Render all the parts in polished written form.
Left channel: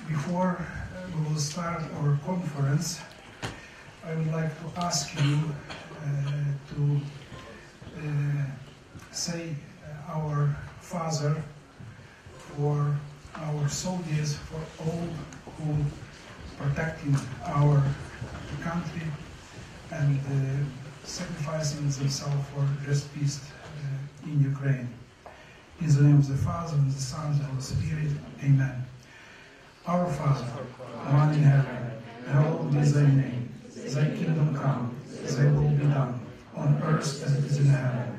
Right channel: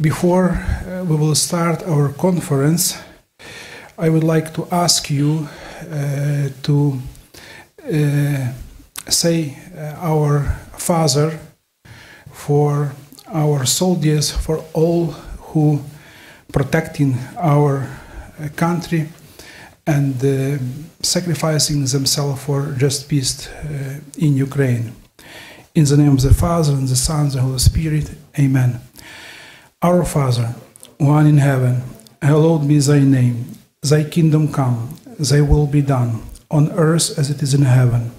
Before we will start our conference, I would like to ask you to say our Father for our soldiers, for all who protecting our country and sacrificing themselves for just peace in Ukraine. In the name of the Father, and the Son, and the Holy Spirit, Amen. Our Father, one in heaven, hallowed be thy name. Thy kingdom come, thy will be done, on earth as it is in heaven.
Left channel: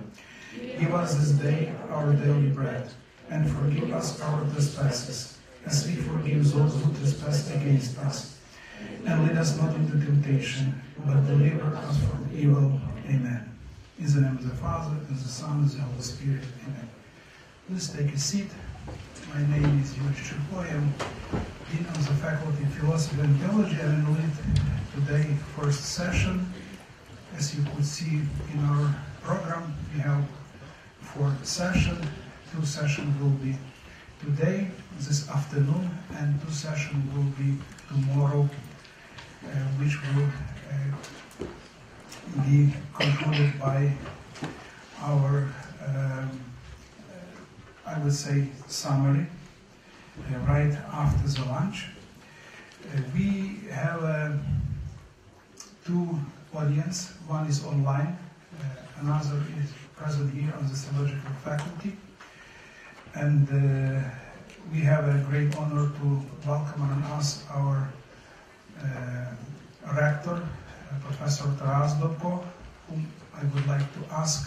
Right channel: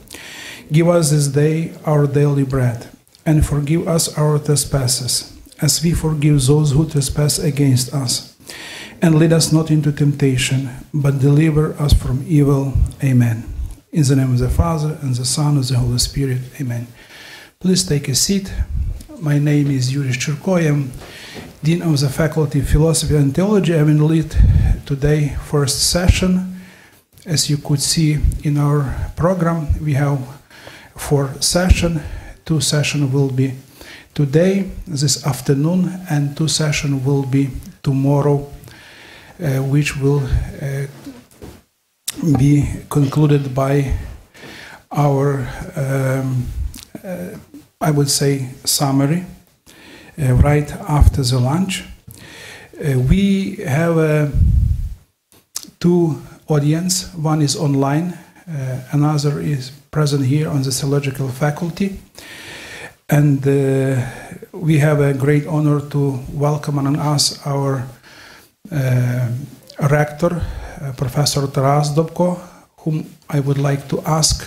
Give us this day our daily bread, and forgive us our trespasses, as we forgive those who trespass against us. And lead us not into temptation, but deliver us from evil. Amen. In the name of the Father, and the Son, and the Holy Spirit. Amen. Please take a seat. My name is Yuriy Shchurko. I am Dean of the Faculty of Philosophy and Theology. I will lead today first session. As you could see in our program, we have 4 sessions. 2 sessions will be today, this afternoon, and 2 sessions will be tomorrow, which will be concluded by our, I would say, summary right after the lunch. We have 2 audience. One is online, another is present here on the theological faculty. And we have a great honor to welcome among us our Rector, Professor Dobko, whom I would like to ask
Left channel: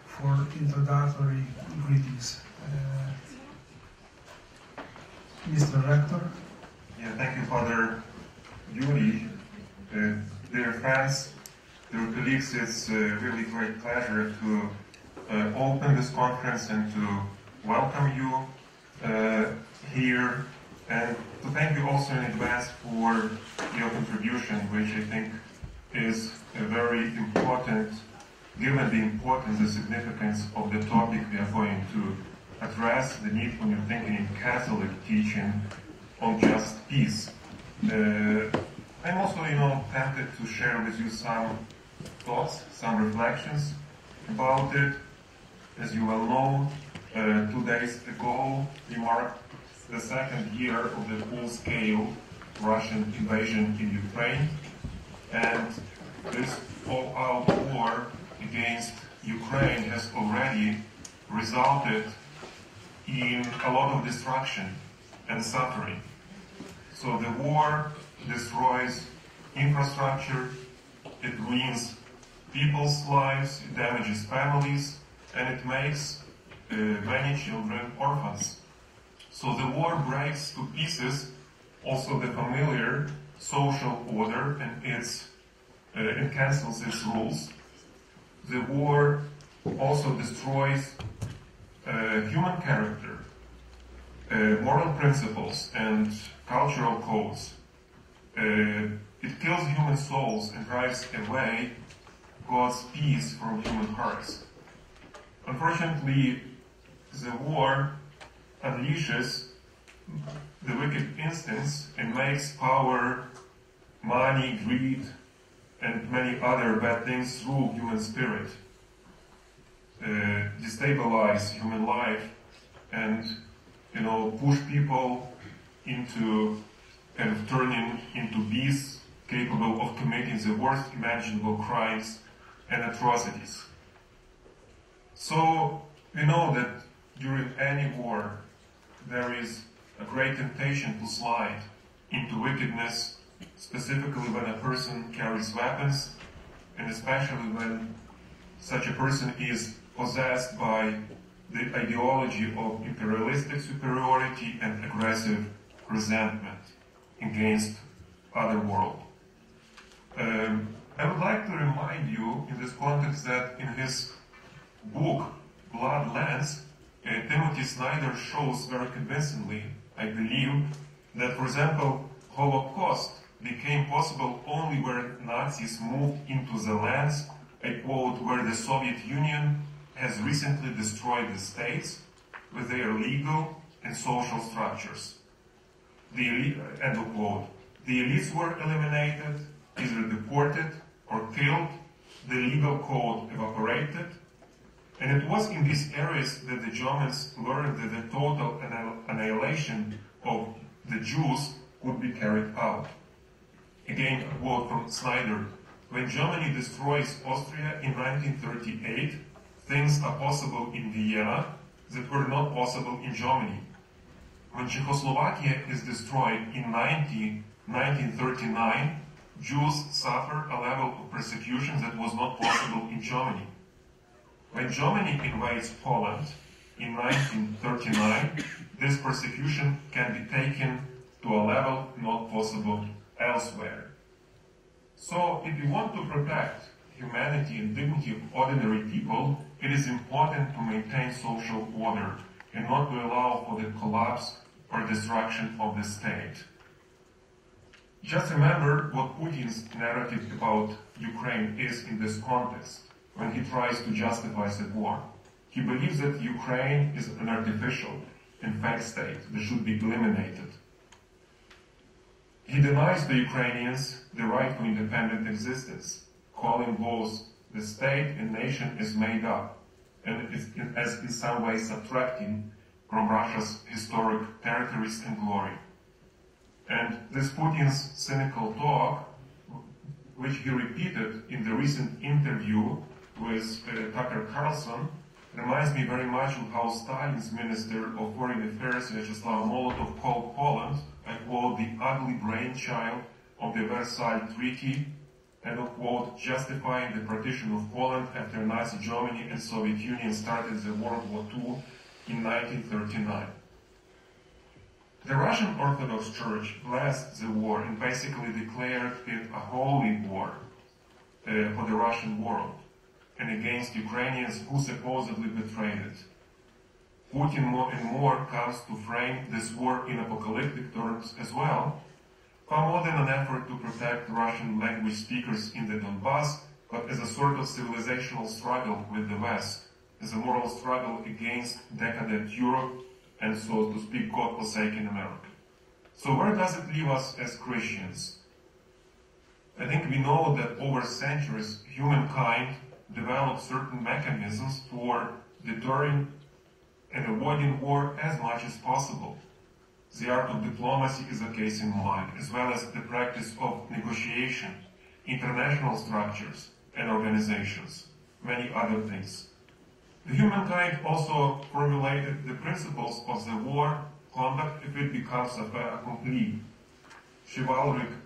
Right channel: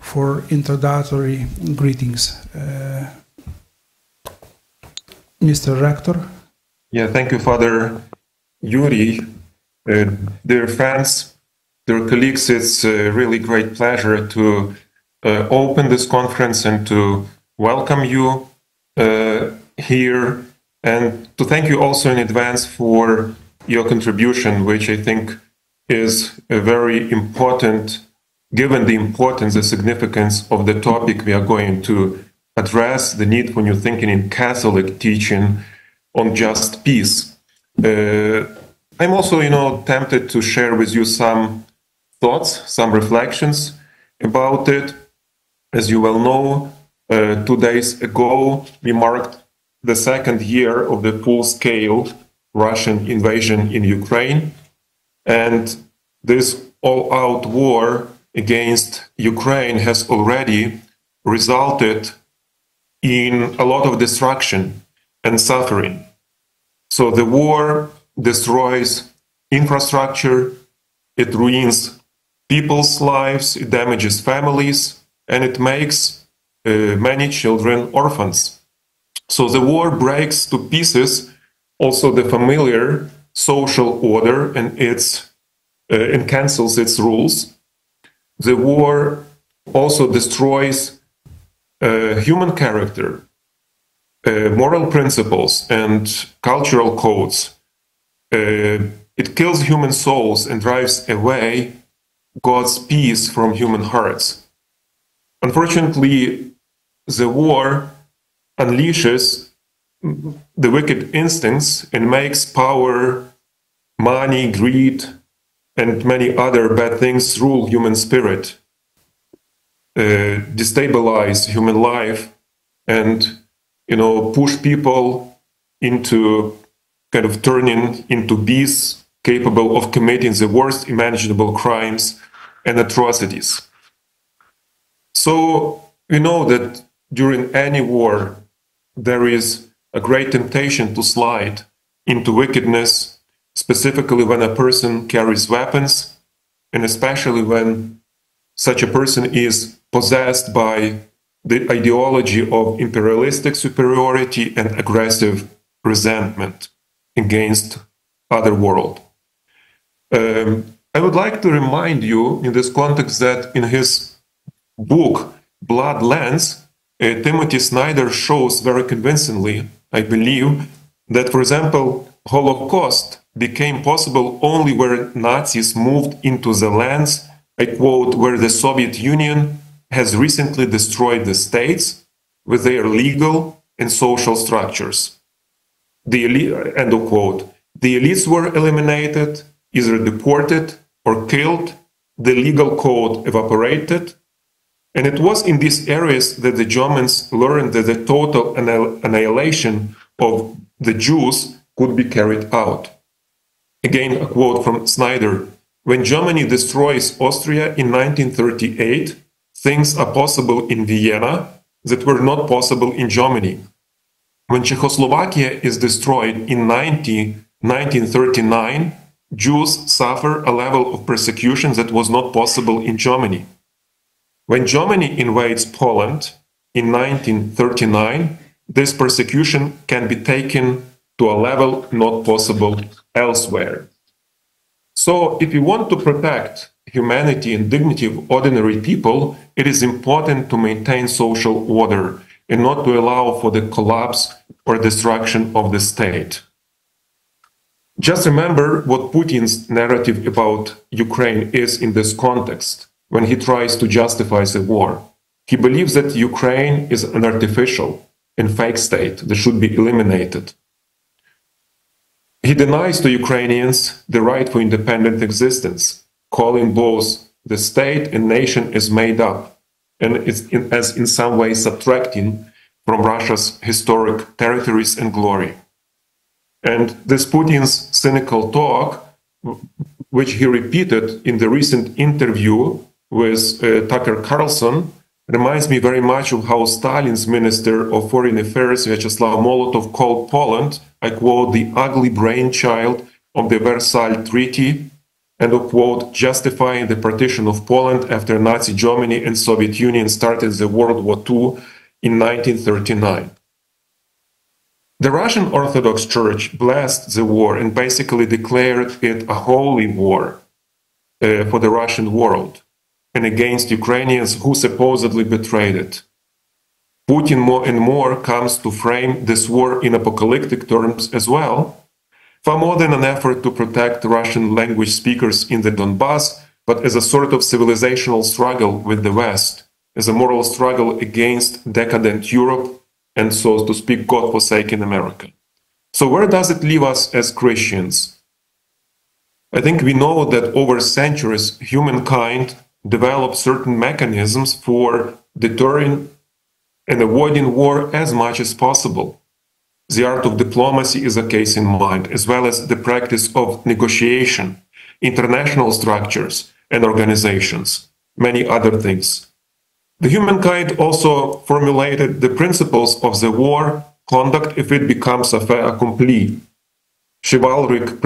for introductory greetings. Mr. Rector. Yeah, thank you, Father Yuriy. Dear friends, dear colleagues, it's a really great pleasure to open this conference and to welcome you here, and to thank you also in advance for your contribution, which I think is very important, given the importance, the significance of the topic we are going to address, the need for new thinking in Catholic teaching on just peace. I'm also, tempted to share with you some thoughts, some reflections about it. As you well know, 2 days ago, we marked the 2nd year of the full-scale Russian invasion in Ukraine. And this all-out war against Ukraine has already resulted in a lot of destruction and suffering. So the war destroys infrastructure, it ruins people's lives, it damages families, and it makes many children orphans. So the war breaks to pieces also the familiar social order and cancels its rules. The war also destroys human character, moral principles, and cultural codes. It kills human souls and drives away God's peace from human hearts. Unfortunately, the war unleashes the wicked instincts and makes power, money, greed, and many other bad things rule human spirit, destabilize human life, and push people into kind of turning into beasts capable of committing the worst imaginable crimes and atrocities. So we know that during any war there is a great temptation to slide into wickedness, specifically when a person carries weapons, and especially when such a person is possessed by the ideology of imperialistic superiority and aggressive resentment against other world. I would like to remind you in this context that in his book, Blood Lens, Timothy Snyder shows very convincingly, I believe, that, for example, Holocaust became possible only where Nazis moved into the lands, I quote, where the Soviet Union has recently destroyed the states with their legal and social structures. end of quote. The elites were eliminated, either deported or killed, the legal code evaporated, and it was in these areas that the Germans learned that the total annihilation of the Jews could be carried out. Again, a quote from Snyder: "When Germany destroys Austria in 1938, things are possible in Vienna that were not possible in Germany. When Czechoslovakia is destroyed in 1939, Jews suffer a level of persecution that was not possible in Germany. When Germany invades Poland in 1939, this persecution can be taken to a level not possible elsewhere." So, if we want to protect humanity and dignity of ordinary people, it is important to maintain social order and not to allow for the collapse or destruction of the state. Just remember what Putin's narrative about Ukraine is in this context when he tries to justify the war. He believes that Ukraine is an artificial and fake state that should be eliminated. He denies to Ukrainians the right for independent existence, calling both the state and nation as made up and as in some way subtracting from Russia's historic territories and glory. And this Putin's cynical talk, which he repeated in the recent interview with Tucker Carlson, reminds me very much of how Stalin's Minister of Foreign Affairs, Vyacheslav Molotov, called Poland, I quote, "the ugly brainchild of the Versailles Treaty," end of quote, justifying the partition of Poland after Nazi Germany and Soviet Union started the World War II in 1939. The Russian Orthodox Church blessed the war and basically declared it a holy war for the Russian world and against Ukrainians who supposedly betrayed it. Putin more and more comes to frame this war in apocalyptic terms as well, far more than an effort to protect Russian language speakers in the Donbass, but as a sort of civilizational struggle with the West, as a moral struggle against decadent Europe and, so to speak, God-forsaken America. So where does it leave us as Christians? I think we know that over centuries, humankind developed certain mechanisms for deterring and avoiding war as much as possible. The art of diplomacy is a case in mind, as well as the practice of negotiation, international structures and organizations, many other things. The humankind also formulated the principles of the war conduct if it becomes a fait accompli. Chivalric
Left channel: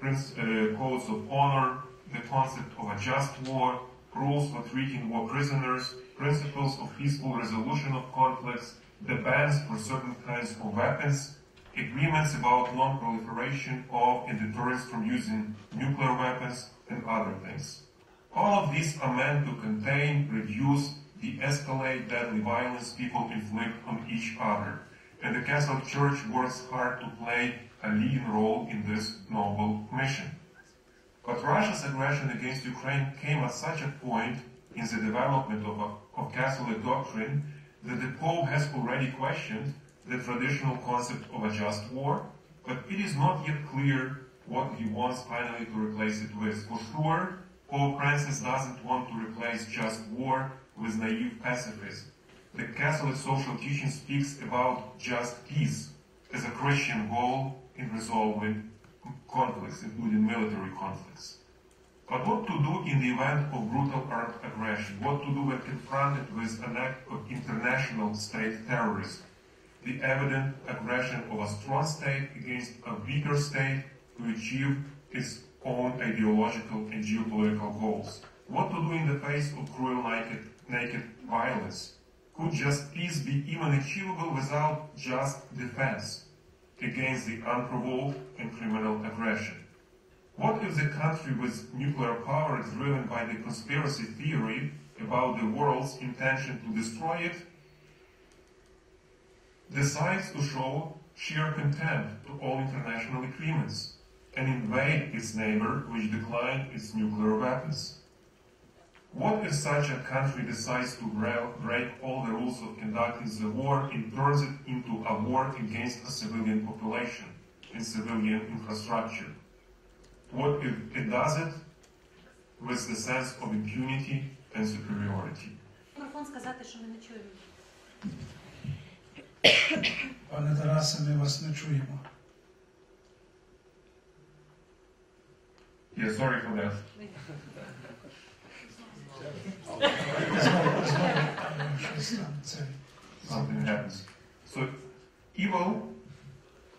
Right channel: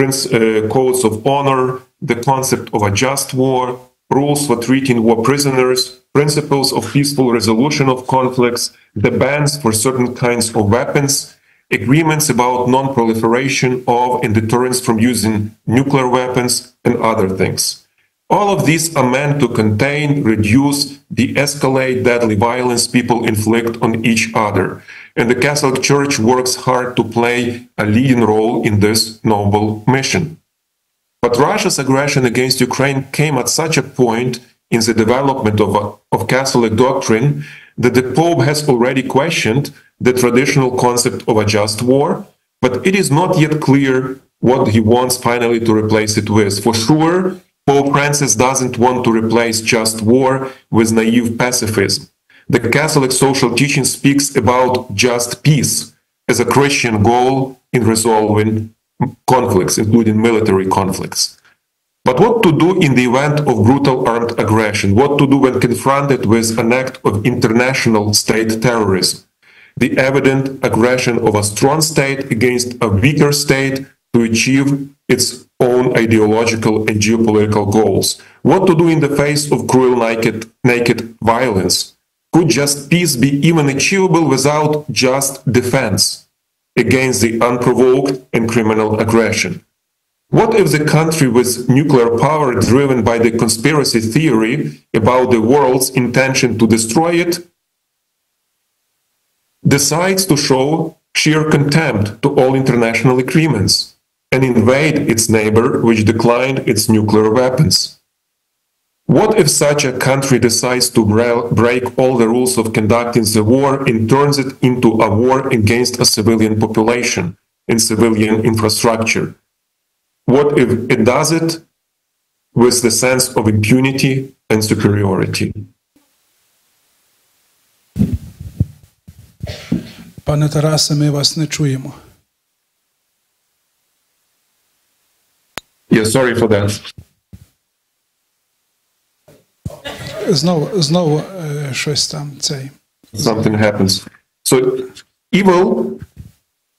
codes of honor, the concept of a just war, rules for treating war prisoners, principles of peaceful resolution of conflicts, the bans for certain kinds of weapons, agreements about non-proliferation of and deterrence from using nuclear weapons, and other things. All of these are meant to contain, reduce, de-escalate deadly violence people inflict on each other. And the Catholic Church works hard to play a leading role in this noble mission. But Russia's aggression against Ukraine came at such a point in the development of Catholic doctrine that the Pope has already questioned the traditional concept of a just war, but it is not yet clear what he wants finally to replace it with. For sure, Pope Francis doesn't want to replace just war with naive pacifism. The Catholic social teaching speaks about just peace as a Christian goal in resolving conflicts, including military conflicts. But what to do in the event of brutal armed aggression? What to do when confronted with an act of international state terrorism? The evident aggression of a strong state against a weaker state to achieve its own ideological and geopolitical goals. What to do in the face of cruel naked violence? Could just peace be even achievable without just defense against the unprovoked and criminal aggression? What if the country with nuclear power driven by the conspiracy theory about the world's intention to destroy it decides to show sheer contempt to all international agreements and invade its neighbor which declined its nuclear weapons? What if such a country decides to break all the rules of conducting the war and turns it into a war against a civilian population, in civilian infrastructure? What if it does it with the sense of impunity and superiority? Пане Тарасе, ми вас не чуємо. Yeah, sorry for that. Знову щось там цей. Something happens. So evil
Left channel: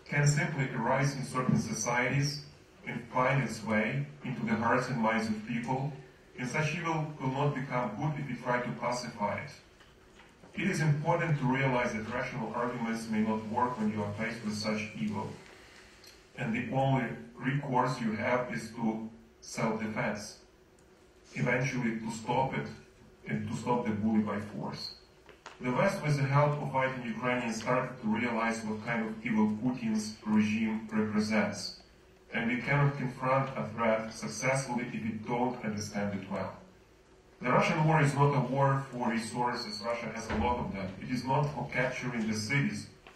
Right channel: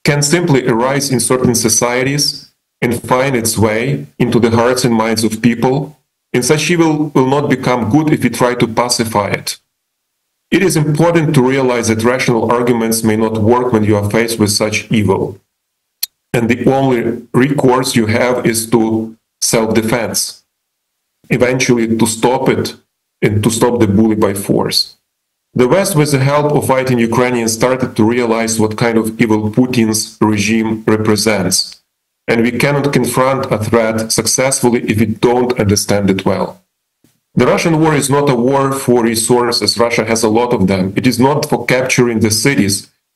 can simply arise in certain societies and find its way into the hearts and minds of people, and such evil will not become good if we try to pacify it. It is important to realize that rational arguments may not work when you are faced with such evil, and the only recourse you have is to self-defense, eventually to stop it and to stop the bully by force. The West, with the help of fighting Ukrainians, started to realize what kind of evil Putin's regime represents. And we cannot confront a threat successfully if we don't understand it well. The Russian war is not a war for resources. Russia has a lot of them. It is not for capturing the cities.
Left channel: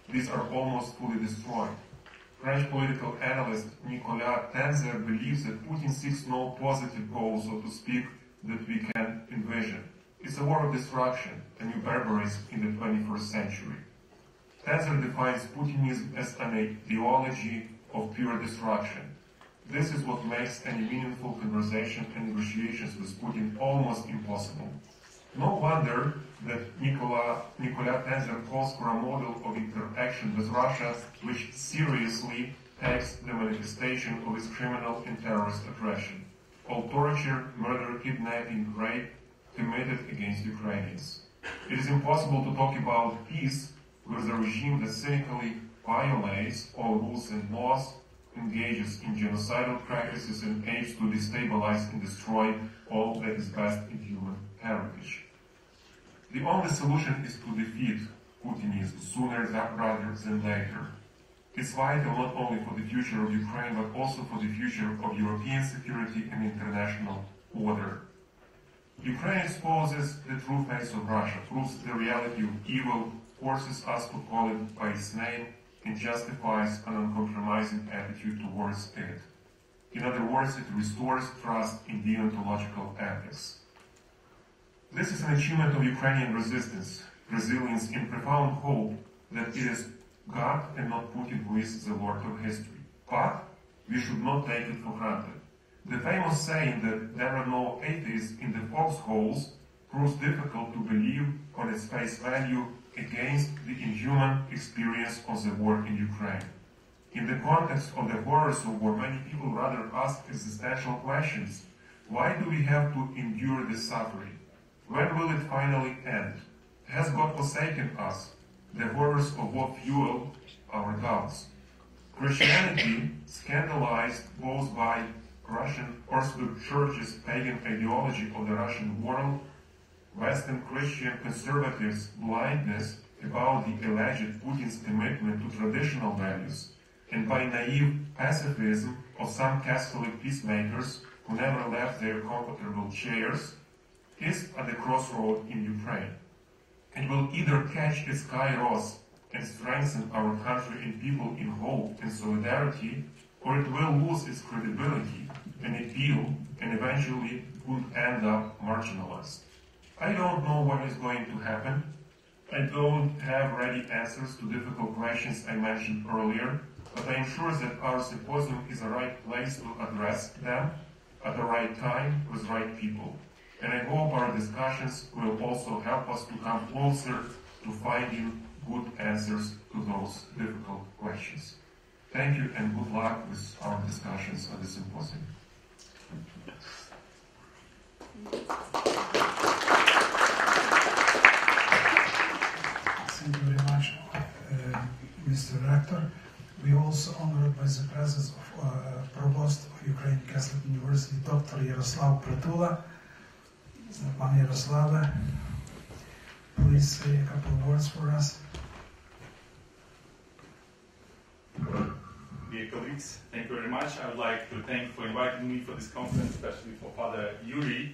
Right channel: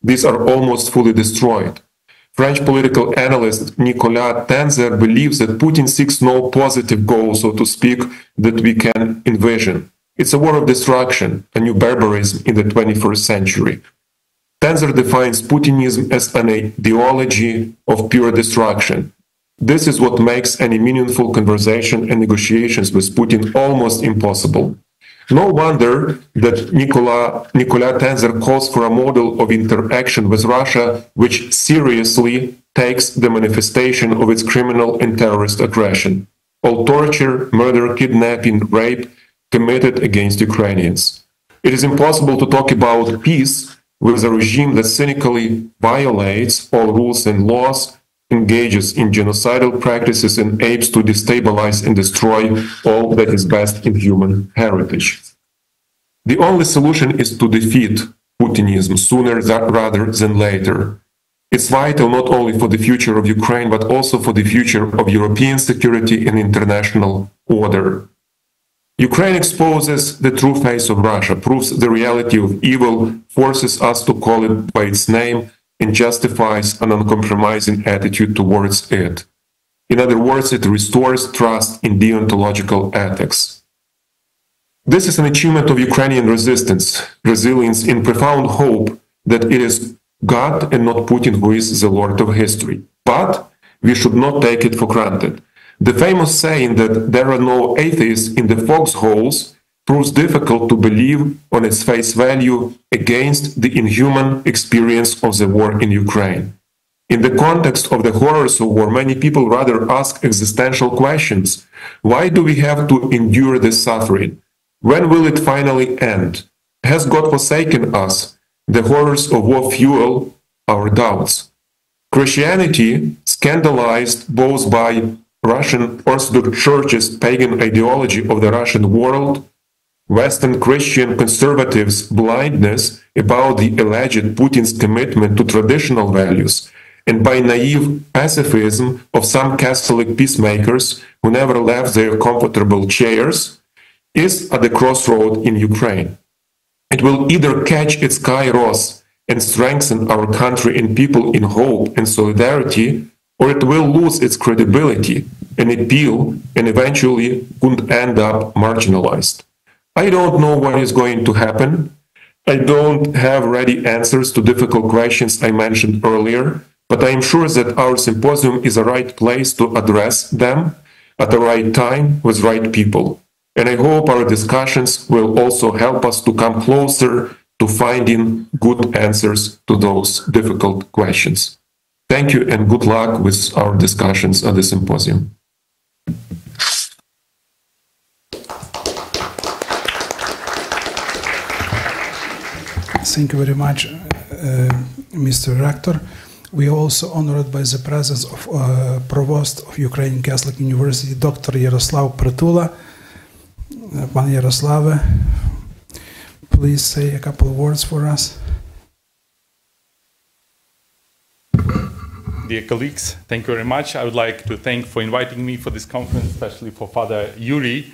These are almost fully destroyed. French political analyst Nicolas Tenzer believes that Putin seeks no positive goal, so to speak, that we can envision. It's a war of destruction, a new barbarism in the 21st century. Tenzer defines Putinism as an ideology of pure destruction. This is what makes any meaningful conversation and negotiations with Putin almost impossible. No wonder that Nicolas Tenzer calls for a model of interaction with Russia which seriously takes the manifestation of its criminal and terrorist aggression. All torture, murder, kidnapping, rape committed against Ukrainians. It is impossible to talk about peace with a regime that cynically violates all rules and laws, engages in genocidal practices, and aims to destabilize and destroy all that is best in human heritage. The only solution is to defeat Putinism sooner rather than later. It's vital not only for the future of Ukraine, but also for the future of European security and international order. Ukraine exposes the true face of Russia, proves the reality of evil, forces us to call it by its name, and justifies an uncompromising attitude towards it. In other words, it restores trust in deontological ethics. This is an achievement of Ukrainian resilience in profound hope that it is God and not Putin who is the Lord of history. But we should not take it for granted. The famous saying that there are no atheists in the foxholes proves difficult to believe on its face value against the inhuman experience of the war in Ukraine. In the context of the horrors of war, many people rather ask existential questions. Why do we have to endure this suffering? When will it finally end? Has God forsaken us? The horrors of war fuel our doubts. Christianity, scandalized both by Russian Orthodox Church's pagan ideology of the Russian world, Western Christian conservatives' blindness about the alleged Putin's commitment to traditional values, and by naive pacifism of some Catholic peacemakers who never left their comfortable chairs, is at the crossroad in Ukraine. It will either catch its kairos and strengthen our country and people in hope and solidarity, or it will lose its credibility and appeal and eventually could end up marginalized. I don't know what is going to happen. I don't have ready answers to difficult questions I mentioned earlier, but I am sure that our symposium is the right place to address them at the right time with right people. And I hope our discussions will also help us to come closer to finding good answers to those difficult questions. Thank you and good luck with our discussions at the symposium. Thank you very much, Mr. Rector. We are also honored by the presence of Provost of Ukrainian Catholic University, Dr. Yaroslav Prytula. Pan Yaroslav, please say a couple of words for us. Dear colleagues, thank you very much. I would like to thank for inviting me for this conference, especially for Father Yuriy,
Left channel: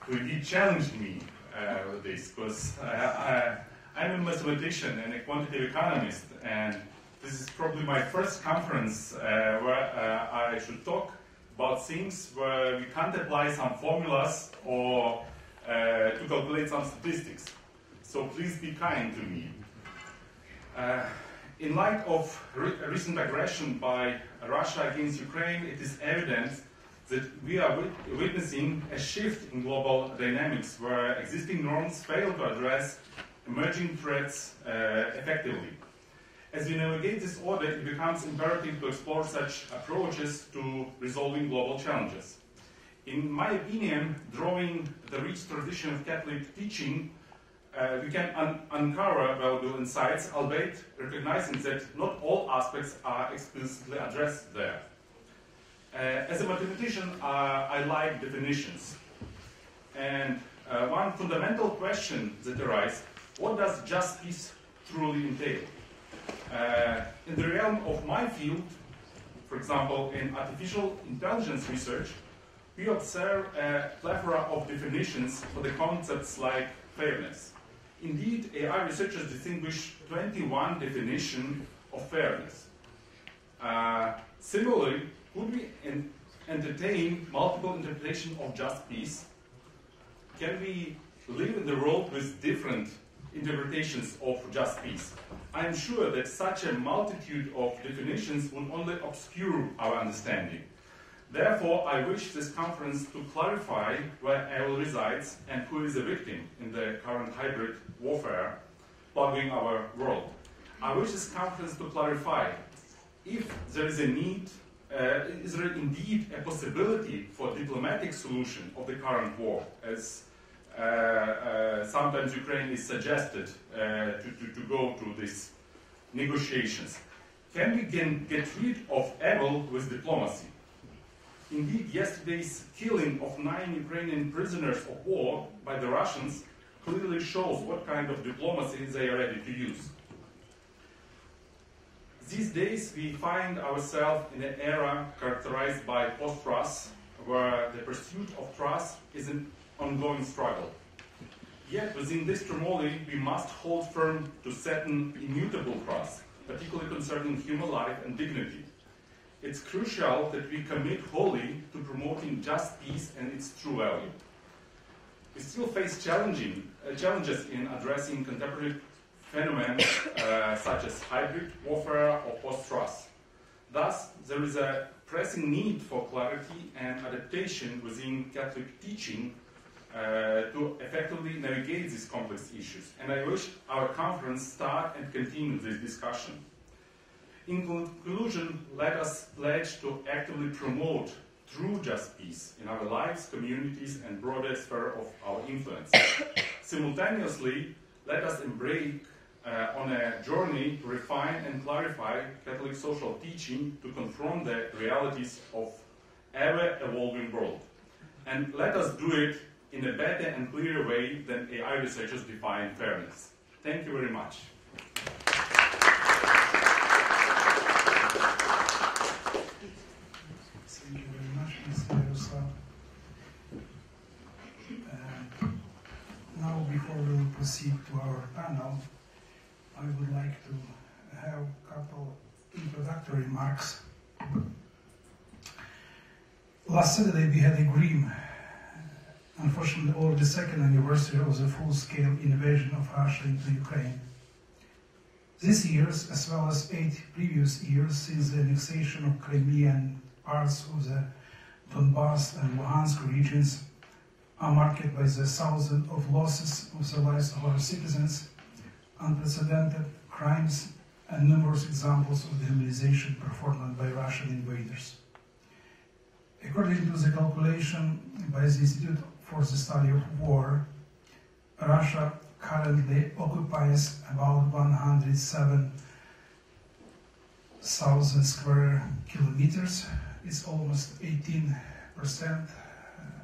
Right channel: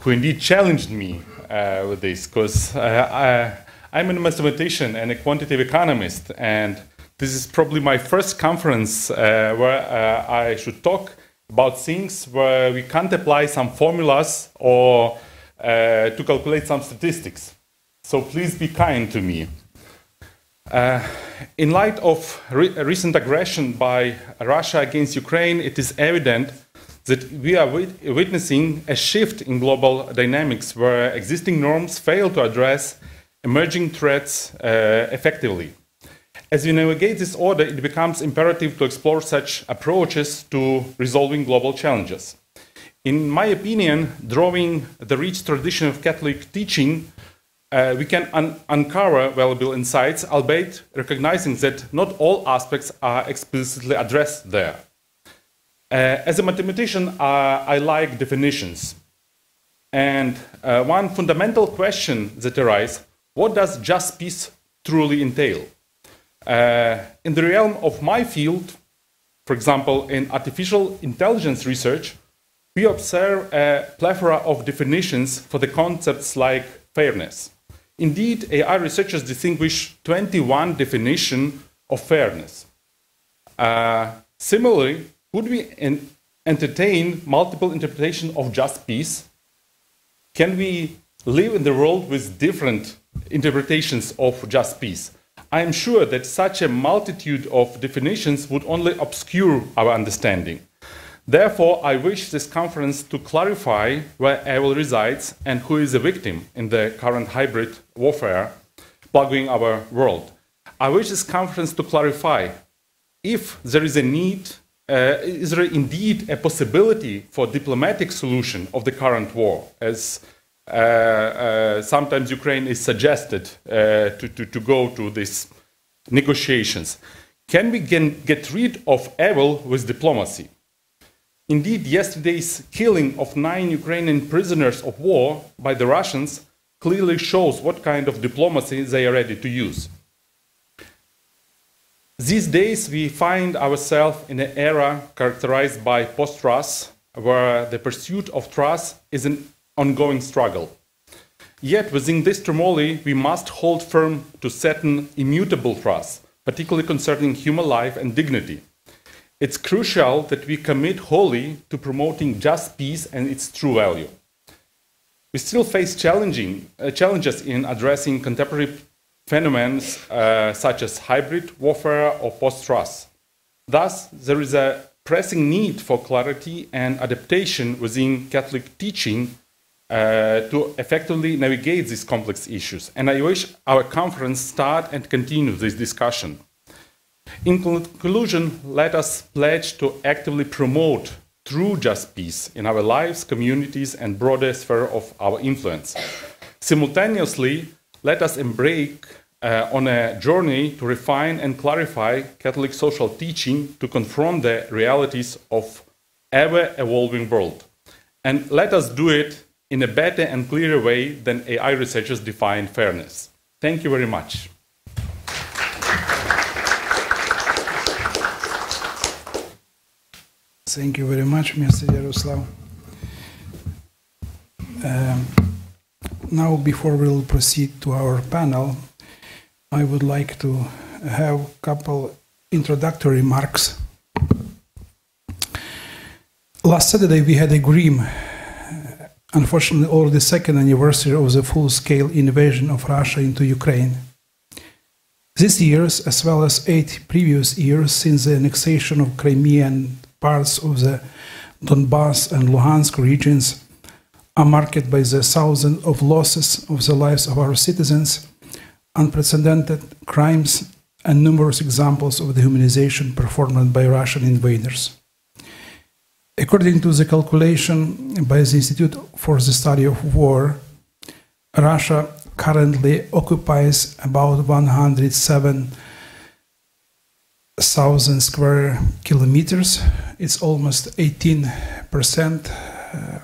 who indeed challenged me with this, because I'm a mathematician and a quantitative economist, and This is probably my first conference where I should talk about things where we can't apply some formulas or to calculate some statistics. So please be kind to me. In light of recent aggression by Russia against Ukraine, it is evident that we are witnessing a shift in global dynamics where existing norms fail to address emerging threats effectively. As we navigate this order, it becomes imperative to explore such approaches to resolving global challenges. In my opinion, drawing the rich tradition of Catholic teaching, we can uncover valuable insights, albeit recognizing that not all aspects are explicitly addressed there. As a mathematician, I like definitions. And one fundamental question that arises, what does just peace truly entail? In the realm of my field, for example, in artificial intelligence research, we observe a plethora of definitions for the concepts like fairness. Indeed, AI researchers distinguish 21 definitions of fairness. Similarly, would we entertain multiple interpretations of just peace? Can we live in the world with different interpretations of just peace? I am sure that such a multitude of definitions would only obscure our understanding. Therefore, I wish this conference to clarify where evil resides and who is a victim in the current hybrid warfare plaguing our world. I wish this conference to clarify if there is a need, is there indeed a possibility for diplomatic solution of the current war, as sometimes Ukraine is suggested to go to these negotiations. Can we get rid of evil with diplomacy? Indeed, yesterday's killing of 9 Ukrainian prisoners of war by the Russians clearly shows what kind of diplomacy they are ready to use. These days, we find ourselves in an era characterized by post-trust, where the pursuit of trust is an ongoing struggle. Yet, within this turmoil, we must hold firm to certain immutable trusts, particularly concerning human life and dignity. It's crucial that we commit wholly to promoting just peace and its true value. We still face challenges in addressing contemporary phenomena such as hybrid warfare or post-trust. Thus, there is a pressing need for clarity and adaptation within Catholic teaching to effectively navigate these complex issues. And I wish our conference start and continue this discussion. In conclusion, let us pledge to actively promote true just peace in our lives, communities, and broader sphere of our influence. Simultaneously, let us embark on a journey to refine and clarify Catholic social teaching to confront the realities of ever-evolving world. And let us do it in a better and clearer way than AI researchers define fairness. Thank you very much. Thank you very much, Mr. Yaroslav. Now, before we'll proceed to our panel, I would like to have a couple introductory remarks. Last Saturday, we had a grim, unfortunately, already the second anniversary of the full-scale invasion of Russia into Ukraine. This year, as well as 8 previous years since the annexation of Crimea and parts of the Donbass and Luhansk regions, are marked by the thousands of losses of the lives of our citizens, unprecedented crimes, and numerous examples of dehumanization performed by Russian invaders. According to the calculation by the Institute for the Study of War, Russia currently occupies about 107,000 square kilometers. It's almost 18%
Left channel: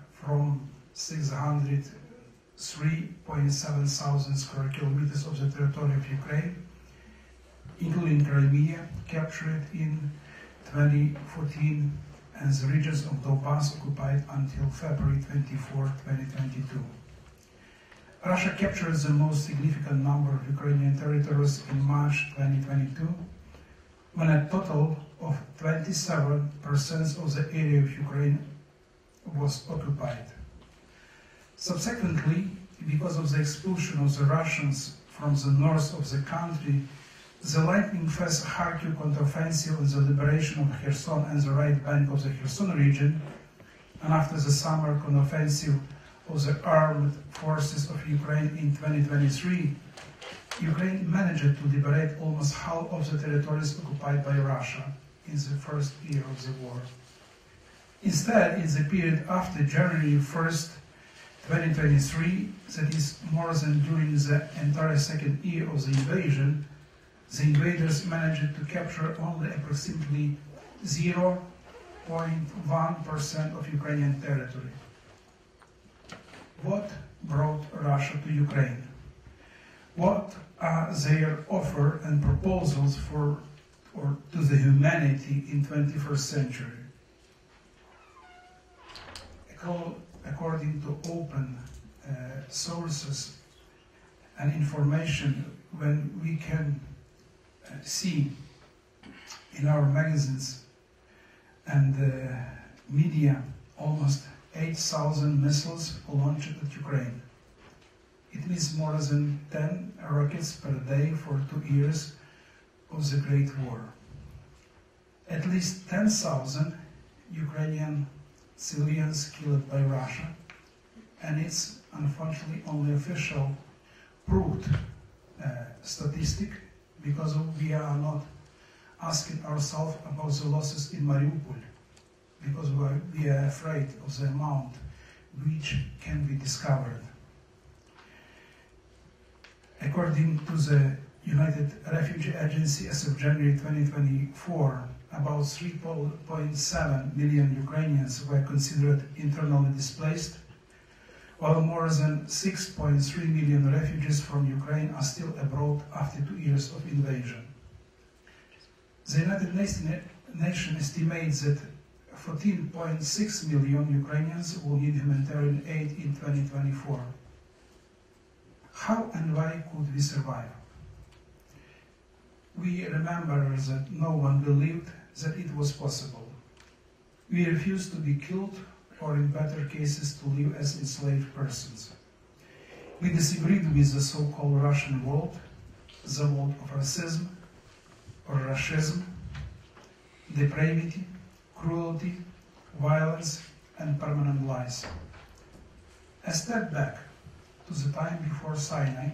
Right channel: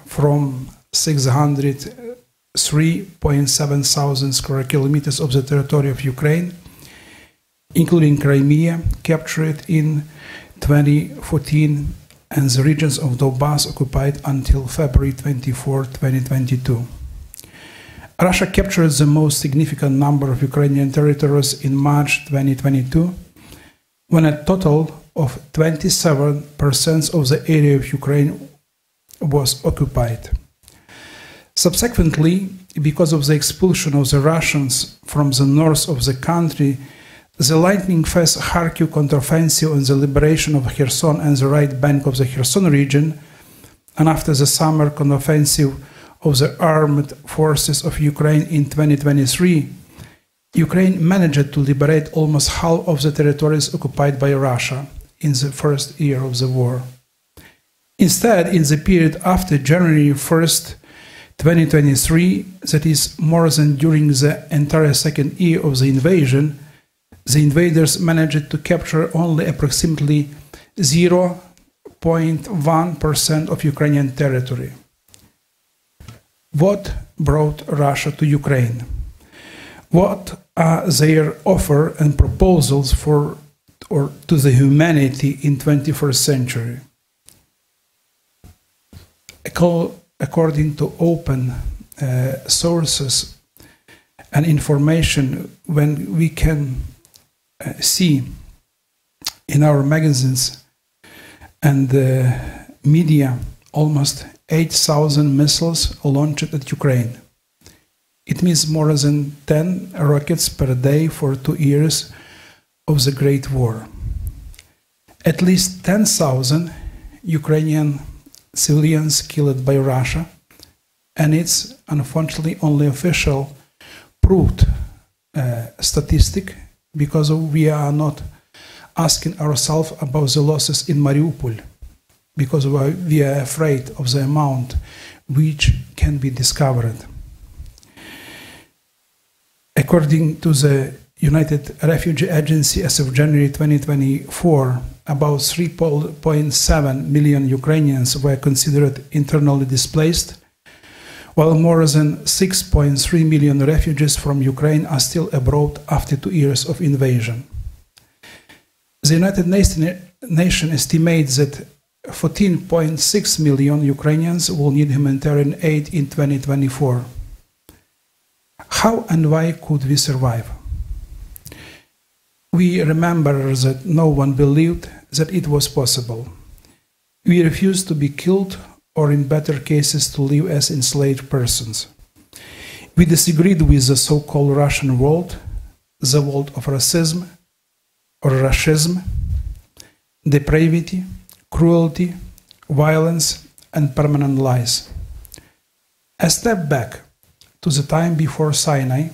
from 603.7 thousand square kilometers of the territory of Ukraine, including Crimea, captured in 2014, and the regions of Donbass occupied until February 24, 2022. Russia captured the most significant number of Ukrainian territories in March 2022, when a total of 27% of the area of Ukraine was occupied. Subsequently, because of the expulsion of the Russians from the north of the country, the lightning-fast Kharkiv counteroffensive and the liberation of Kherson and the right bank of the Kherson region, and after the summer counteroffensive of the armed forces of Ukraine in 2023, Ukraine managed to liberate almost half of the territories occupied by Russia in the first year of the war. Instead, in the period after January 1st, 2023, that is more than during the entire second year of the invasion, the invaders managed to capture only approximately 0.1% of Ukrainian territory. What brought Russia to Ukraine? What are their offers and proposals for or to the humanity in 21st century? According to open sources and information, when we can see in our magazines and media almost 8,000 missiles launched at Ukraine. It means more than 10 rockets per day for 2 years of the Great War. At least 10,000 Ukrainian civilians killed by Russia, and it's unfortunately only official proved statistic, because we are not asking ourselves about the losses in Mariupol, because we are afraid of the amount which can be discovered. According to the United Refugee Agency, as of January 2024, about 3.7 million Ukrainians were considered internally displaced, while more than 6.3 million refugees from Ukraine are still abroad after 2 years of invasion. The United Nations estimates that 14.6 million Ukrainians will need humanitarian aid in 2024. How and why could we survive? We remember that no one believed that it was possible. We refused to be killed, or in better cases to live as enslaved persons. We disagreed with the so-called Russian world, the world of racism or Russism, depravity, cruelty, violence, and permanent lies. A step back to the time before Sinai,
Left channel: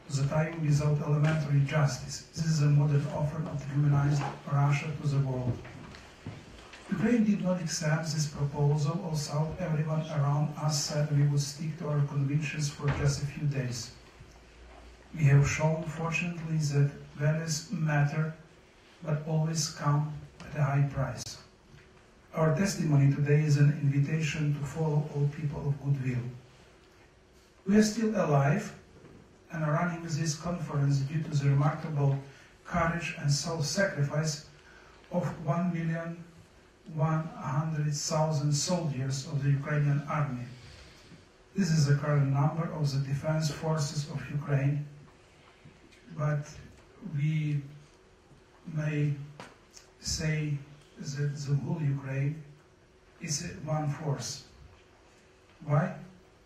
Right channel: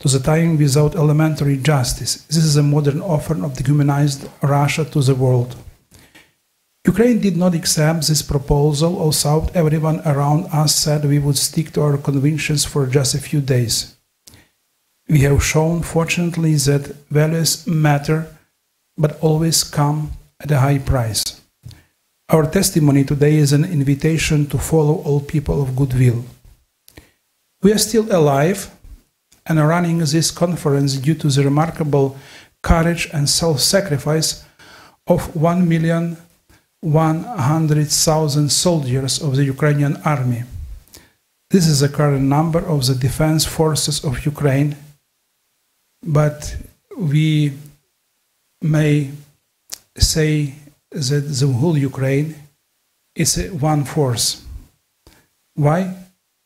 to the time without elementary justice. This is a modern offer of dehumanized Russia to the world. Ukraine did not accept this proposal, although everyone around us said we would stick to our convictions for just a few days. We have shown, fortunately, that values matter, but always come at a high price. Our testimony today is an invitation to follow all people of goodwill. We are still alive and are running this conference due to the remarkable courage and self-sacrifice of 1,100,000 soldiers of the Ukrainian army. This is the current number of the defense forces of Ukraine, but we may say that the whole Ukraine is one force. Why?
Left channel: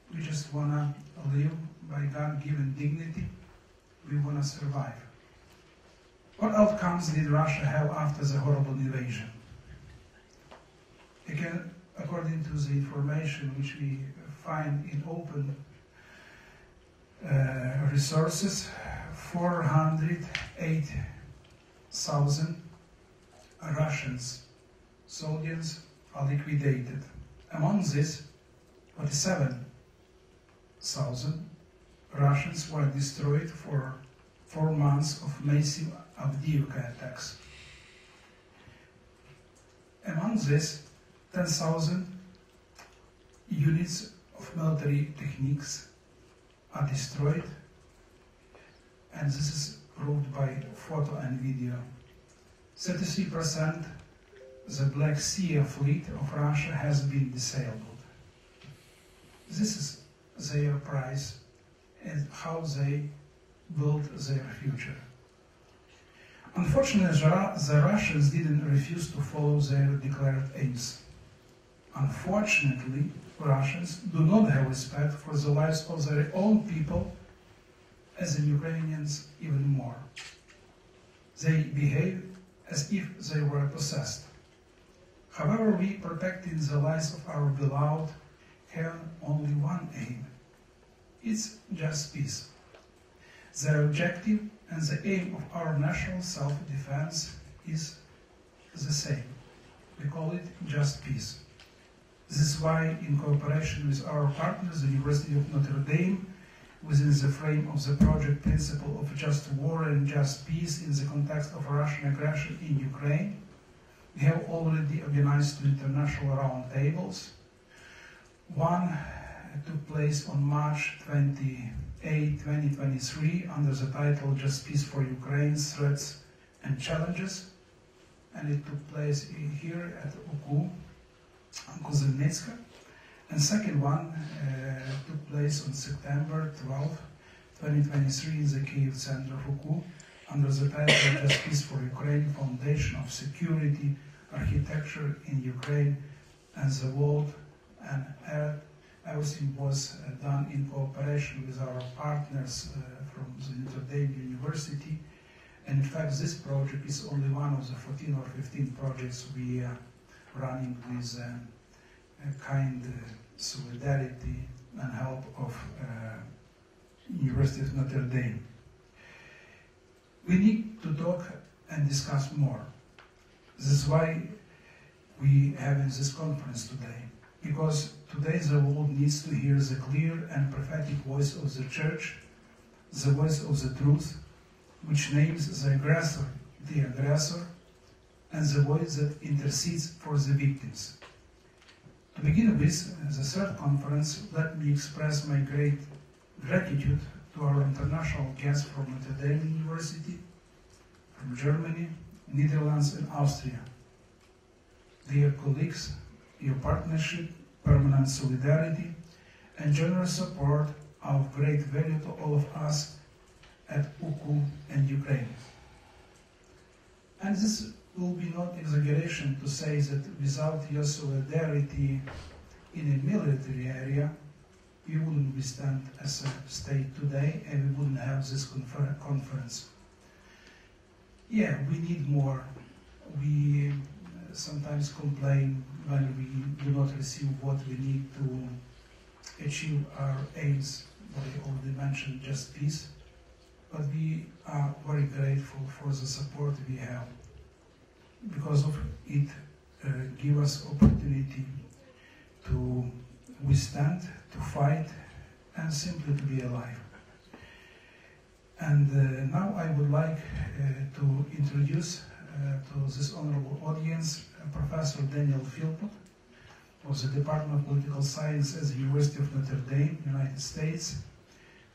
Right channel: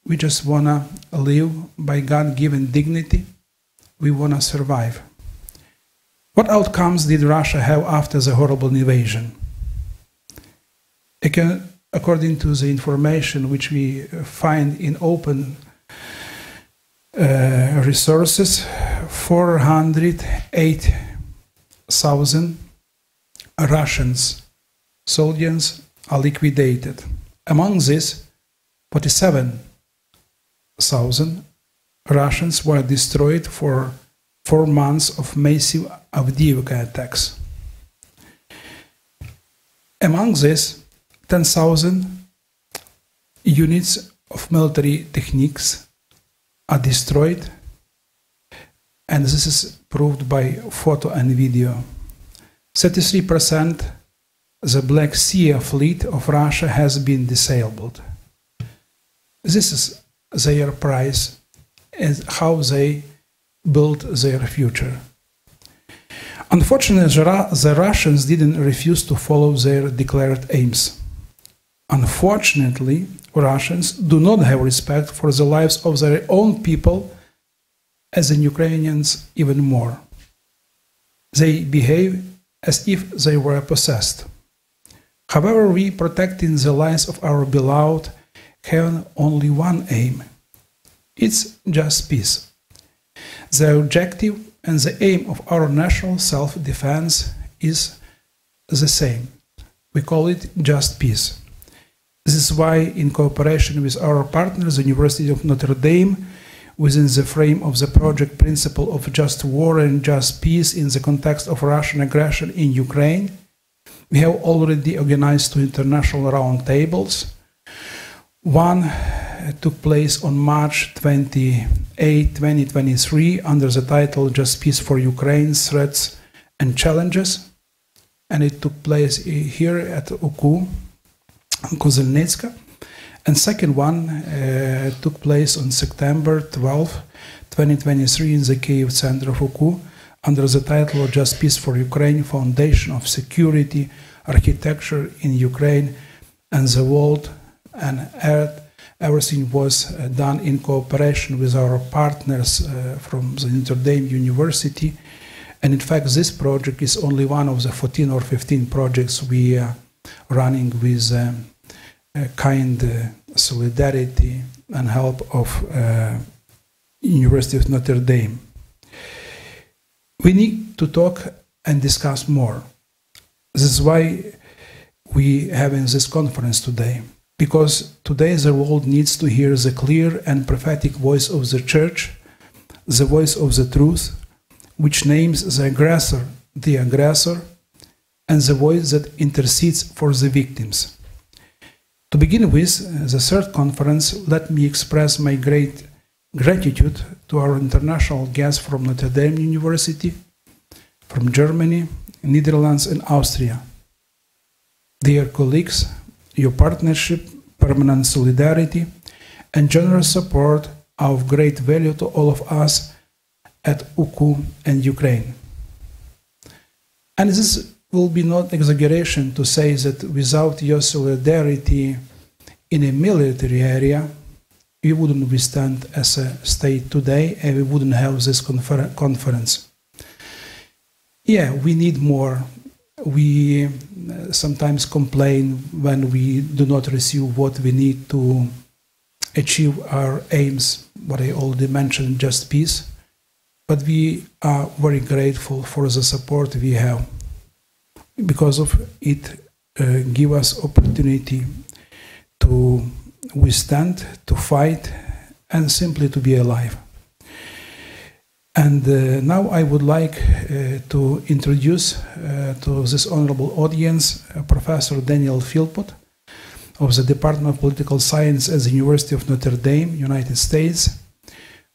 We just want to live by God-given dignity. We want to survive. What outcomes did Russia have after the horrible invasion? According to the information which we find in open resources, 408,000 Russians soldiers are liquidated. Among these, 47,000 Russians were destroyed for 4 months of massive Avdiivka attacks. Among these, 10,000 units of military techniques are destroyed, and this is proved by photo and video. 33% the Black Sea fleet of Russia has been disabled. This is their price and how they build their future. Unfortunately, the Russians didn't refuse to follow their declared aims. Unfortunately, Russians do not have respect for the lives of their own people, as the Ukrainians even more. They behave as if they were possessed. However, we, protecting the lives of our beloved, have only one aim. It's just peace. The objective and the aim of our national self-defense is the same. We call it just peace. This is why, in cooperation with our partners, the University of Notre Dame, within the frame of the project Principle of Just War and Just Peace in the context of Russian aggression in Ukraine, we have already organized 2 international roundtables. One took place on March 28, 2023, under the title Just Peace for Ukraine, Threats and Challenges. And it took place here at UKU, Kozelnitska. And second one took place on September 12, 2023, in the Kyiv center of UKU, under the title Just Peace for Ukraine, Foundation of Security, Architecture in Ukraine and the World and Earth. Everything was done in cooperation with our partners from the Notre Dame University. And in fact, this project is only one of the 14 or 15 projects we are running with kind solidarity and help of University of Notre Dame. We need to talk and discuss more. This is why we are having this conference today, because today the world needs to hear the clear and prophetic voice of the Church, the voice of the truth, which names the aggressor, and the voice that intercedes for the victims. To begin with, the third conference, let me express my great gratitude to our international guests from Notre Dame University, from Germany, Netherlands, and Austria. Dear colleagues, your partnership, permanent solidarity, and generous support are of great value to all of us at UKU and Ukraine. And this will be not exaggeration to say that without your solidarity in a military area, we wouldn't withstand as a state today, and we wouldn't have this conference. Yeah, we need more. We sometimes complain when we do not receive what we need to achieve our aims, what I already mentioned, just peace. But we are very grateful for the support we have, because of it gives us opportunity to withstand, to fight, and simply to be alive. And now I would like to introduce to this honorable audience Professor Daniel Philpott of the Department of Political Science at the University of Notre Dame, United States.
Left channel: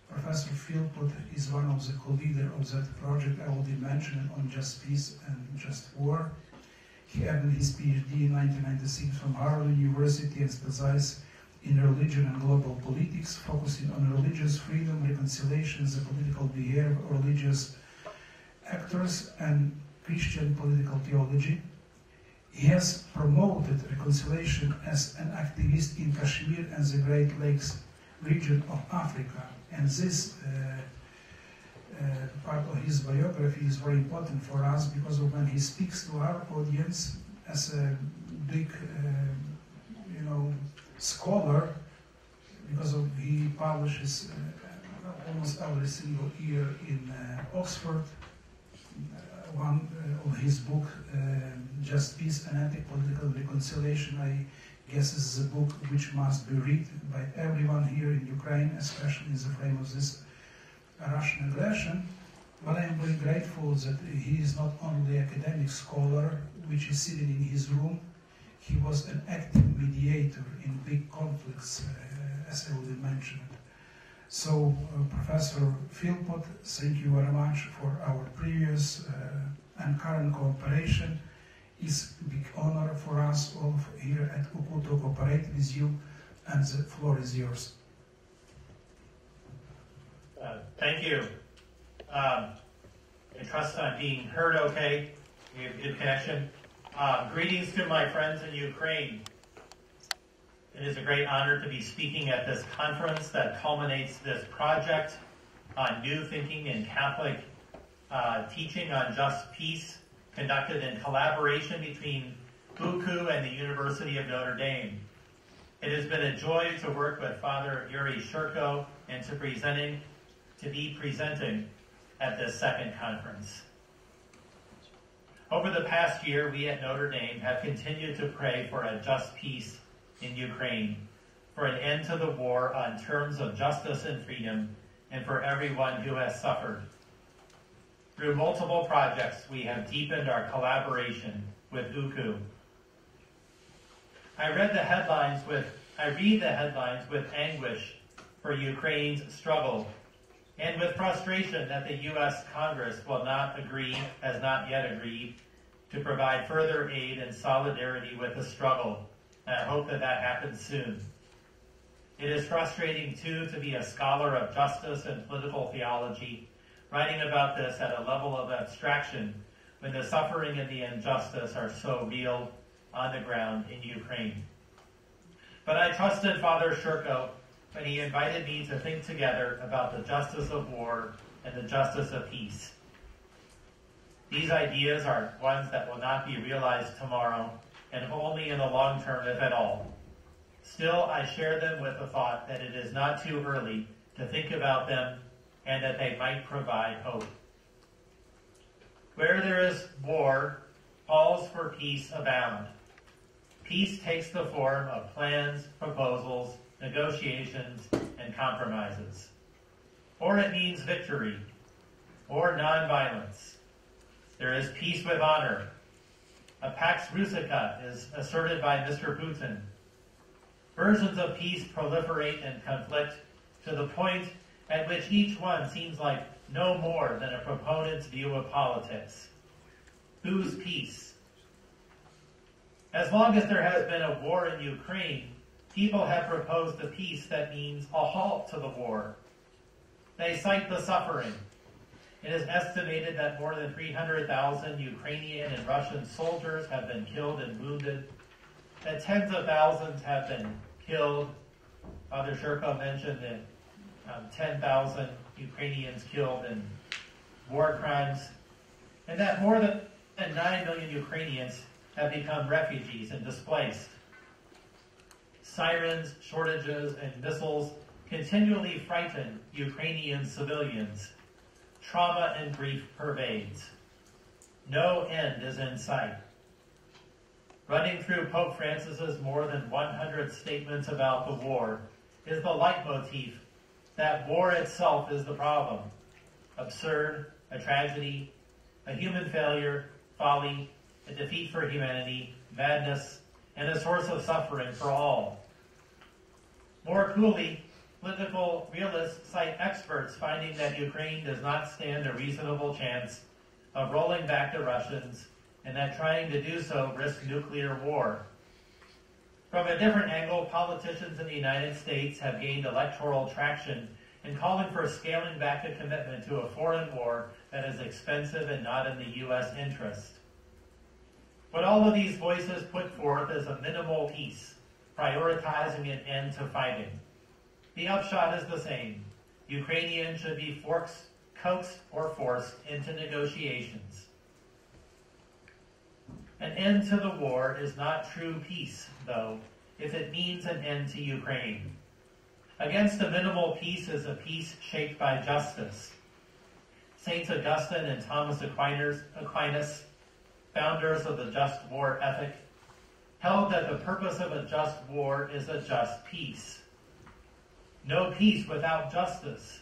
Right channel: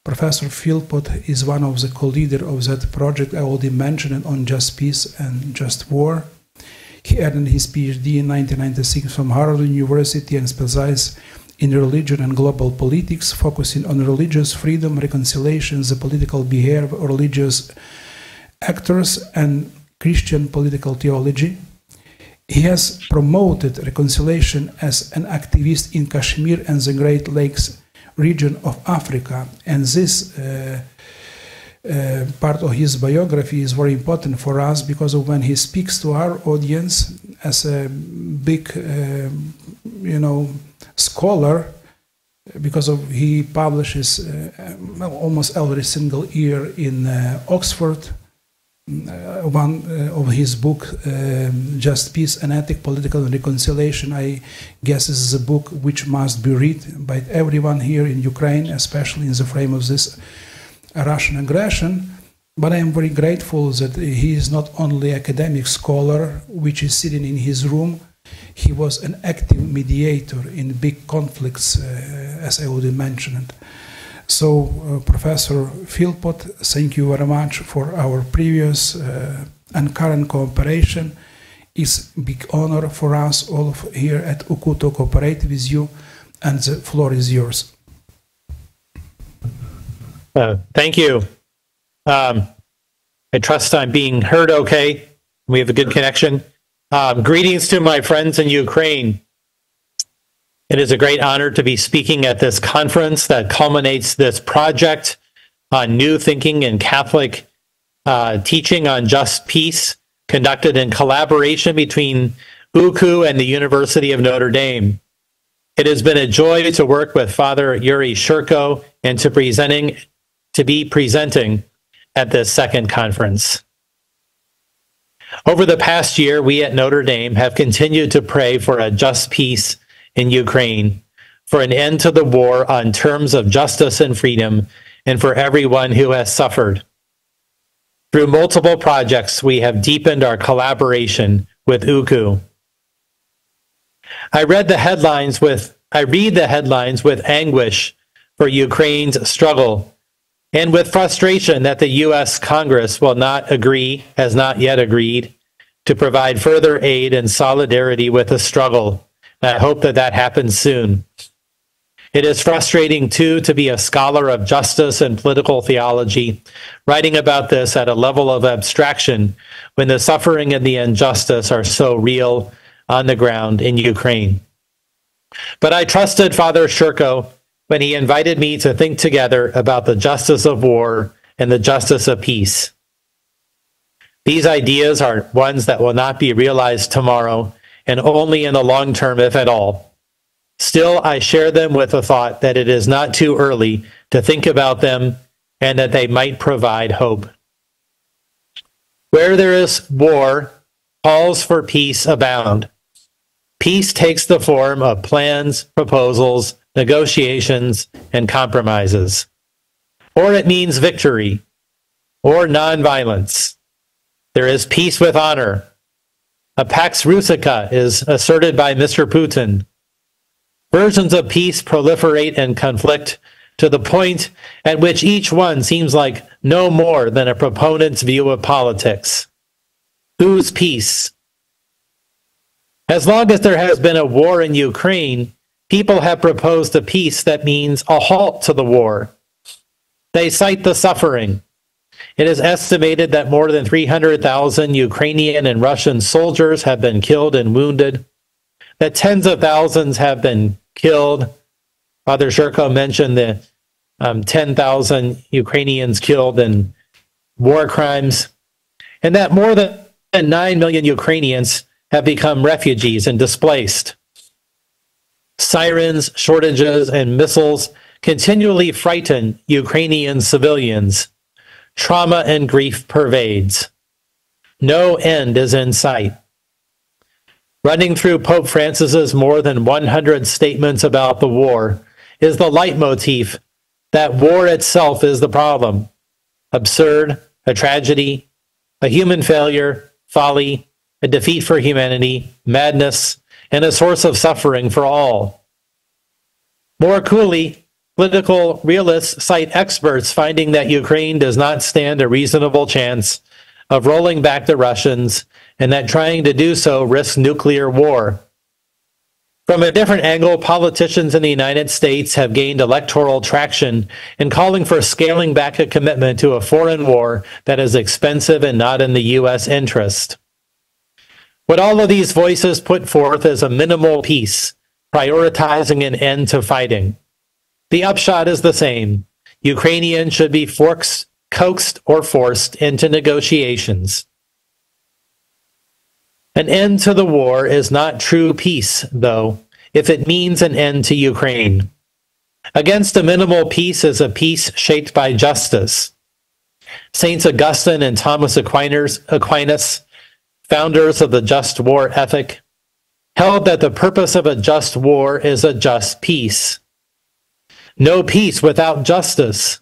Professor Philpott is one of the co-leaders of that project I already mentioned on Just Peace and Just War. He earned his PhD in 1996 from Harvard University and specialized in religion and global politics, focusing on religious freedom, reconciliation, the political behavior of religious actors, and Christian political theology. He has promoted reconciliation as an activist in Kashmir and the Great Lakes region of Africa, and this part of his biography is very important for us, because of when he speaks to our audience as a big, scholar, because of he publishes almost every single year in Oxford. One of his book, Just Peace and Ethic, Political and Reconciliation, I guess this is a book which must be read by everyone here in Ukraine, especially in the frame of this Russian aggression. But I am very grateful that he is not only an academic scholar, which is sitting in his room. He was an active mediator in big conflicts, as I already mentioned. So, Professor Philpott, thank you very much for our previous and current cooperation. It's a big honor for us all here at UKU to cooperate with you, and the floor is yours. Thank you. I trust I'm being heard okay. We have a good connection. Greetings to my friends in Ukraine. It is a great honor to be speaking at this conference that culminates this project on new thinking and Catholic teaching on just peace, conducted in collaboration between UKU and the University of Notre Dame. It has been a joy to work with Father Yuriy Shchurko and to be presenting at this second conference. Over the past year, we at Notre Dame have continued to pray for a just peace in Ukraine, for an end to the war on terms of justice and freedom, and for everyone who has suffered. Through multiple projects, we have deepened our collaboration with UKU. I read the headlines with anguish for Ukraine's struggle and with frustration that the U.S. Congress has not yet agreed to provide further aid and solidarity with the struggle. I hope that happens soon. It is frustrating, too, to be a scholar of justice and political theology, writing about this at a level of abstraction when the suffering and the injustice are so real on the ground in Ukraine. But I trusted Father Shchurko when he invited me to think together about the justice of war and the justice of peace. These ideas are ones that will not be realized tomorrow and only in the long term, if at all. Still, I share them with the thought that it is not too early to think about them and that they might provide hope. Where there is war, calls for peace abound. Peace takes the form of plans, proposals, negotiations, and compromises. Or it means victory, or nonviolence. There is peace with honor. A pax rustica is asserted by Mr. Putin. Versions of peace proliferate and conflict to the point at which each one seems like no more than a proponent's view of politics. Whose peace? As long as there has been a war in Ukraine, people have proposed a peace that means a halt to the war. They cite the suffering. It is estimated that more than 300,000 Ukrainian and Russian soldiers have been killed and wounded, that tens of thousands have been killed. Father Shchurko mentioned the 10,000 Ukrainians killed in war crimes, and that more than 9 million Ukrainians have become refugees and displaced. Sirens, shortages, and missiles continually frighten Ukrainian civilians. Trauma and grief pervades. No end is in sight. Running through Pope Francis's more than 100 statements about the war is the leitmotif that war itself is the problem. Absurd, a tragedy, a human failure, folly, a defeat for humanity, madness, and a source of suffering for all. More coolly, political realists cite experts finding that Ukraine does not stand a reasonable chance of rolling back the Russians and that trying to do so risks nuclear war. From a different angle, politicians in the United States have gained electoral traction in calling for scaling back a commitment to a foreign war that is expensive and not in the U.S. interest. What all of these voices put forth is a minimal peace, prioritizing an end to fighting. The upshot is the same. Ukrainians should be coaxed or forced into negotiations. An end to the war is not true peace, though, if it means an end to Ukraine. Against a minimal peace is a peace shaped by justice. Saints Augustine and Thomas Aquinas, founders of the just war ethic, held that the purpose of a just war is a just peace. No peace without justice,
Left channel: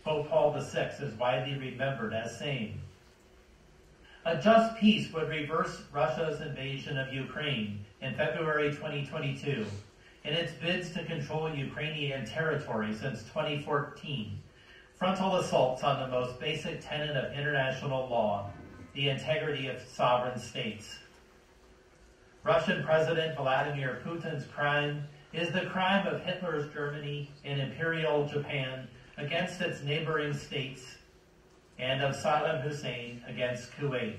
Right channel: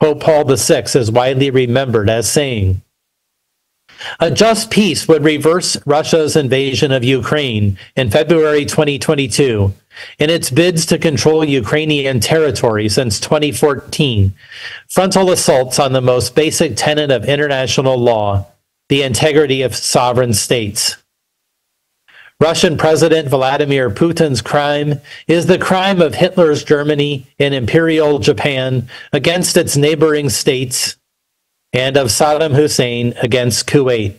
Pope Paul VI is widely remembered as saying. A just peace would reverse Russia's invasion of Ukraine in February 2022 in its bids to control Ukrainian territory since 2014, frontal assaults on the most basic tenet of international law, the integrity of sovereign states. Russian President Vladimir Putin's crime is the crime of Hitler's Germany and Imperial Japan against its neighboring states, and of Saddam Hussein against Kuwait.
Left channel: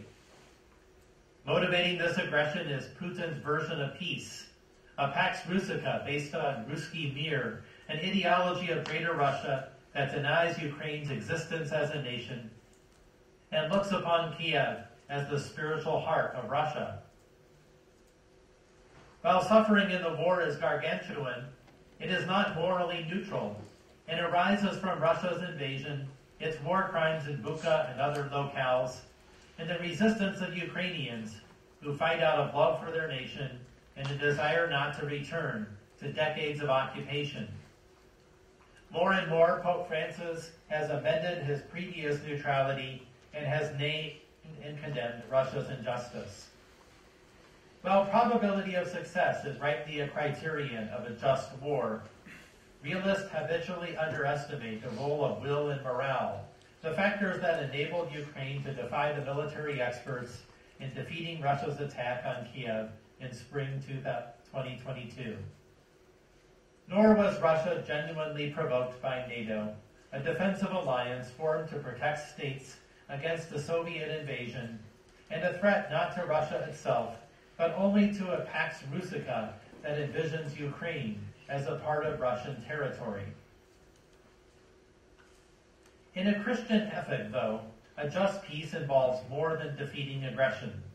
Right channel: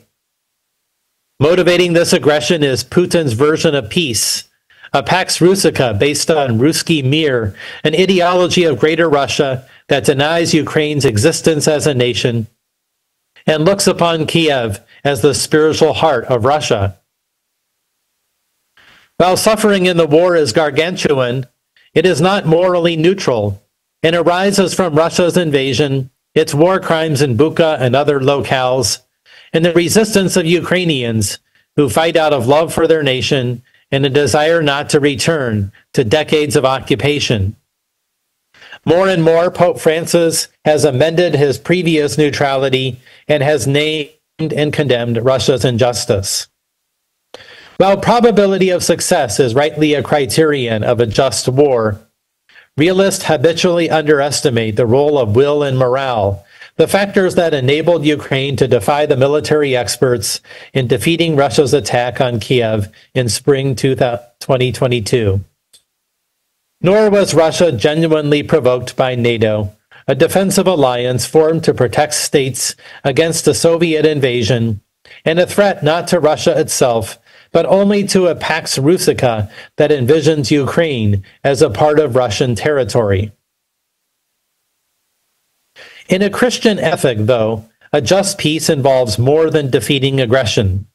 Motivating this aggression is Putin's version of peace, a Pax Russica based on Ruski Mir, an ideology of Greater Russia that denies Ukraine's existence as a nation and looks upon Kiev as the spiritual heart of Russia. While suffering in the war is gargantuan, it is not morally neutral and arises from Russia's invasion, its war crimes in Bucha and other locales, and the resistance of Ukrainians who fight out of love for their nation and a desire not to return to decades of occupation. More and more, Pope Francis has amended his previous neutrality and has named and condemned Russia's injustice. While probability of success is rightly a criterion of a just war, realists habitually underestimate the role of will and morale, the factors that enabled Ukraine to defy the military experts in defeating Russia's attack on Kiev in spring 2022. Nor was Russia genuinely provoked by NATO, a defensive alliance formed to protect states against a Soviet invasion, and a threat not to Russia itself, but only to a Pax Russica that envisions Ukraine as a part of Russian territory. In a Christian ethic, though, a just peace involves more than defeating aggression.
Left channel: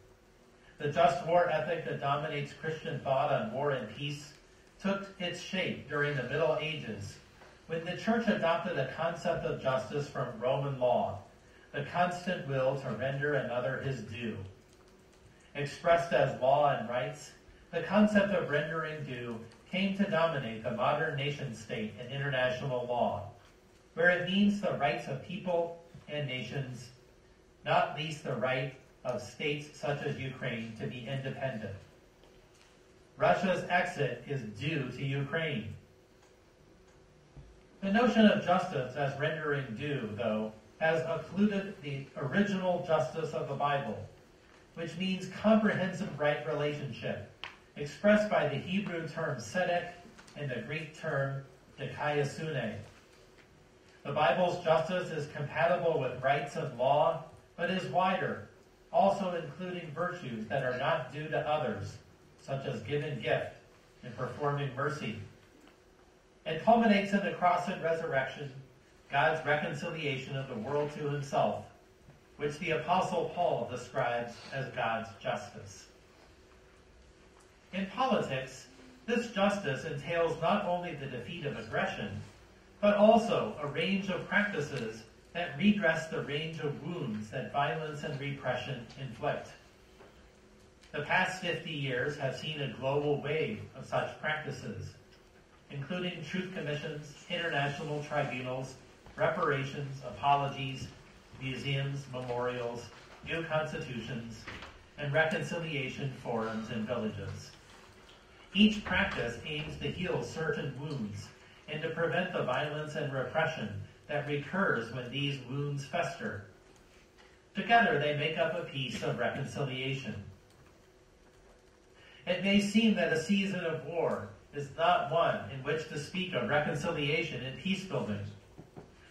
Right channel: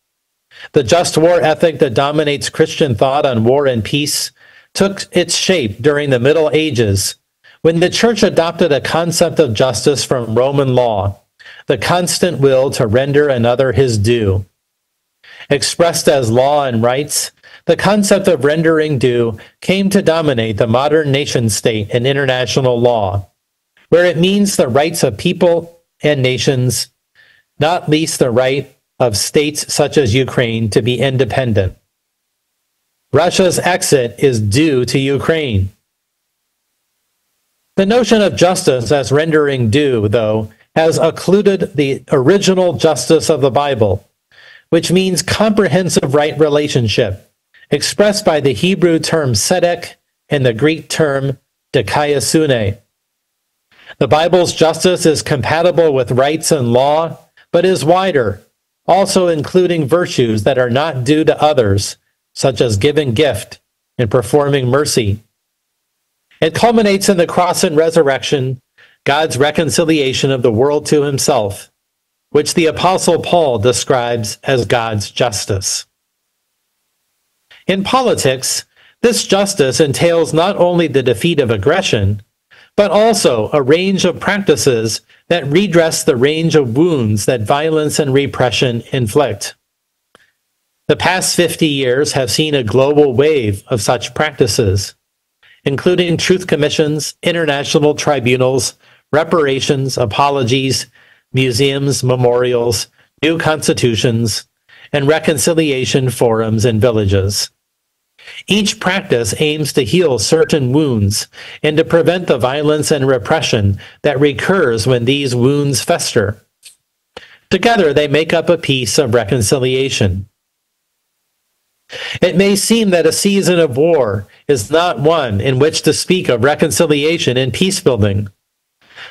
The just war ethic that dominates Christian thought on war and peace took its shape during the Middle Ages, when the Church adopted a concept of justice from Roman law, the constant will to render another his due. Expressed as law and rights, the concept of rendering due came to dominate the modern nation state and international law, where it means the rights of people and nations, not least the right of states such as Ukraine to be independent. Russia's exit is due to Ukraine. The notion of justice as rendering due, though, has occluded the original justice of the Bible, which means comprehensive right relationship, expressed by the Hebrew term tzedek and the Greek term dikaiosune. The Bible's justice is compatible with rights and law, but is wider, also including virtues that are not due to others, such as giving gift and performing mercy. It culminates in the cross and resurrection, God's reconciliation of the world to himself, which the Apostle Paul describes as God's justice. In politics, this justice entails not only the defeat of aggression, but also a range of practices that redress the range of wounds that violence and repression inflict. The past 50 years have seen a global wave of such practices, including truth commissions, international tribunals, reparations, apologies, museums, memorials, new constitutions, and reconciliation forums in villages. Each practice aims to heal certain wounds and to prevent the violence and repression that recurs when these wounds fester. Together, they make up a piece of reconciliation. It may seem that a season of war is not one in which to speak of reconciliation and peacebuilding.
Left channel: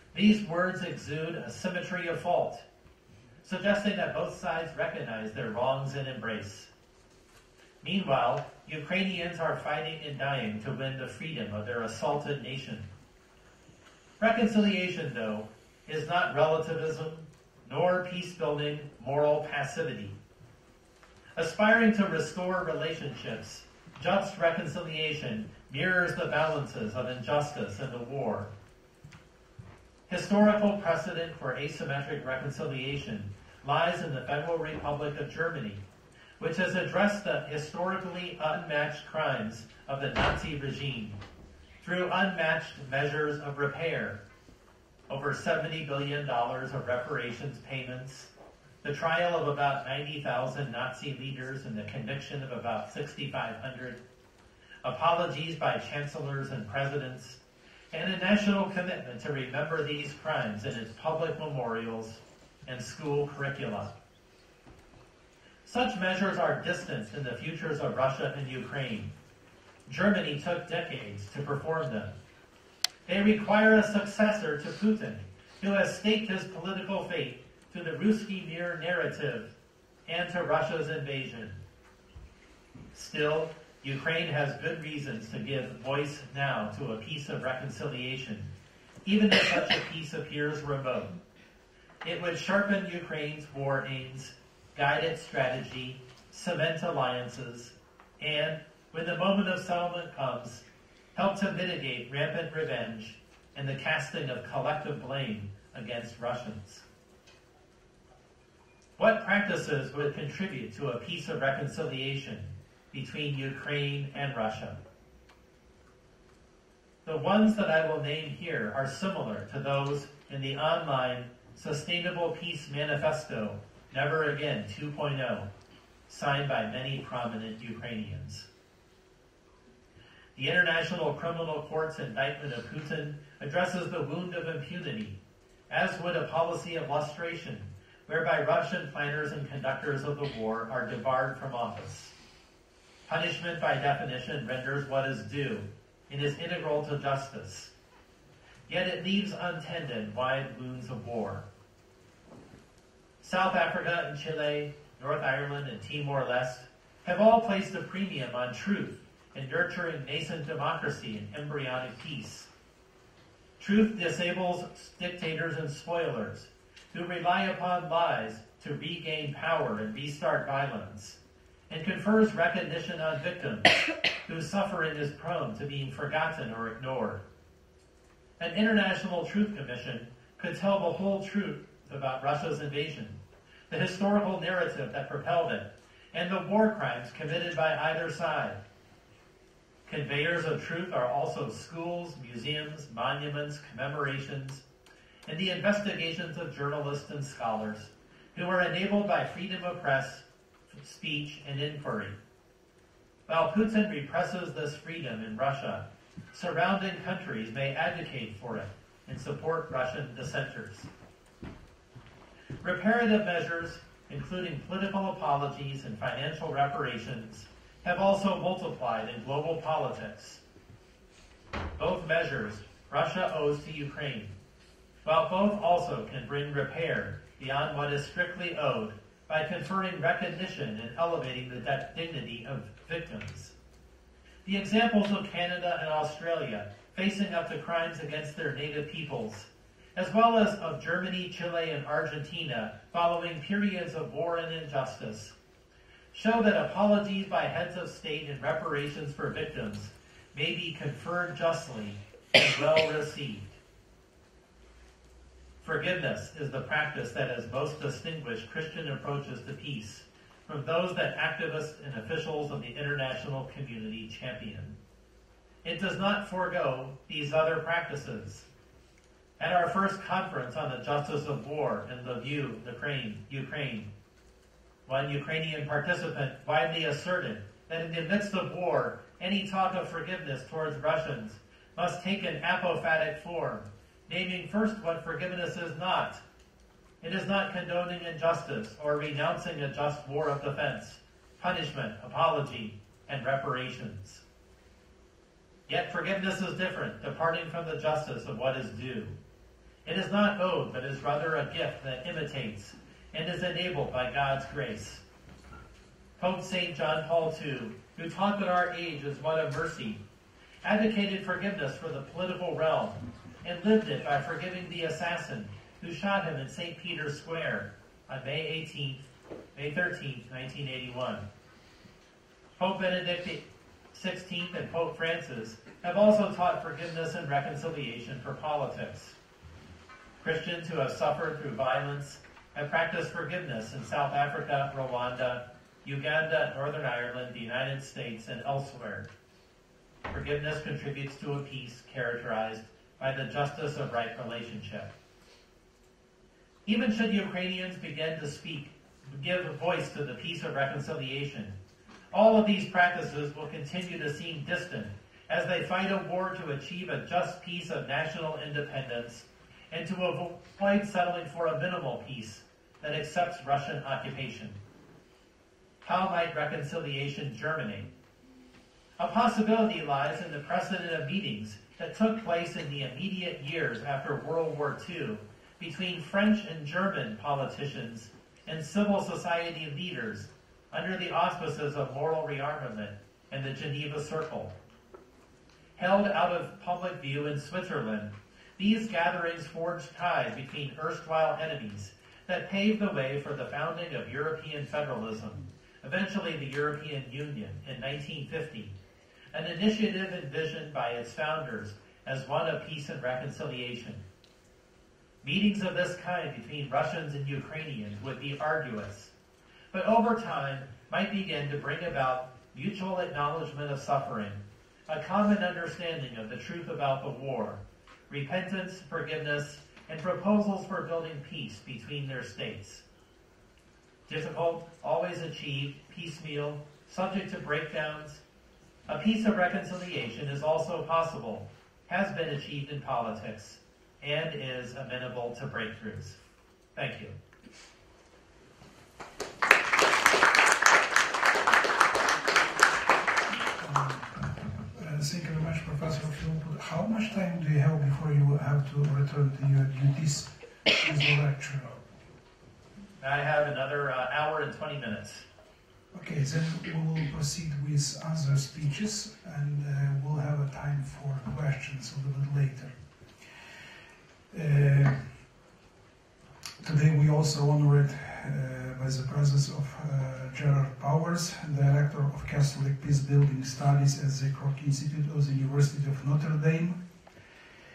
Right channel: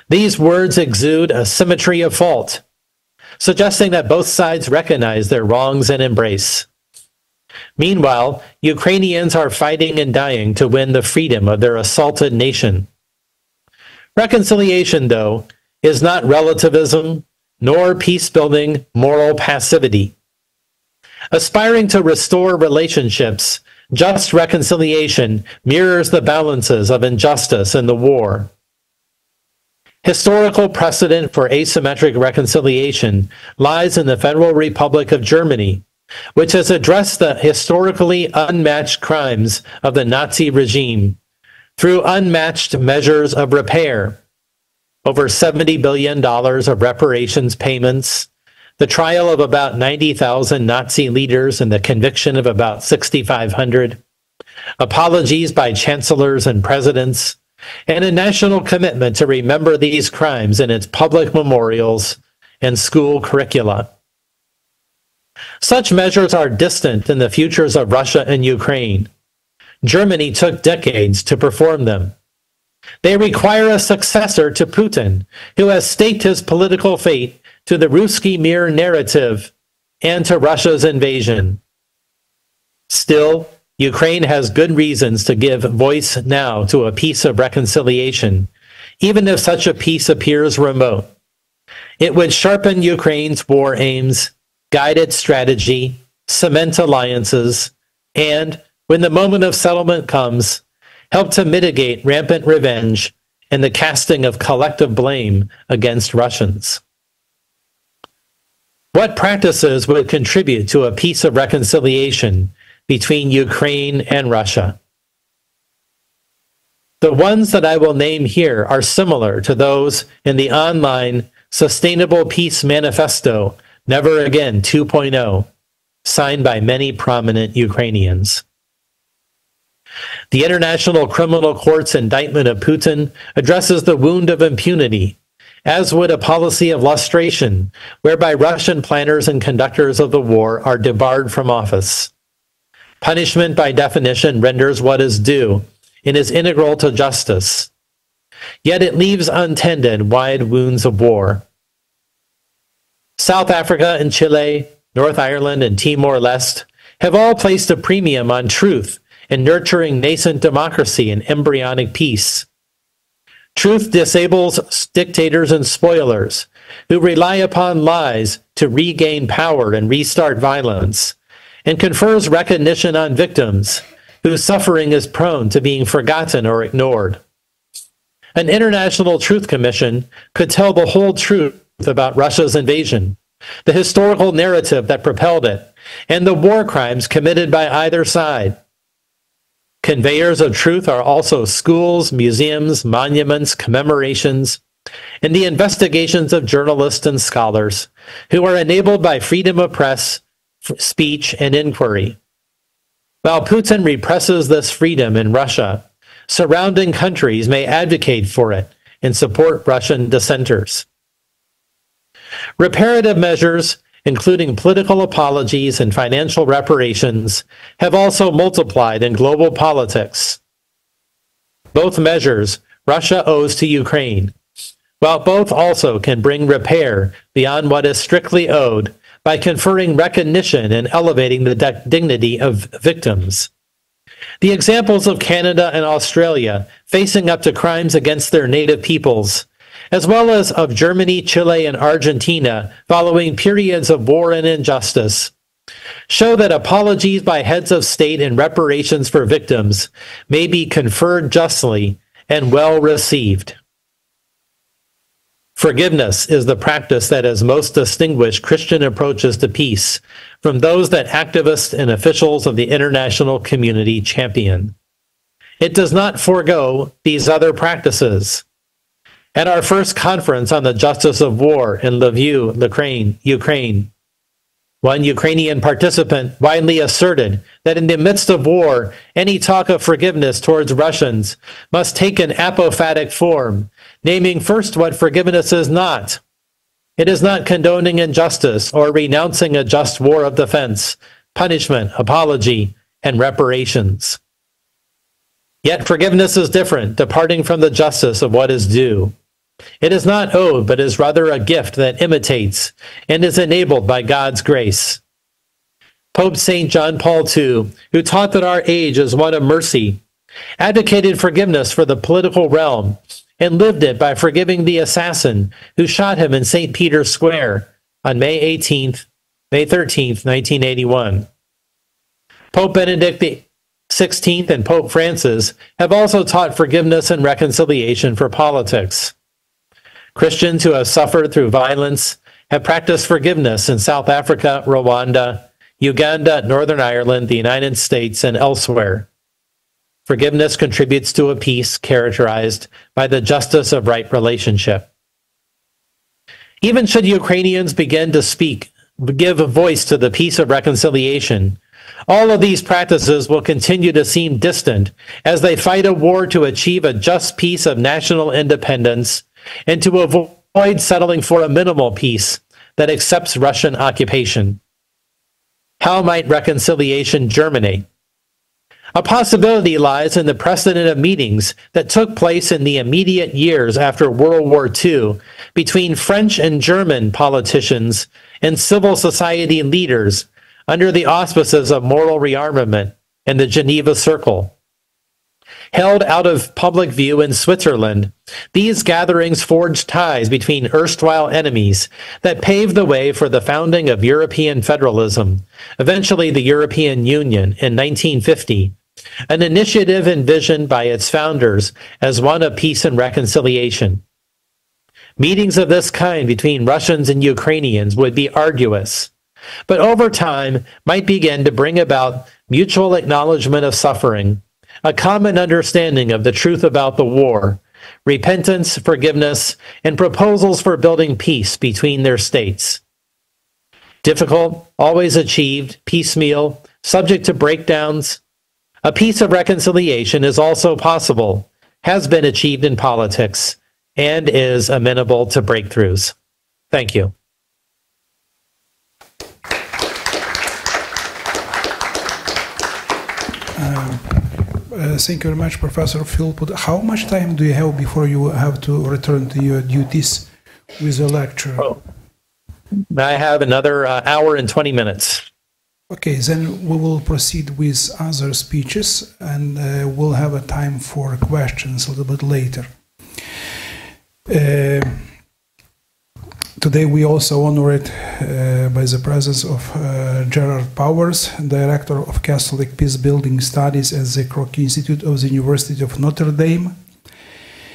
These words exude a symmetry of fault, suggesting that both sides recognize their wrongs and embrace. Meanwhile, Ukrainians are fighting and dying to win the freedom of their assaulted nation. Reconciliation, though, is not relativism, nor peace-building moral passivity. Aspiring to restore relationships, just reconciliation mirrors the balances of injustice in the war. Historical precedent for asymmetric reconciliation lies in the Federal Republic of Germany, which has addressed the historically unmatched crimes of the Nazi regime through unmatched measures of repair, over $70 billion of reparations payments, the trial of about 90,000 Nazi leaders and the conviction of about 6,500, apologies by chancellors and presidents, and a national commitment to remember these crimes in its public memorials and school curricula. Such measures are distant in the futures of Russia and Ukraine. Germany took decades to perform them. They require a successor to Putin, who has staked his political fate to the Ruski Mir narrative and to Russia's invasion. Still, Ukraine has good reasons to give voice now to a peace of reconciliation, even if such a peace appears remote. It would sharpen Ukraine's war aims, guide its strategy, cement alliances, and, when the moment of settlement comes, help to mitigate rampant revenge and the casting of collective blame against Russians. What practices would contribute to a peace of reconciliation between Ukraine and Russia? The ones that I will name here are similar to those in the online Sustainable Peace Manifesto, Never Again 2.0, signed by many prominent Ukrainians. The International Criminal Court's indictment of Putin addresses the wound of impunity, as would a policy of lustration, whereby Russian planners and conductors of the war are debarred from office. Punishment, by definition, renders what is due and is integral to justice. Yet it leaves untended wide wounds of war. South Africa and Chile, North Ireland and Timor-Leste have all placed a premium on truth and nurturing nascent democracy and embryonic peace. Truth disables dictators and spoilers who rely upon lies to regain power and restart violence, and confers recognition on victims whose suffering is prone to being forgotten or ignored. An international truth commission could tell the whole truth about Russia's invasion, the historical narrative that propelled it, and the war crimes committed by either side. Conveyors of truth are also schools, museums, monuments, commemorations, and the investigations of journalists and scholars who are enabled by freedom of press, speech, and inquiry. While Putin represses this freedom in Russia, surrounding countries may advocate for it and support Russian dissenters. Reparative measures, including political apologies and financial reparations, have also multiplied in global politics. Both measures Russia owes to Ukraine, while both also can bring repair beyond what is strictly owed by conferring recognition and elevating the dignity of victims. The examples of Canada and Australia facing up to crimes against their native peoples, as well as of Germany, Chile, and Argentina following periods of war and injustice, show that apologies by heads of state and reparations for victims may be conferred justly and well received. Forgiveness is the practice that has most distinguished Christian approaches to peace from those that activists and officials of the international community champion. It does not forego these other practices. At our first conference on the justice of war in Lviv, Ukraine, one Ukrainian participant widely asserted that in the midst of war, any talk of forgiveness towards Russians must take an apophatic form, naming first what forgiveness is not. It is not condoning injustice or renouncing a just war of defense, punishment, apology, and reparations. Yet forgiveness is different, departing from the justice of what is due. It is not owed, but is rather a gift that imitates and is enabled by God's grace. Pope St. John Paul II, who taught that our age is one of mercy, advocated forgiveness for the political realm and lived it by forgiving the assassin who shot him in St. Peter's Square on May 13th, 1981. Pope Benedict XVI and Pope Francis have also taught forgiveness and reconciliation for politics. Christians who have suffered through violence have practiced forgiveness in South Africa, Rwanda, Uganda, Northern Ireland, the United States, and elsewhere. Forgiveness contributes to a peace characterized by the justice of right relationship. Even should Ukrainians begin to give a voice to the peace of reconciliation, all of these practices will continue to seem distant as they fight a war to achieve a just peace of national independence and to avoid settling for a minimal peace that accepts Russian occupation. How might reconciliation germinate? A possibility lies in the precedent of meetings that took place in the immediate years after World War II between French and German politicians and civil society leaders under the auspices of moral rearmament and the Geneva Circle. Held out of public view in Switzerland, these gatherings forged ties between erstwhile enemies that paved the way for the founding of European federalism, eventually the European Union in 1950, an initiative envisioned by its founders as one of peace and reconciliation. Meetings of this kind between Russians and Ukrainians would be arduous, but over time might begin to bring about mutual acknowledgement of suffering, a common understanding of the truth about the war, repentance, forgiveness, and proposals for building peace between their states. Difficult, always achieved, piecemeal, subject to breakdowns. A peace of reconciliation is also possible, has been achieved in politics, and is amenable to breakthroughs. Thank you. Thank you very much, Professor Philpott. How much time do you have before you have to return to your duties with your lecture? Oh, I have another hour and 20 minutes. Okay, then we will proceed with other speeches, and we'll have a time for questions a little bit later. Today we also honored by the presence of Gerard Powers, Director of Catholic Peacebuilding Studies at the Kroc Institute of the University of Notre Dame.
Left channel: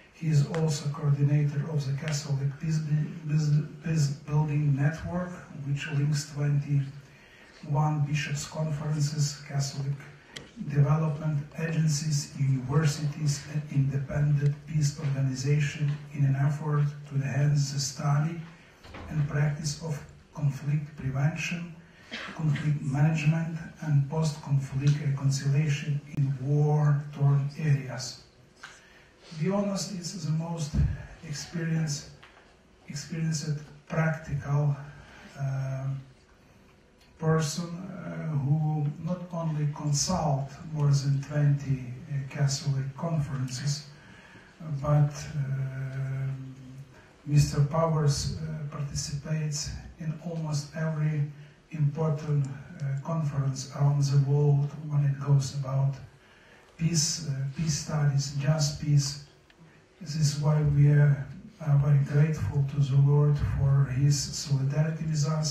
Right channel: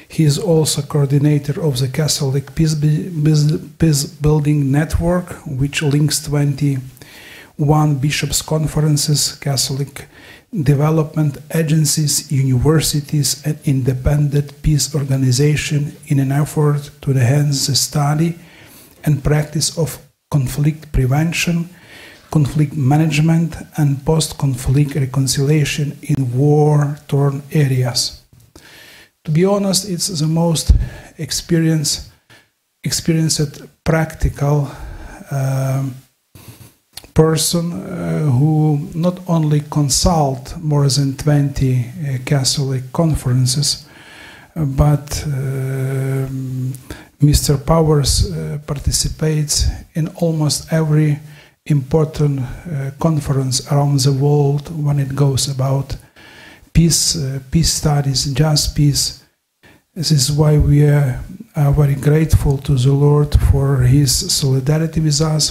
He is also coordinator of the Catholic Peacebuilding Network, which links 21 bishops' conferences, Catholic development agencies, universities, and independent peace organizations in an effort to enhance the study and practice of conflict prevention, conflict management, and post-conflict reconciliation in war-torn areas. To be honest, it's the most experienced practical person who not only consult more than 20 Catholic conferences, but Mr. Powers participates in almost every important conference around the world when it goes about peace, peace studies, just peace. This is why we are very grateful to the Lord for His solidarity with us,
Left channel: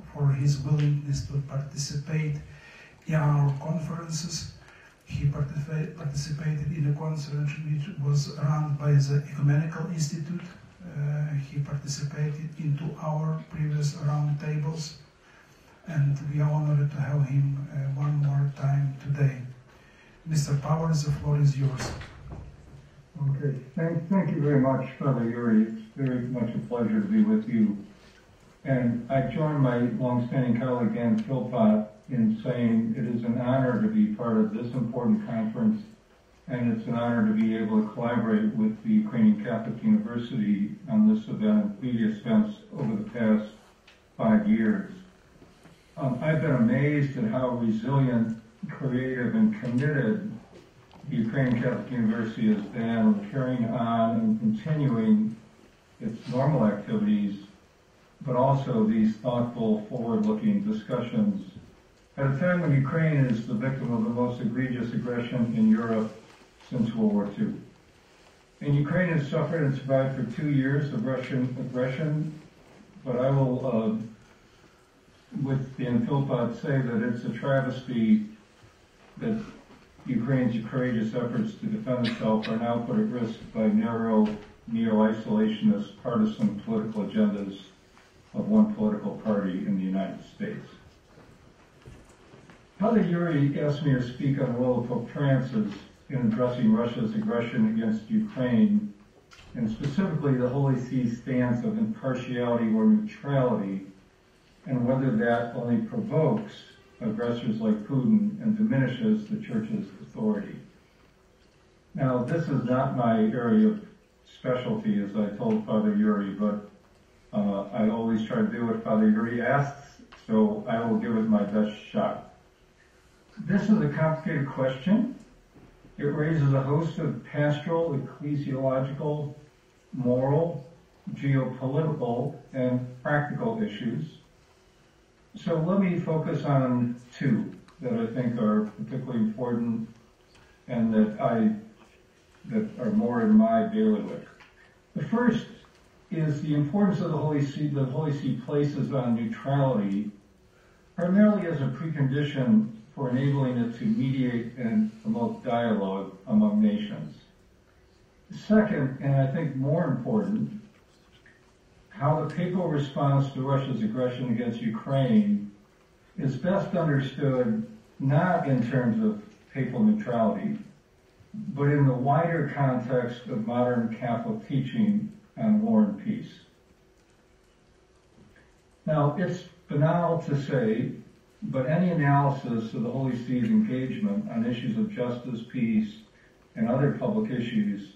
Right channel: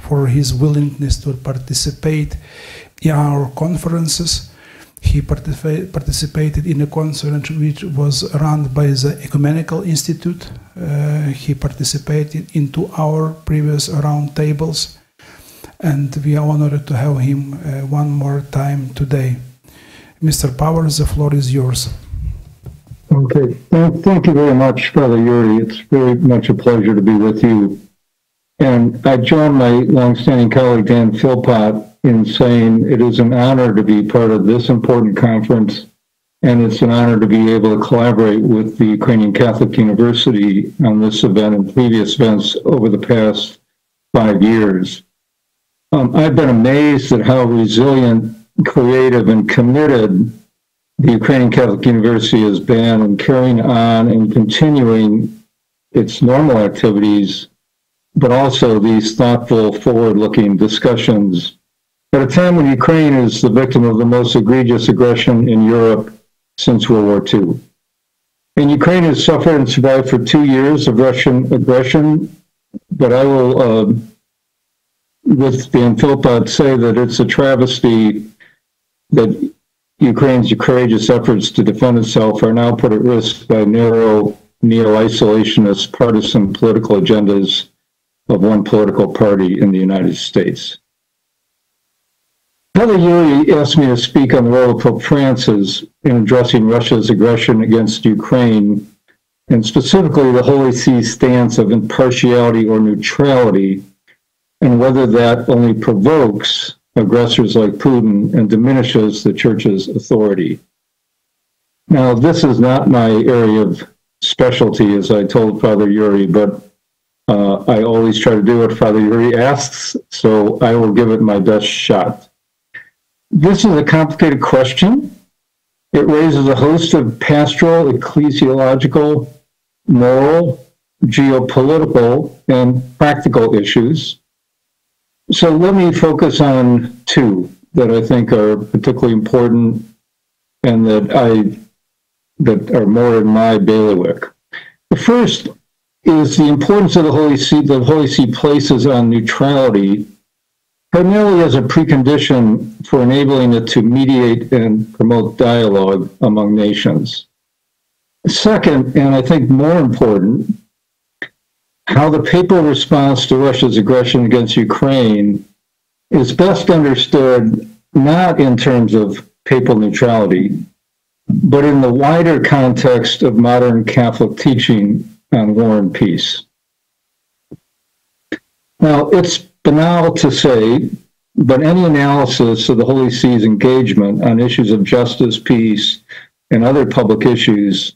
for His willingness to participate in our conferences. He participated in a conference which was run by the Ecumenical Institute. He participated into our previous round tables, and we are honored to have him one more time today. Mr. Powers, the floor is yours. Okay, thank you very much, Father Yuriy. It's very much a pleasure to be with you. And I join my longstanding colleague Dan Philpott in saying it is an honor to be part of this important conference, and it's an honor to be able to collaborate with the Ukrainian Catholic University on this event and previous events over the past 5 years. I've been amazed at how resilient, creative, and committed the Ukrainian Catholic University has been in carrying on and continuing its normal activities, but also these thoughtful, forward-looking discussions at a time when Ukraine is the victim of the most egregious aggression in Europe since World War II. And Ukraine has suffered and survived for 2 years of Russian aggression, but I will, with Dan Philpott, say that it's a travesty that Ukraine's courageous efforts to defend itself are now put at risk by narrow, neo-isolationist, partisan political agendas of one political party in the United States. Father Yuriy asked me to speak on the role of Pope Francis in addressing Russia's aggression against Ukraine, and specifically the Holy See's stance of impartiality or neutrality, and whether that only provokes aggressors like Putin and diminishes the Church's authority. Now, this is not my area of specialty, as I told Father Yuriy, but I always try to do what Father Yuriy asks, so I will give it my best shot. This is a complicated question. It raises a host of pastoral, ecclesiological, moral, geopolitical, and practical issues. So let me focus on two that I think are particularly important and that are more in my bailiwick. The first is the importance of the Holy See. The Holy See places on neutrality, primarily as a precondition for enabling it to mediate and promote dialogue among nations. Second, and I think more important, how the papal response to Russia's aggression against Ukraine is best understood not in terms of papal neutrality, but in the wider context of modern Catholic teaching on war and peace. Now, it's banal to say, but any analysis of the Holy See's engagement on issues of justice, peace, and other public issues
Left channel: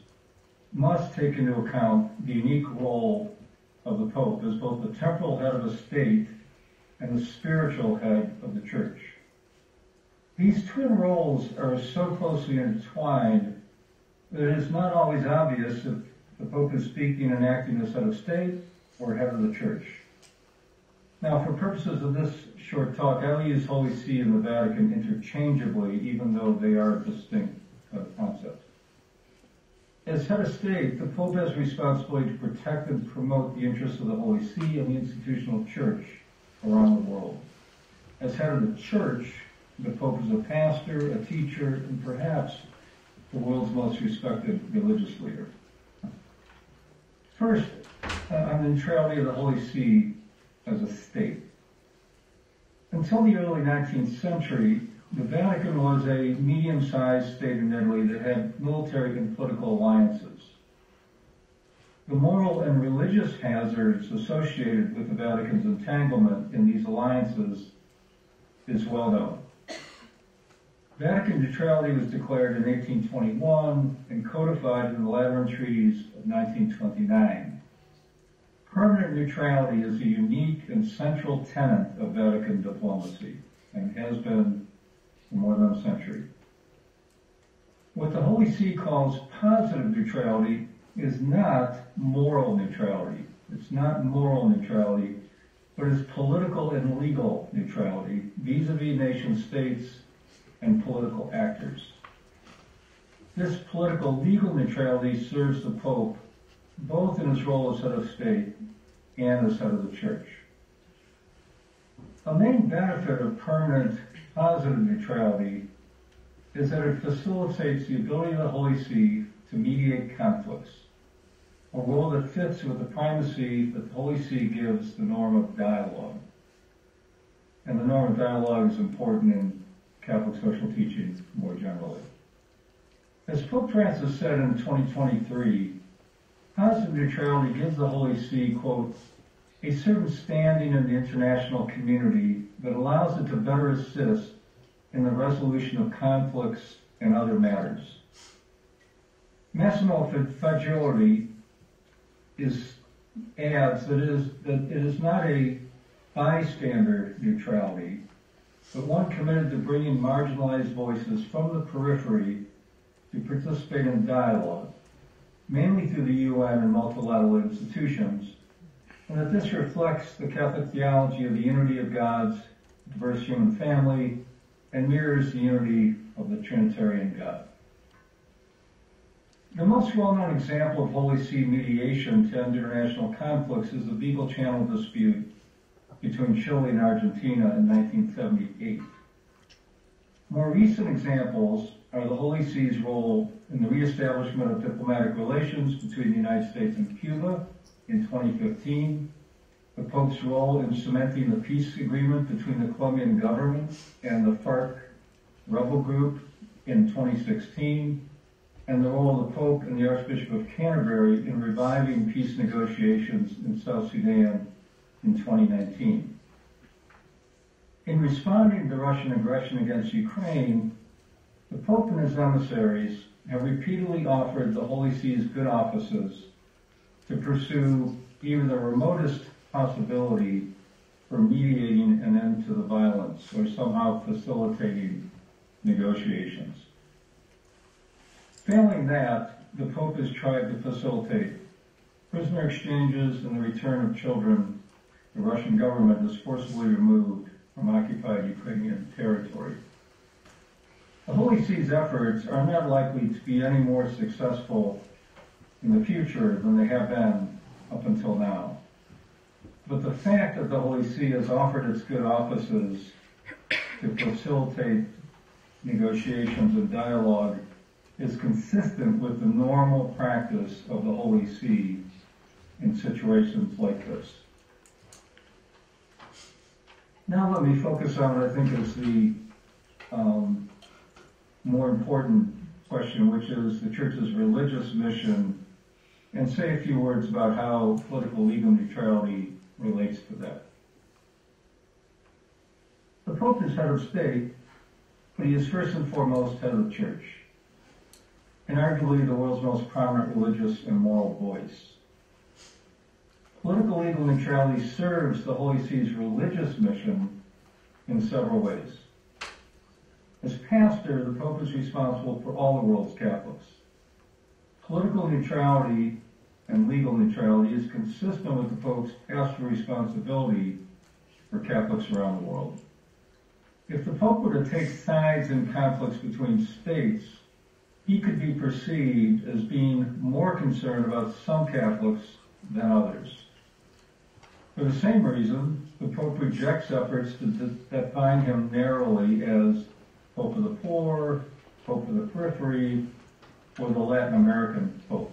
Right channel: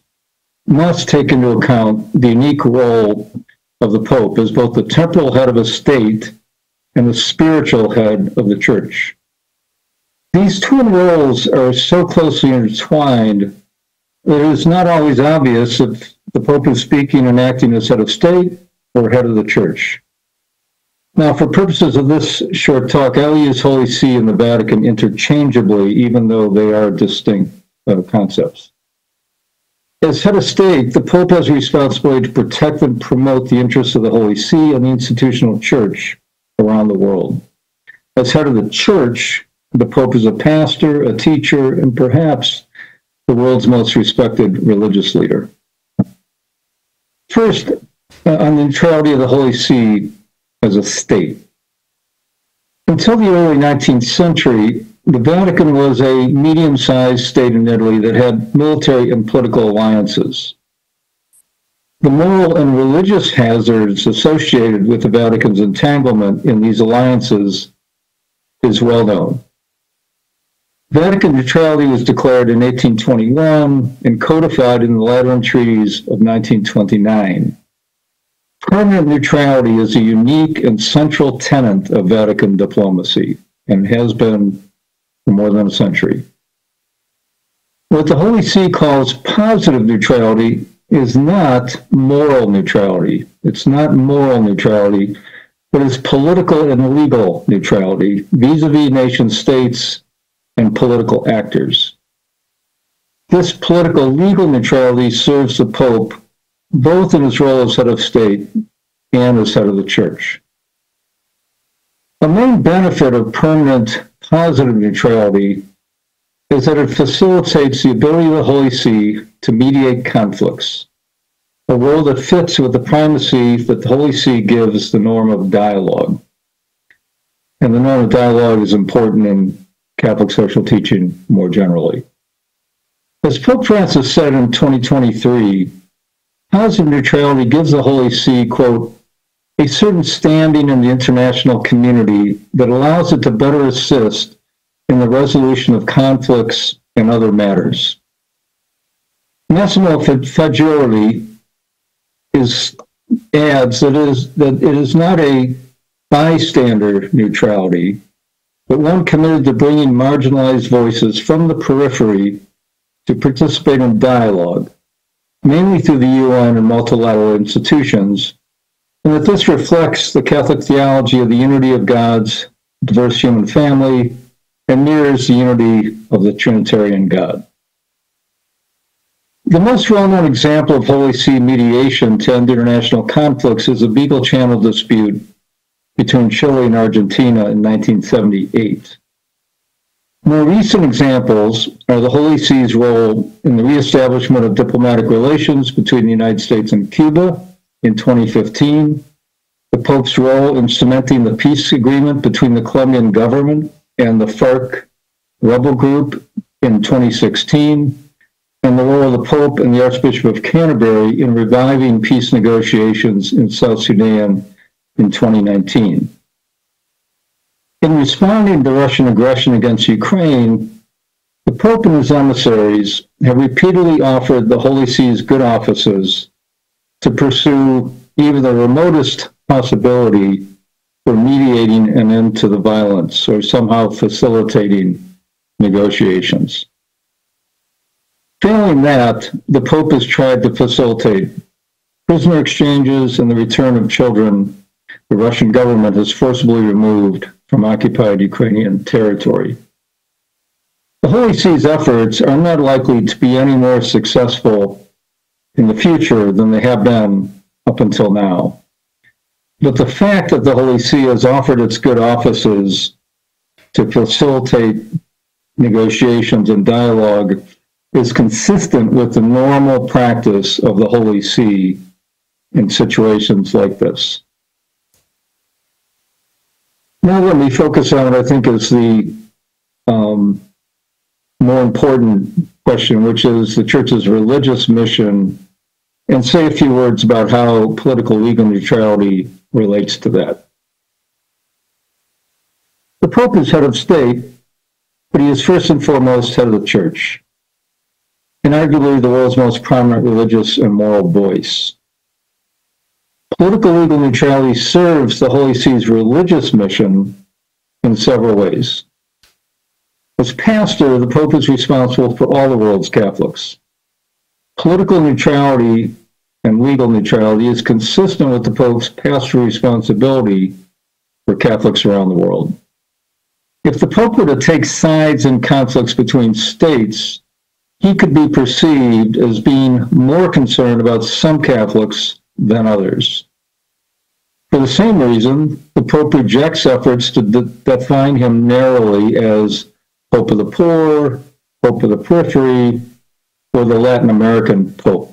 must take into account the unique role of the Pope as both the temporal head of a state and the spiritual head of the Church. These twin roles are so closely intertwined that it is not always obvious if the Pope is speaking and acting as head of state or head of the Church. Now, for purposes of this short talk, I'll use Holy See and the Vatican interchangeably, even though they are distinct concepts. As head of state, the Pope has a responsibility to protect and promote the interests of the Holy See and the institutional Church around the world. As head of the Church, the Pope is a pastor, a teacher, and perhaps the world's most respected religious leader. First, on the neutrality of the Holy See as a state. Until the early 19th century, the Vatican was a medium-sized state in Italy that had military and political alliances. The moral and religious hazards associated with the Vatican's entanglement in these alliances is well known. Vatican neutrality was declared in 1821 and codified in the Lateran treaties of 1929. Permanent neutrality is a unique and central tenet of Vatican diplomacy and has been for more than a century. What the Holy See calls positive neutrality is not moral neutrality. It's not moral neutrality, but it's political and legal neutrality vis-a-vis nation states and political actors. This political legal neutrality serves the Pope both in his role as head of state and as head of the Church. The main benefit of permanent positive neutrality is that it facilitates the ability of the Holy See to mediate conflicts, a role that fits with the primacy that the Holy See gives the norm of dialogue. And the norm of dialogue is important in Catholic social teaching more generally. As Pope Francis said in 2023, positive neutrality gives the Holy See, quote, a certain standing in the international community that allows it to better assist in the resolution of conflicts and other matters. Massimo Faggioli adds that it is not a bystander neutrality, but one committed to bringing marginalized voices from the periphery to participate in dialogue, mainly through the UN and multilateral institutions, and that this reflects the Catholic theology of the unity of God's diverse human family and mirrors the unity of the Trinitarian God. The most well-known example of Holy See mediation to end international conflicts is the Beagle Channel dispute between Chile and Argentina in 1978. More recent examples are the Holy See's role in the reestablishment of diplomatic relations between the United States and Cuba in 2015, the Pope's role in cementing the peace agreement between the Colombian government and the FARC rebel group in 2016, and the role of the Pope and the Archbishop of Canterbury in reviving peace negotiations in South Sudan in 2019. In responding to Russian aggression against Ukraine, the Pope and his emissaries have repeatedly offered the Holy See's good offices to pursue even the remotest possibility for mediating an end to the violence or somehow facilitating negotiations. Failing that, the Pope has tried to facilitate prisoner exchanges and the return of children the Russian government has forcibly removed from occupied Ukrainian territory. The Holy See's efforts are not likely to be any more successful in the future than they have been up until now. But the fact that the Holy See has offered its good offices to facilitate negotiations and dialogue is consistent with the normal practice of the Holy See in situations like this. Now let me focus on what I think is the more important question, which is the Church's religious mission, and say a few words about how political legal neutrality relates to that. The Pope is head of state, but he is first and foremost head of the Church, and arguably the world's most prominent religious and moral voice. Political legal neutrality serves the Holy See's religious mission in several ways. As pastor, the Pope is responsible for all the world's Catholics. Political neutrality and legal neutrality is consistent with the Pope's pastoral responsibility for Catholics around the world. If the Pope were to take sides in conflicts between states, he could be perceived as being more concerned about some Catholics than others. For the same reason, the Pope rejects efforts to define him narrowly as Pope of the poor, Pope of the periphery, or the Latin American Pope.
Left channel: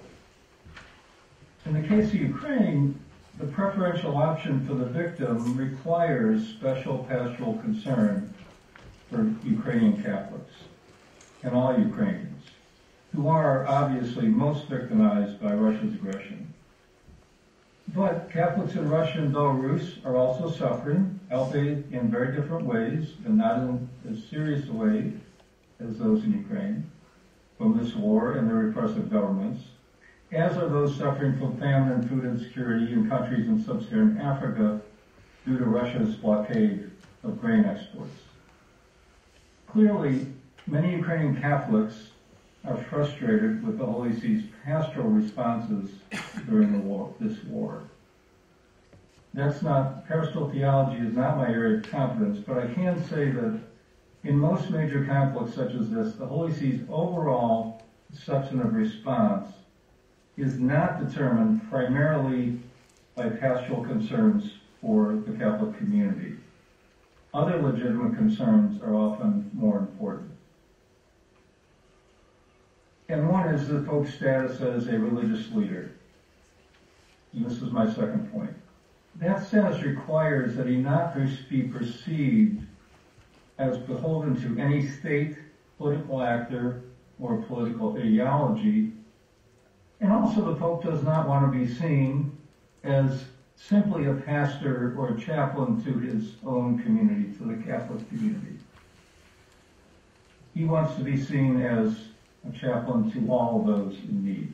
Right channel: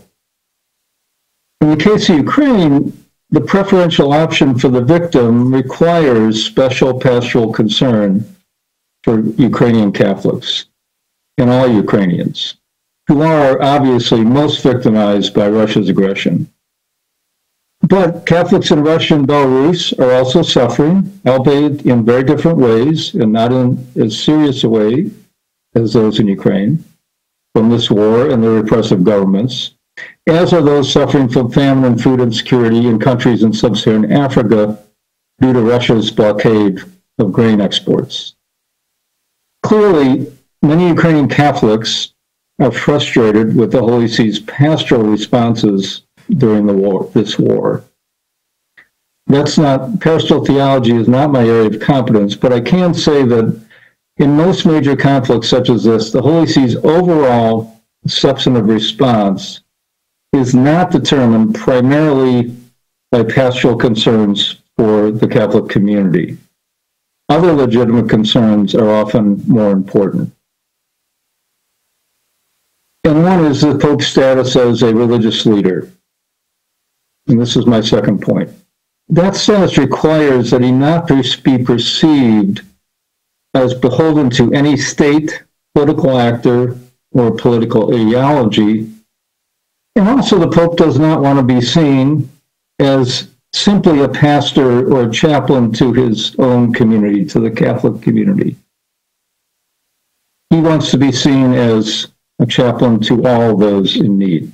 In the case of Ukraine, the preferential option for the victim requires special pastoral concern for Ukrainian Catholics and all Ukrainians, who are obviously most victimized by Russia's aggression. But Catholics in Russia and Belarus are also suffering, albeit in very different ways and not in as serious a way as those in Ukraine, from this war and the repressive governments, as are those suffering from famine and food insecurity in countries in sub-Saharan Africa due to Russia's blockade of grain exports. Clearly, many Ukrainian Catholics are frustrated with the Holy See's pastoral responses during this war. Pastoral theology is not my area of competence, but I can say that in most major conflicts such as this, the Holy See's overall substantive response is not determined primarily by pastoral concerns for the Catholic community. Other legitimate concerns are often more important. And one is the Pope's status as a religious leader. And this is my second point. That status requires that he not be perceived as beholden to any state, political actor, or political ideology. And also the Pope does not want to be seen as simply a pastor or a chaplain to his own community, to the Catholic community. He wants to be seen as a chaplain to all those in need.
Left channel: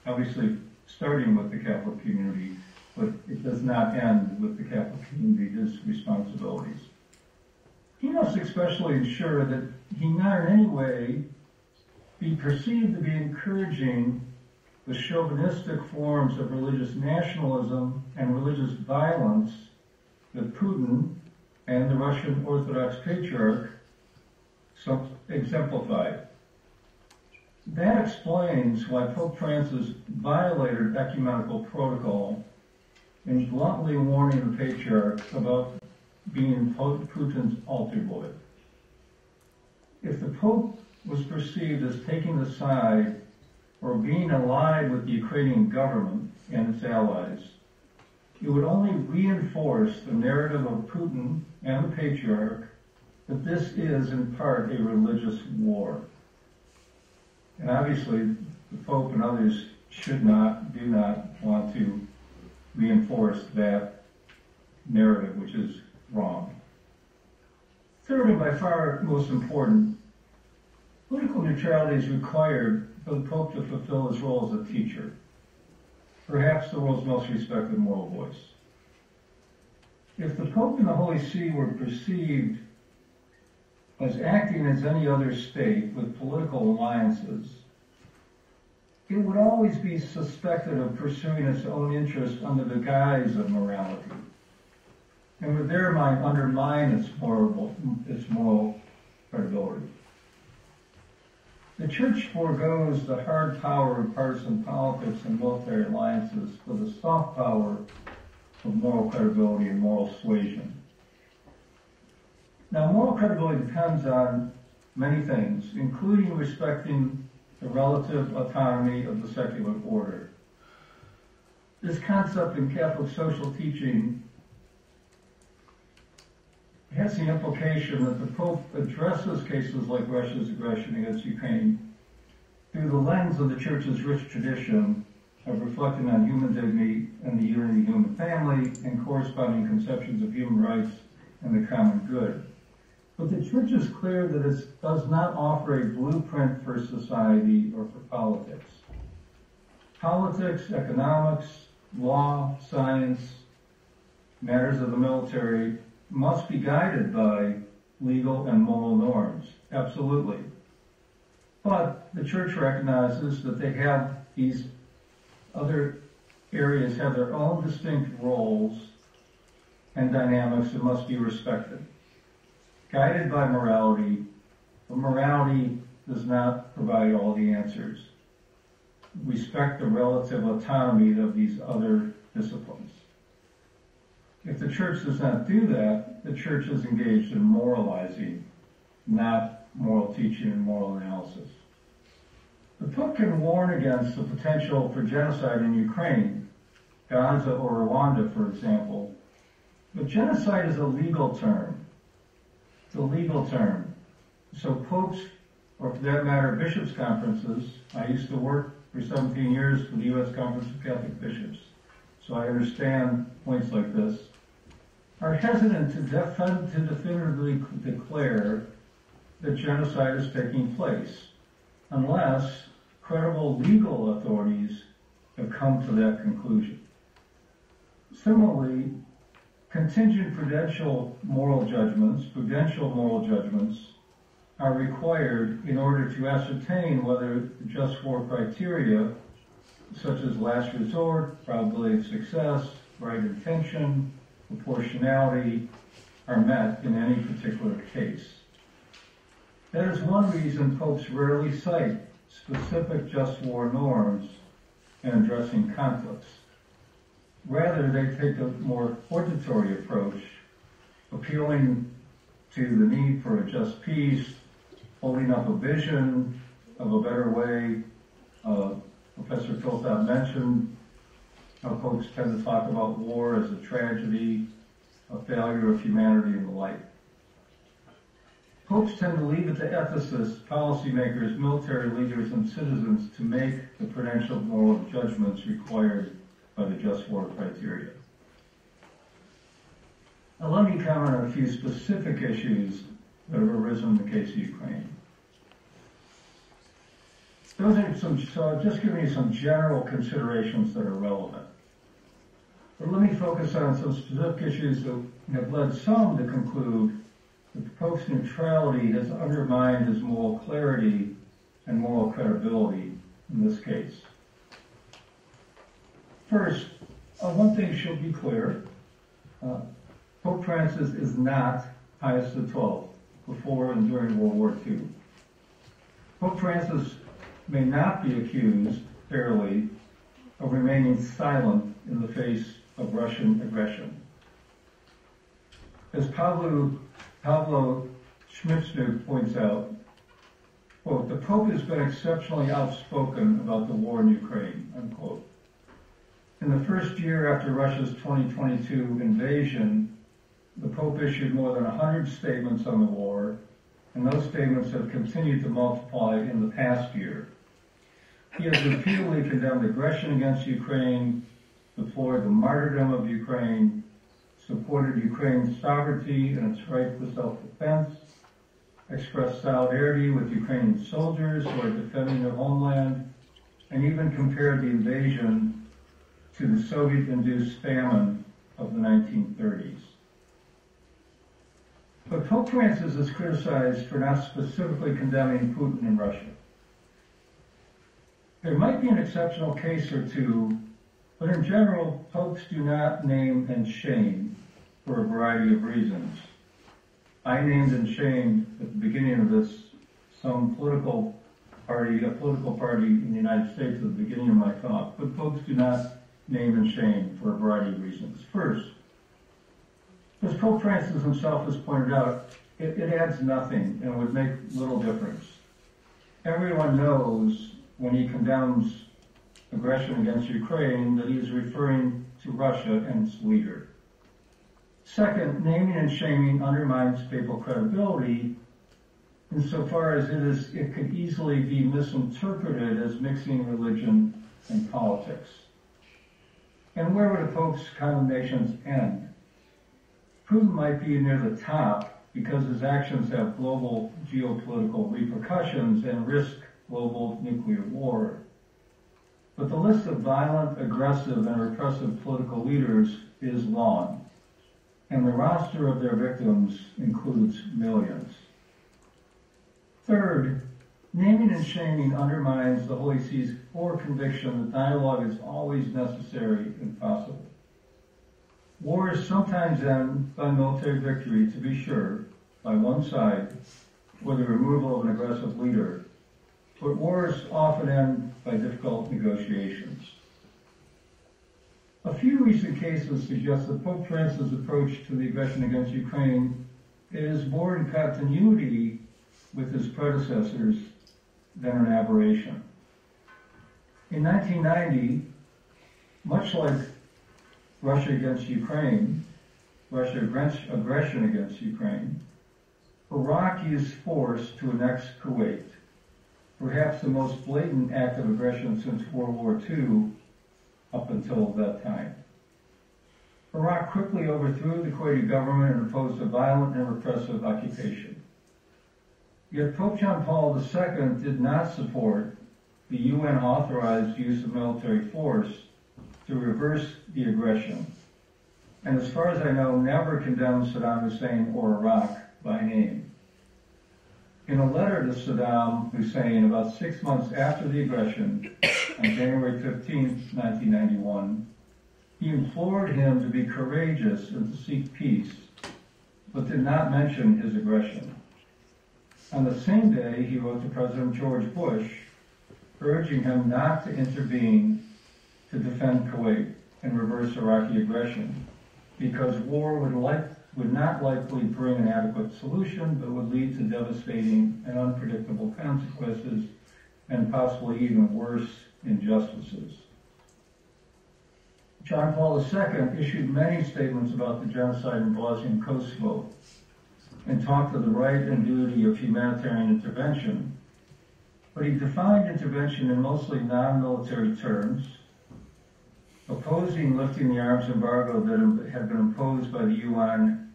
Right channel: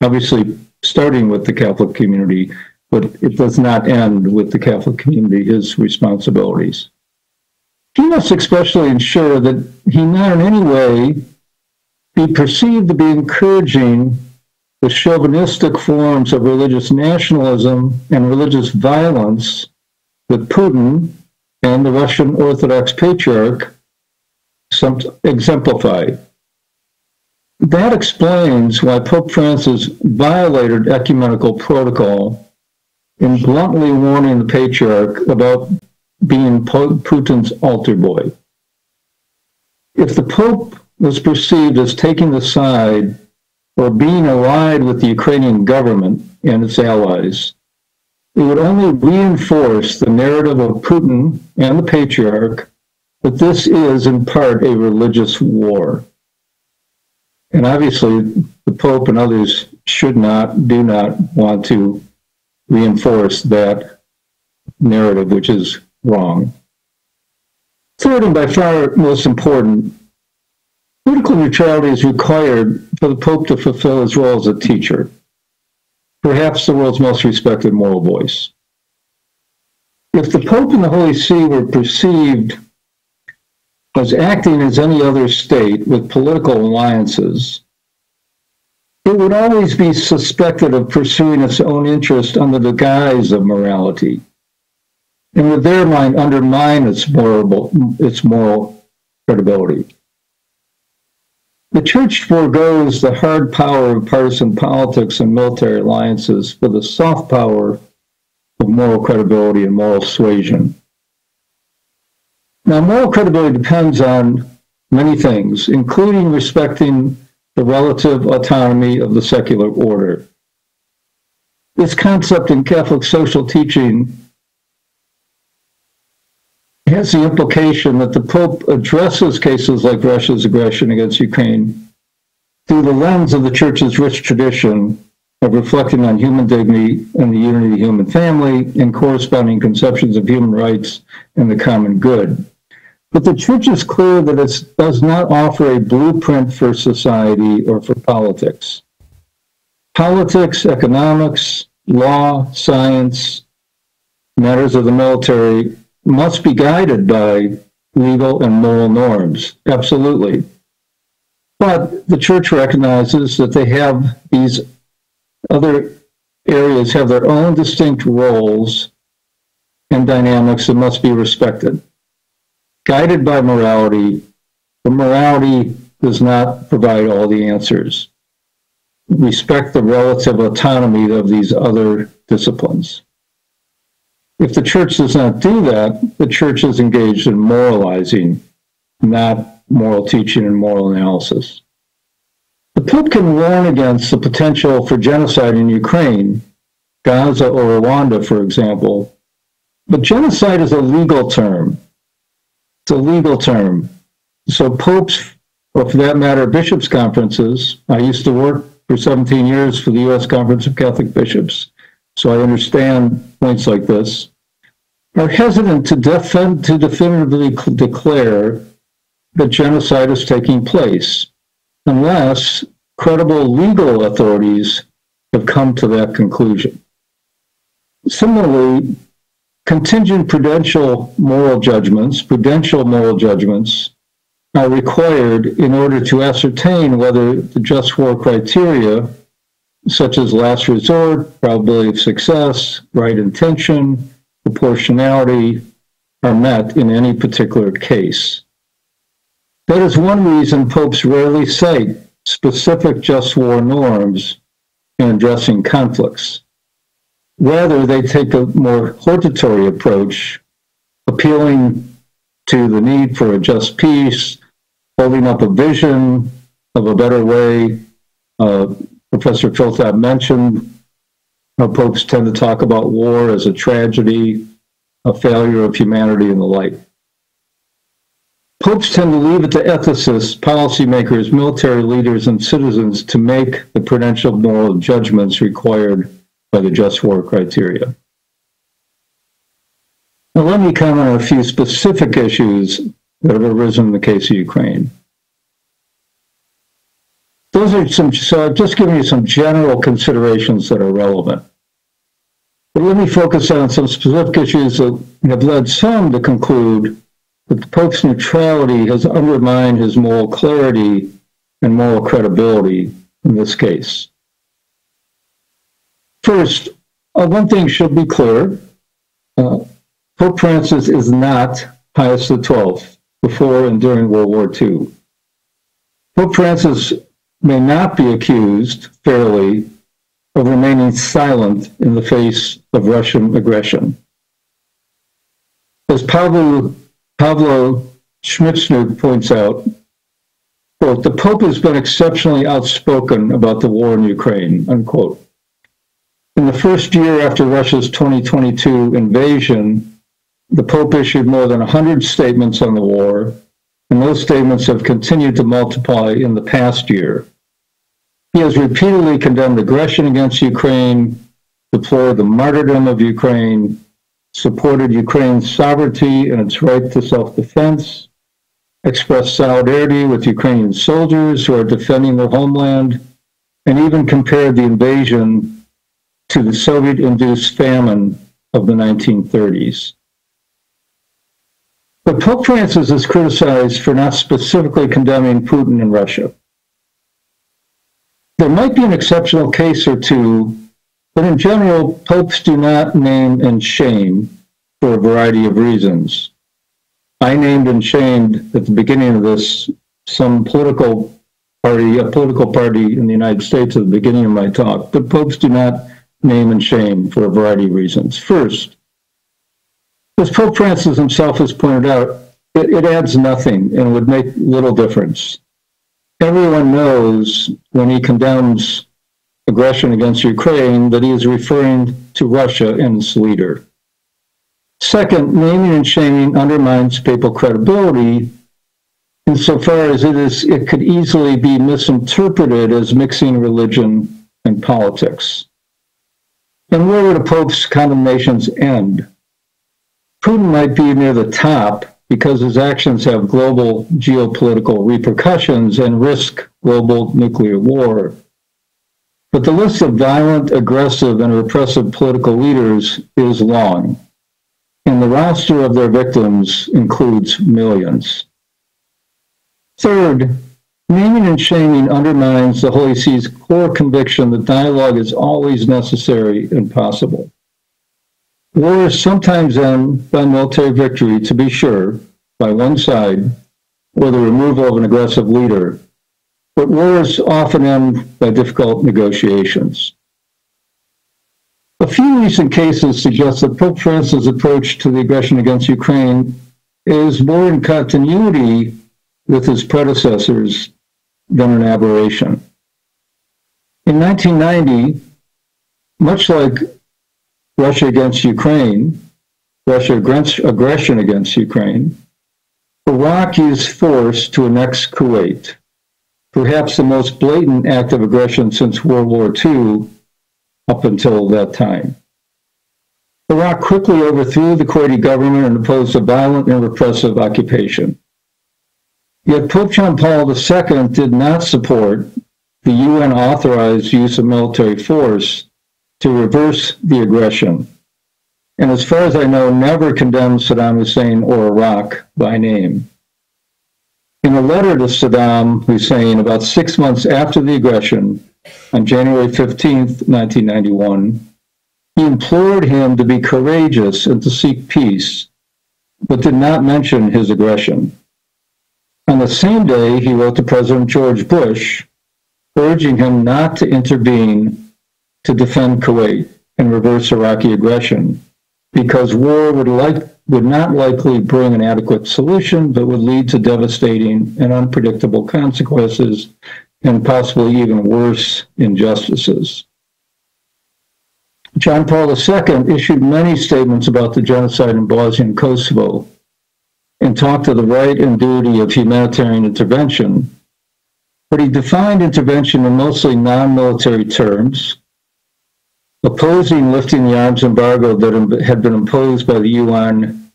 Obviously, starting with the Catholic community, but it does not end with the Catholic community, his responsibilities. He must especially ensure that he not in any way be perceived to be encouraging the chauvinistic forms of religious nationalism and religious violence that Putin and the Russian Orthodox Patriarch exemplify. That explains why Pope Francis violated ecumenical protocol in bluntly warning the Patriarch about being Putin's altar boy. If the Pope was perceived as taking the side or being allied with the Ukrainian government and its allies, it would only reinforce the narrative of Putin and the Patriarch that this is in part a religious war. And obviously, the Pope and others do not want to reinforce that narrative, which is wrong. Third, and by far most important, political neutrality is required for the Pope to fulfill his role as a teacher, perhaps the world's most respected moral voice. If the Pope and the Holy See were perceived was acting as any other state with political alliances, it would always be suspected of pursuing its own interest under the guise of morality, and would thereby undermine its moral credibility. The church forgoes the hard power of partisan politics and military alliances for the soft power of moral credibility and moral suasion. Now, moral credibility depends on many things, including respecting the relative autonomy of the secular order. This concept in Catholic social teaching has the implication that the Pope addresses cases like Russia's aggression against Ukraine through the lens of the Church's rich tradition of reflecting on human dignity and the unity of the human family and corresponding conceptions of human rights and the common good. But the Church is clear that it does not offer a blueprint for society or for politics. Politics, economics, law, science, matters of the military must be guided by legal and moral norms, absolutely. But the Church recognizes that they have these other areas have their own distinct roles and dynamics that must be respected. Guided by morality, but morality does not provide all the answers. Respect the relative autonomy of these other disciplines. If the Church does not do that, the Church is engaged in moralizing, not moral teaching and moral analysis. The Pope can warn against the potential for genocide in Ukraine, Gaza or Rwanda, for example, but genocide is a legal term. It's a legal term. So popes, or for that matter, bishops' conferences, I used to work for 17 years for the U.S. Conference of Catholic Bishops, so I understand points like this, are hesitant to definitively declare that genocide is taking place unless credible legal authorities have come to that conclusion. Similarly, contingent prudential moral judgments are required in order to ascertain whether the just war criteria, such as last resort, probability of success, right intention, proportionality, are met in any particular case. That is one reason popes rarely cite specific just war norms in addressing conflicts. Rather, they take a more hortatory approach, appealing to the need for a just peace, holding up a vision of a better way. Professor Philpott mentioned how popes tend to talk about war as a tragedy, a failure of humanity, and the like. Popes tend to leave it to ethicists, policymakers, military leaders, and citizens to make the prudential moral judgments required by the just war criteria. Now let me comment on a few specific issues that have arisen in the case of Ukraine. Those are so I've just given you some general considerations that are relevant. But let me focus on some specific issues that have led some to conclude that the Pope's neutrality has undermined his moral clarity and moral credibility in this case. First, one thing should be clear. Pope Francis is not Pius XII before and during World War II. Pope Francis may not be accused fairly of remaining silent in the face of Russian aggression. As Pablo Schmitzner points out, quote, the Pope has been exceptionally outspoken about the war in Ukraine, unquote. In the first year after Russia's 2022 invasion, the Pope issued more than 100 statements on the war, and those statements have continued to multiply in the past year. He has repeatedly condemned aggression against Ukraine, deplored the martyrdom of Ukraine, supported Ukraine's sovereignty and its right to self-defense, expressed solidarity with Ukrainian soldiers who are defending their homeland, and even compared the invasion to the Soviet-induced famine of the 1930s. But Pope Francis is criticized for not specifically condemning Putin and Russia. There might be an exceptional case or two, but in general, popes do not name and shame for a variety of reasons. I named and shamed at the beginning of this some political party, a political party in the United States at the beginning of my talk, but popes do not name and shame for a variety of reasons. First, as Pope Francis himself has pointed out, it adds nothing and would make little difference. Everyone knows when he condemns aggression against Ukraine that he is referring to Russia and its leader. Second, naming and shaming undermines papal credibility insofar as it could easily be misinterpreted as mixing religion and politics. And where would a pope's condemnations end? Putin might be near the top because his actions have global geopolitical repercussions and risk global nuclear war. But the list of violent, aggressive, and repressive political leaders is long, and the roster of their victims includes millions. Third, naming and shaming undermines the Holy See's core conviction that dialogue is always necessary and possible. Wars sometimes end by military victory, to be sure, by one side, or the removal of an aggressive leader, but wars often end by difficult negotiations. A few recent cases suggest that Pope Francis' approach to the aggression against Ukraine is more in continuity with his predecessors than an aberration. In 1990, much like Russia against Ukraine, aggression against Ukraine, Iraq used force to annex Kuwait, perhaps the most blatant act of aggression since World War II up until that time. Iraq quickly overthrew the Kuwaiti government and imposed a violent and repressive occupation. Yet Pope John Paul II did not support the UN-authorized use of military force to reverse the aggression, and as far as I know, never condemned Saddam Hussein or Iraq by name. In a letter to Saddam Hussein about 6 months after the aggression, on January 15th, 1991, he implored him to be courageous and to seek peace, but did not mention his aggression. On the same day, he wrote to President George Bush, urging him not to intervene to defend Kuwait and reverse Iraqi aggression, because war would not likely bring an adequate solution, but would lead to devastating and unpredictable consequences and possibly even worse injustices. John Paul II issued many statements about the genocide in Bosnia and Kosovo and talked of the right and duty of humanitarian intervention, but he defined intervention in mostly non-military terms, opposing lifting the arms embargo that had been imposed by the UN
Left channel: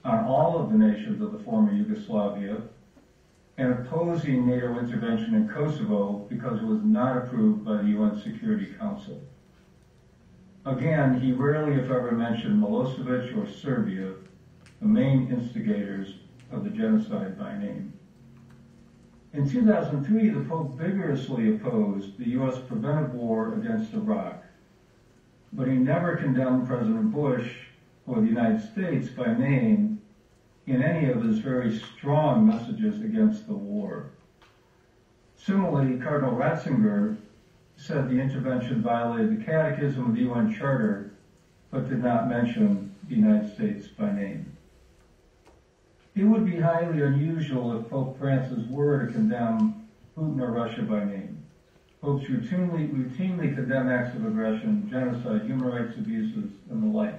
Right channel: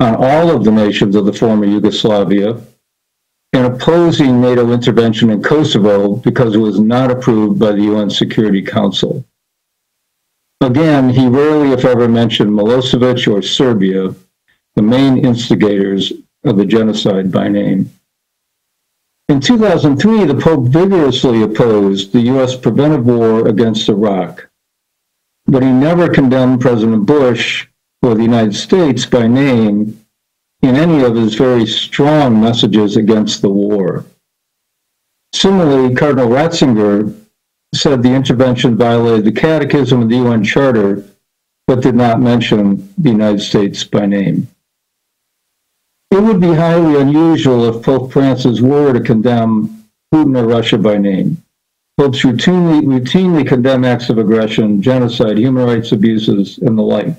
on all of the nations of the former Yugoslavia, and opposing NATO intervention in Kosovo because it was not approved by the UN Security Council. Again, he rarely, if ever, mentioned Milosevic or Serbia, the main instigators of the genocide, by name. In 2003, the Pope vigorously opposed the U.S. preventive war against Iraq, but he never condemned President Bush or the United States by name in any of his very strong messages against the war. Similarly, Cardinal Ratzinger said the intervention violated the Catechism of the UN Charter, but did not mention the United States by name. It would be highly unusual if Pope Francis were to condemn Putin or Russia by name. Popes routinely condemn acts of aggression, genocide, human rights abuses, and the like,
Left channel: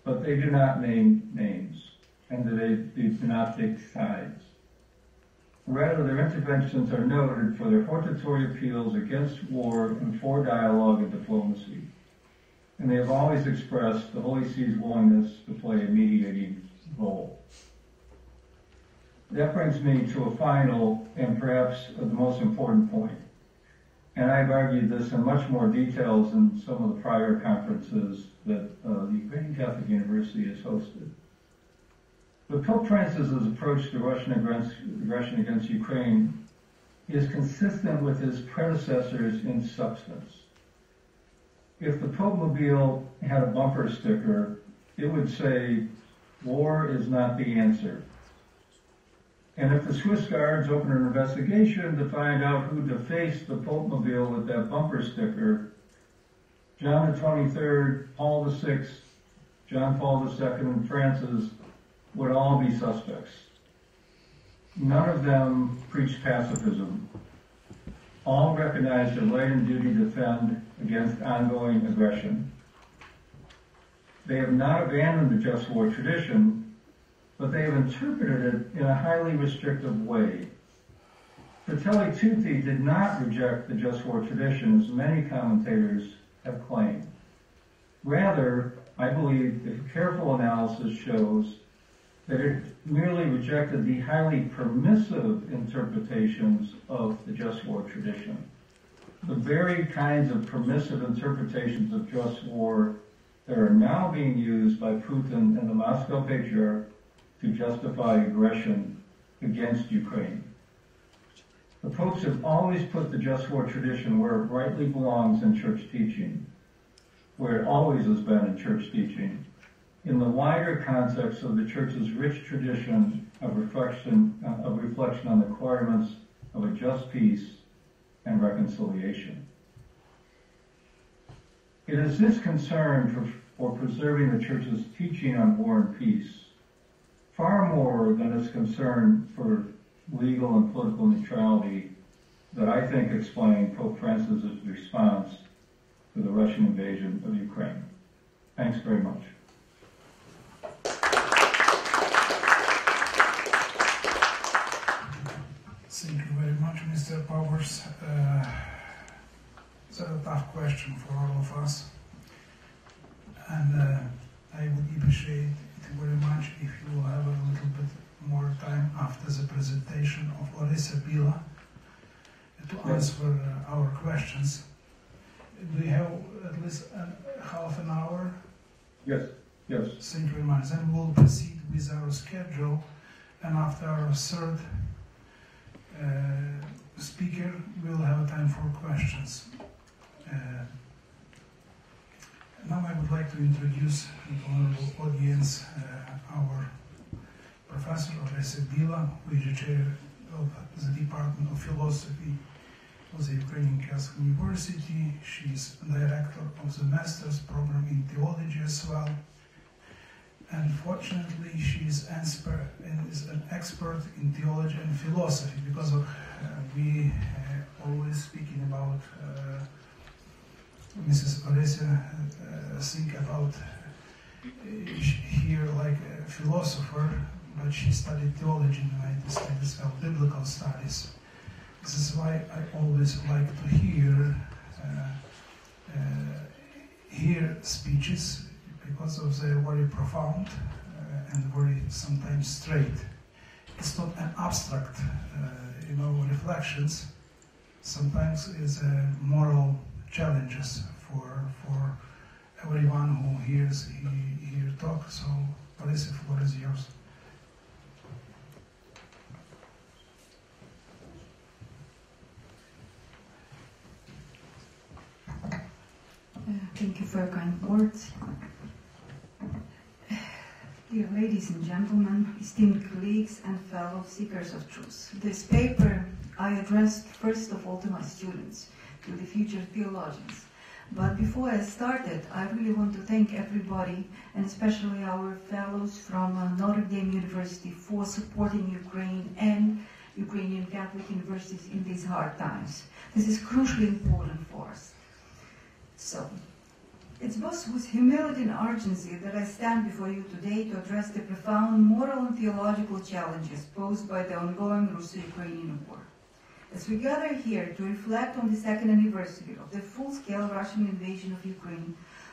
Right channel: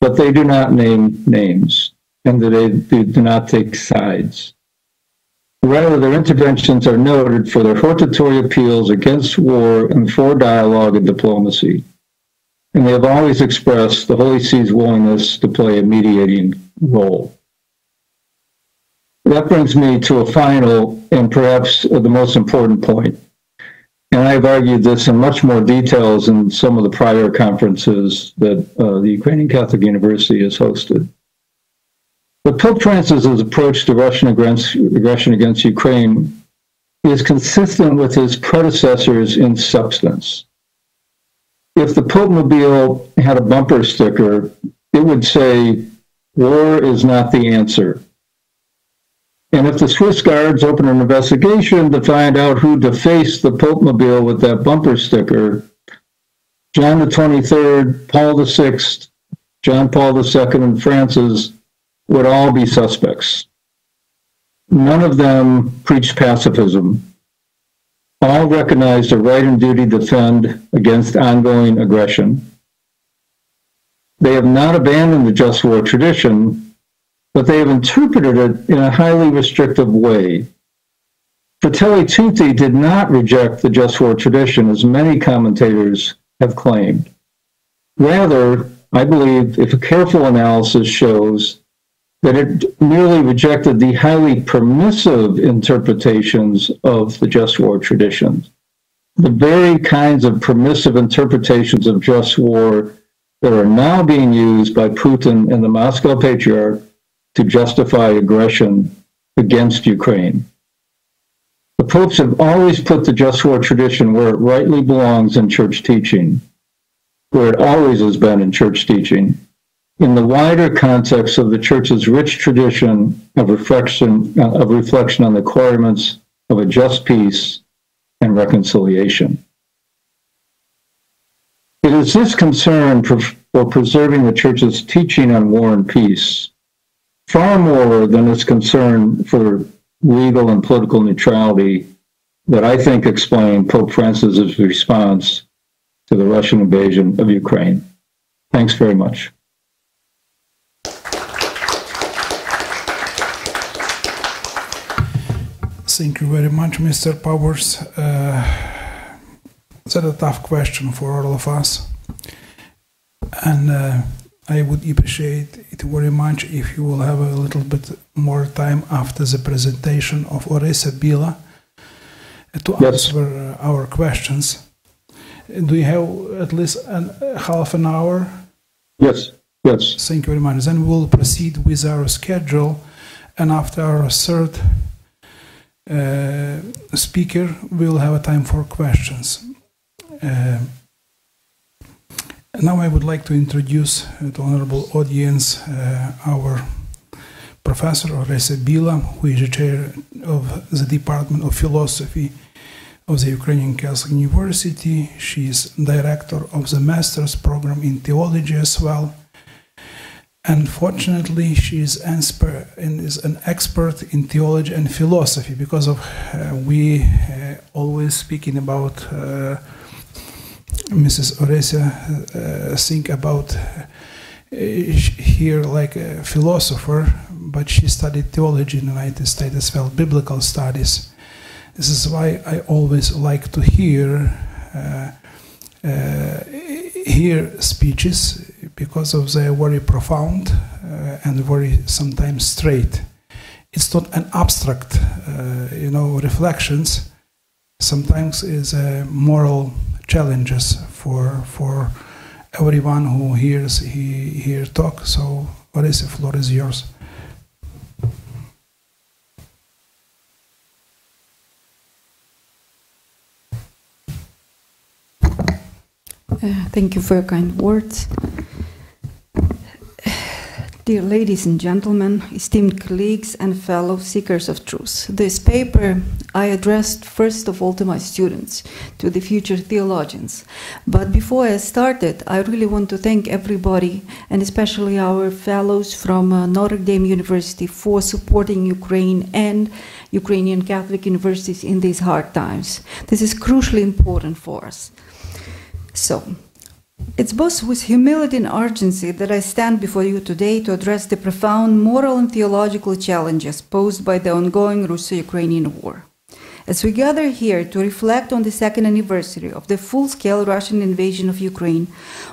but they do not name names, and they do not take sides. Rather, their interventions are noted for their hortatory appeals against war and for dialogue and diplomacy. And they have always expressed the Holy See's willingness to play a mediating role. That brings me to a final and perhaps the most important point. And I've argued this in much more details in some of the prior conferences that the Ukrainian Catholic University has hosted. But Pope Francis's approach to Russian aggression against Ukraine is consistent with his predecessors in substance. If the Pope-mobile had a bumper sticker, it would say, "War is not the answer." And if the Swiss Guards open an investigation to find out who defaced the Pope-mobile with that bumper sticker, John the 23rd, Paul the 6th, John Paul II, and Francis would all be suspects. None of them preached pacifism. All recognized a right and duty to defend against ongoing aggression. They have not abandoned the just war tradition, but they have interpreted it in a highly restrictive way. Fratelli Tutti did not reject the just war tradition, as many commentators have claimed. Rather, I believe, if a careful analysis shows that it merely rejected the highly permissive interpretations of the just war traditions, the very kinds of permissive interpretations of just war that are now being used by Putin and the Moscow Patriarch to justify aggression against Ukraine. The popes have always put the just war tradition where it rightly belongs in church teaching, where it always has been in church teaching, in the wider context of the church's rich tradition of reflection on the requirements of a just peace and reconciliation. It is this concern for preserving the church's teaching on war and peace, far more than its concern for legal and political neutrality, that I think explain Pope Francis's response to the Russian invasion of Ukraine. Thanks very much. Thank you very much, Mr. Powers. That's a tough question for all of us. And I would appreciate it very much if you will have a little bit more time after the presentation of Orysya Bila to answer our questions. Do you have at least half an hour? Yes, yes. Thank you very much. Then we'll proceed with our schedule, and after our third speaker, we'll have a time for questions. Now I would like to introduce to the honorable audience our Professor Orysya Bila, who is the chair of the Department of Philosophy of the Ukrainian Catholic University. She is director of the master's program in theology as well. Unfortunately, she is an expert in theology and philosophy, because of we always speaking about Mrs. Orysya think about here like a philosopher, but she studied theology in the United States as well, biblical studies. This is why I always like to hear speeches, because of their very profound and very sometimes straight. It's not an abstract, reflections. Sometimes it's moral challenges for everyone who hears here talk. So, Orysya, the floor is yours. Thank you for your kind words. Dear ladies and gentlemen, esteemed colleagues and fellow seekers of truth, this paper I addressed first of all to my students, to the future theologians. But before I started, I really want to thank everybody, and especially our fellows from Notre Dame University, for supporting Ukraine and Ukrainian Catholic universities in these hard times. This is crucially important for us. So, it's both with humility and urgency that I stand before you today to address the profound moral and theological challenges posed by the ongoing Russo-Ukrainian war. As we gather here to reflect on the second anniversary of the full-scale Russian invasion of Ukraine,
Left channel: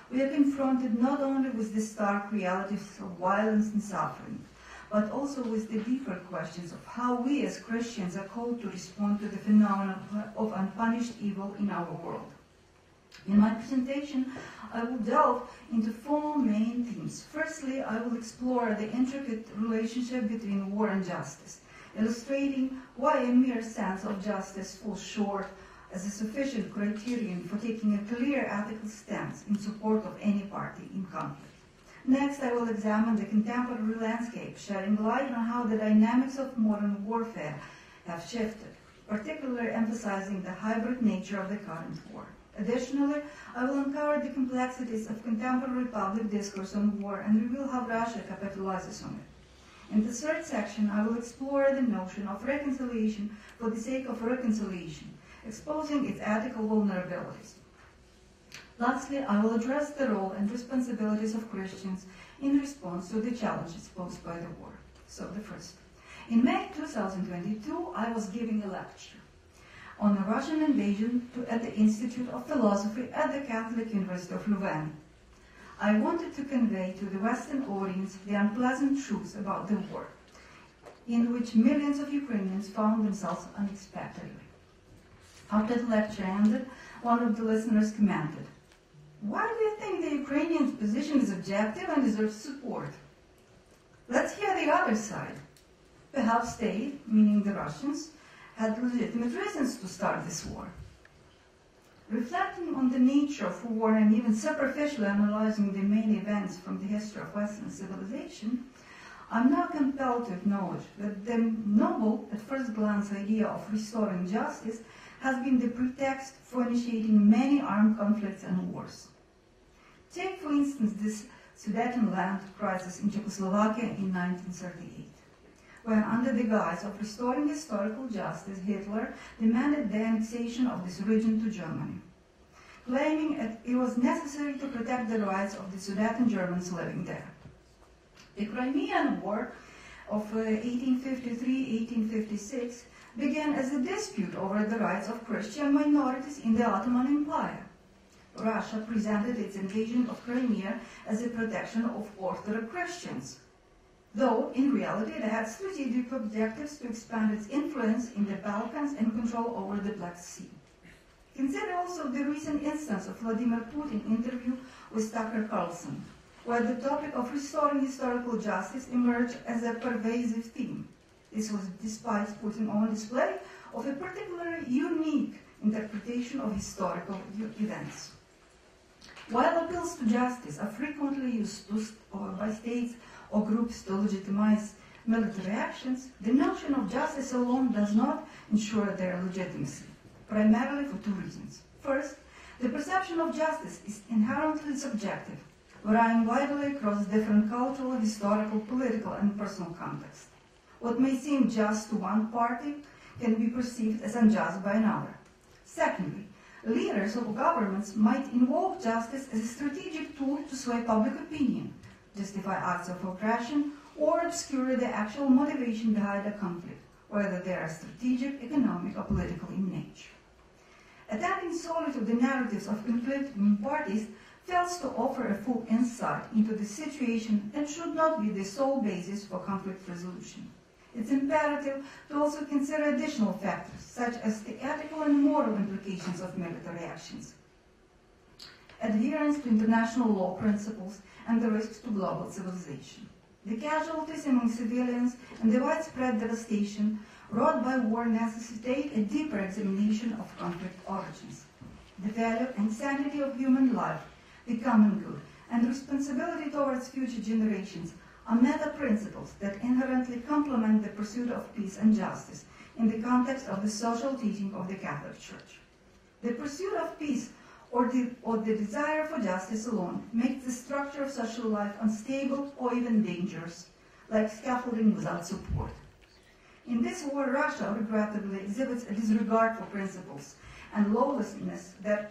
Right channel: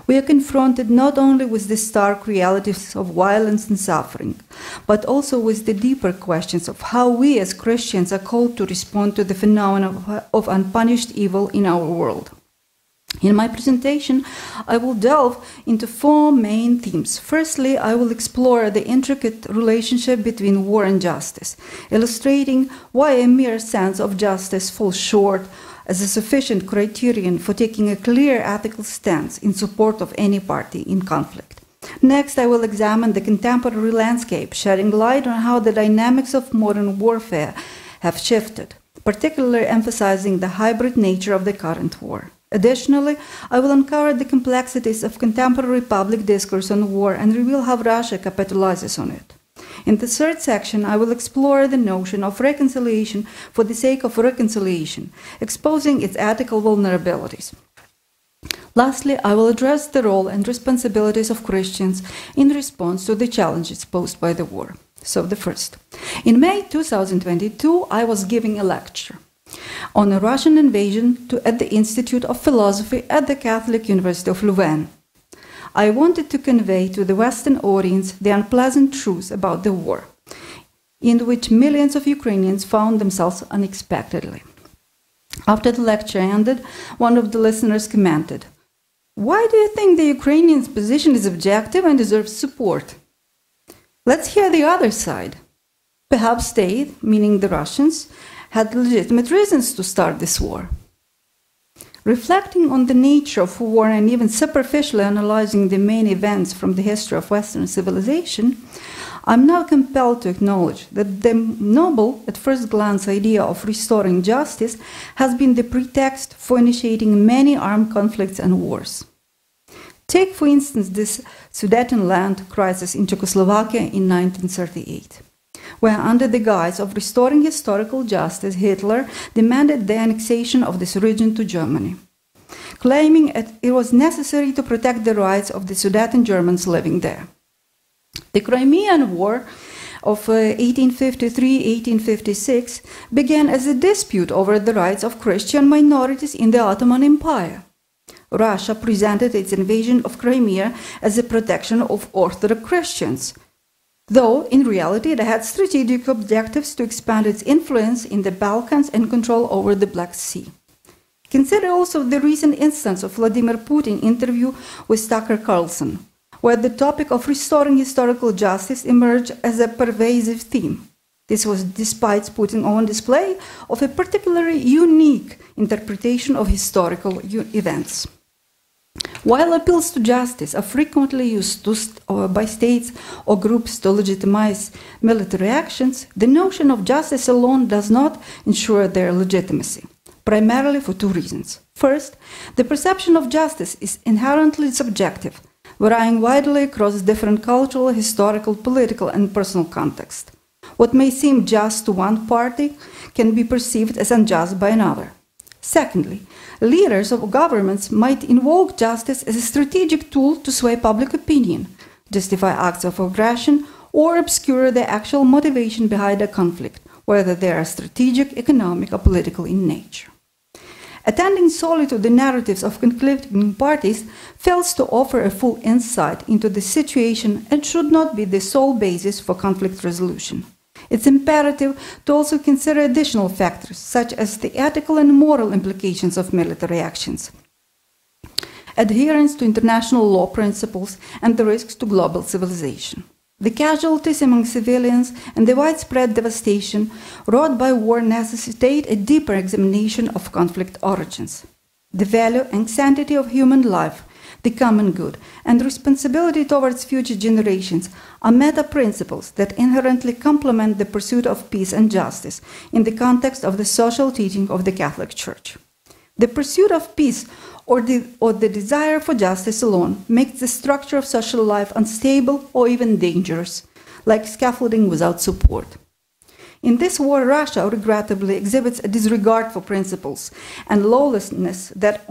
we are confronted not only with the stark realities of violence and suffering, but also with the deeper questions of how we as Christians are called to respond to the phenomenon of unpunished evil in our world. In my presentation, I will delve into four main themes. Firstly, I will explore the intricate relationship between war and justice, illustrating why a mere sense of justice falls short as a sufficient criterion for taking a clear ethical stance in support of any party in conflict. Next, I will examine the contemporary landscape, shedding light on how the dynamics of modern warfare have shifted, particularly emphasizing the hybrid nature of the current war. Additionally, I will uncover the complexities of contemporary public discourse on war and reveal how Russia capitalizes on it. In the third section, I will explore the notion of reconciliation for the sake of reconciliation, exposing its ethical vulnerabilities. Lastly, I will address the role and responsibilities of Christians in response to the challenges posed by the war. So the first. In May 2022, I was giving a lecture on a Russian invasion at the Institute of Philosophy at the Catholic University of Lviv. I wanted to convey to the Western audience the unpleasant truth about the war, in which millions of Ukrainians found themselves unexpectedly. After the lecture ended, one of the listeners commented, "Why do you think the Ukrainians' position is objective and deserves support? Let's hear the other side. Perhaps they, meaning the Russians, had legitimate reasons to start this war." Reflecting on the nature of war and even superficially analyzing the main events from the history of Western civilization, I'm now compelled to acknowledge that the noble, at first glance, idea of restoring justice has been the pretext for initiating many armed conflicts and wars. Take, for instance, this Sudetenland crisis in Czechoslovakia in 1938. Where, under the guise of restoring historical justice, Hitler demanded the annexation of this region to Germany, claiming it was necessary to protect the rights of the Sudeten Germans living there. The Crimean War of 1853-1856 began as a dispute over the rights of Christian minorities in the Ottoman Empire. Russia presented its invasion of Crimea as a protection of Orthodox Christians, though in reality it had strategic objectives to expand its influence in the Balkans and control over the Black Sea. Consider also the recent instance of Vladimir Putin's interview with Tucker Carlson, where the topic of restoring historical justice emerged as a pervasive theme. This was despite Putin's own display of a particularly unique interpretation of historical events. While appeals to justice are frequently used by states or groups to legitimize military actions, the notion of justice alone does not ensure their legitimacy, primarily for two reasons. First, the perception of justice is inherently subjective, varying widely across different cultural, historical, political, and personal contexts. What may seem just to one party can be perceived as unjust by another. Secondly, leaders of governments might invoke justice as a strategic tool to sway public opinion, justify acts of aggression, or obscure the actual motivation behind a conflict, whether they are strategic, economic, or political in nature. Attending solely to the narratives of conflicting parties fails to offer a full insight into the situation and should not be the sole basis for conflict resolution. It's imperative to also consider additional factors, such as the ethical and moral implications of military actions, adherence to international law principles, and the risks to global civilization. The casualties among civilians and the widespread devastation wrought by war necessitate a deeper examination of conflict origins. The value and sanctity of human life, the common good, and responsibility towards future generations are meta-principles that inherently complement the pursuit of peace and justice in the context of the social teaching of the Catholic Church. The pursuit of peace or the desire for justice alone makes the structure of social life unstable or even dangerous, like scaffolding without support. In this war, Russia regrettably exhibits a disregard for principles and lawlessness that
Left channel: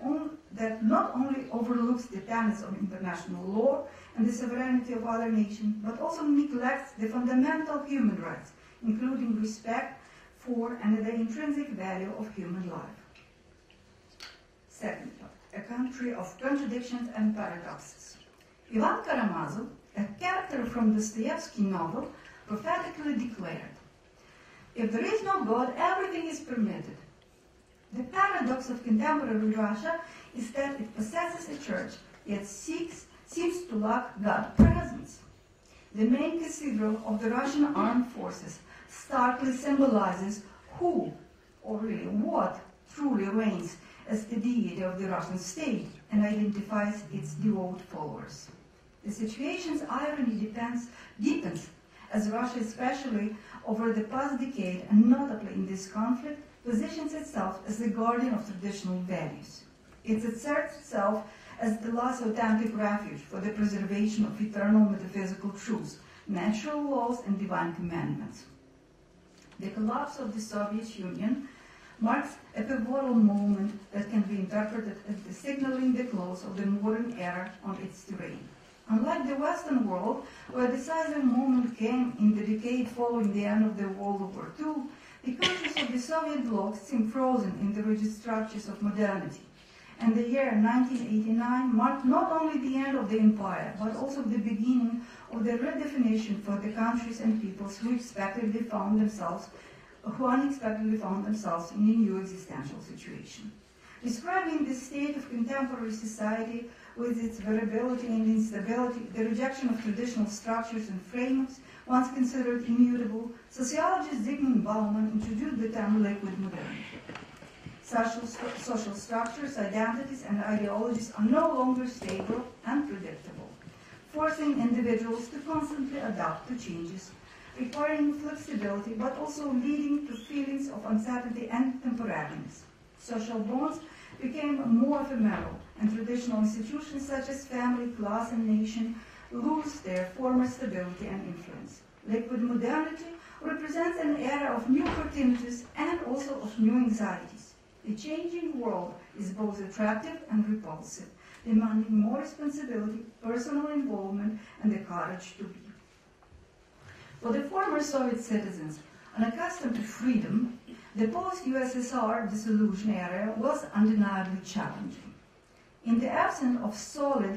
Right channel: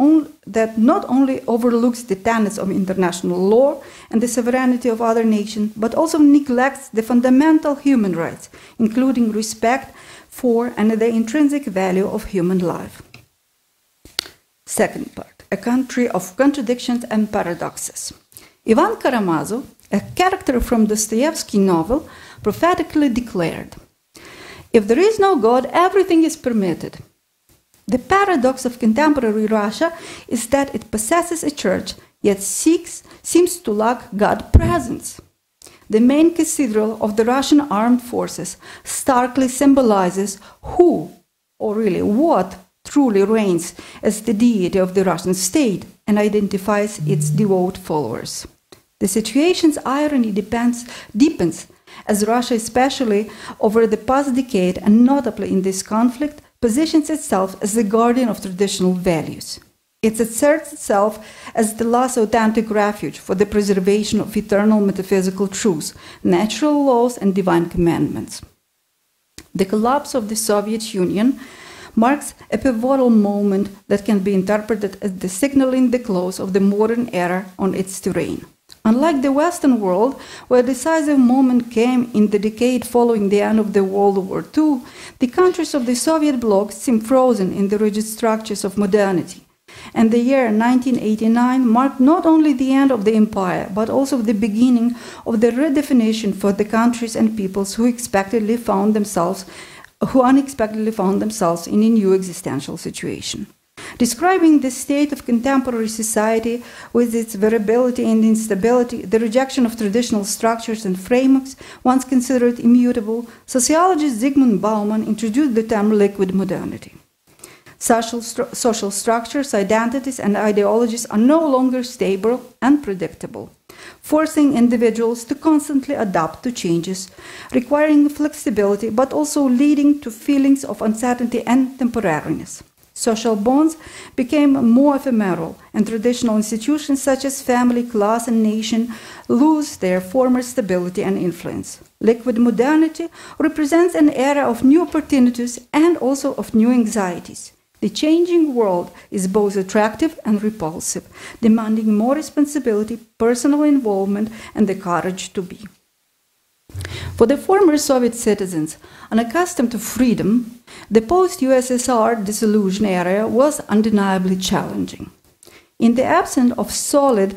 not only overlooks the tenets of international law and the sovereignty of other nations, but also neglects the fundamental human rights, including respect for and the intrinsic value of human life. Second part, a country of contradictions and paradoxes. Ivan Karamazov, a character from Dostoevsky's novel, prophetically declared, "If there is no God, everything is permitted. The paradox of contemporary Russia is that it possesses a church, yet seems to lack God presence. The main cathedral of the Russian armed forces starkly symbolizes who, or really what, truly reigns as the deity of the Russian state and identifies its devout followers. The situation's irony deepens as Russia, especially over the past decade and notably in this conflict, positions itself as the guardian of traditional values. It asserts itself as the last authentic refuge for the preservation of eternal metaphysical truths, natural laws, and divine commandments. The collapse of the Soviet Union marks a pivotal moment that can be interpreted as the signaling the close of the modern era on its terrain. Unlike the Western world, where a decisive moment came in the decade following the end of the World War II, the countries of the Soviet bloc seem frozen in the rigid structures of modernity. And the year 1989 marked not only the end of the empire, but also the beginning of the redefinition for the countries and peoples who unexpectedly found themselves in a new existential situation. Describing the state of contemporary society with its variability and instability, the rejection of traditional structures and frameworks once considered immutable, sociologist Zygmunt Bauman introduced the term liquid modernity. Social structures, identities, and ideologies are no longer stable and predictable, forcing individuals to constantly adapt to changes, requiring flexibility, but also leading to feelings of uncertainty and temporariness. Social bonds became more ephemeral, and traditional institutions such as family, class, and nation lose their former stability and influence. Liquid modernity represents an era of new opportunities and also of new anxieties. The changing world is both attractive and repulsive, demanding more responsibility, personal involvement, and the courage to be. For the former Soviet citizens, unaccustomed to freedom, the post-USSR dissolution era was undeniably challenging. In the absence of solid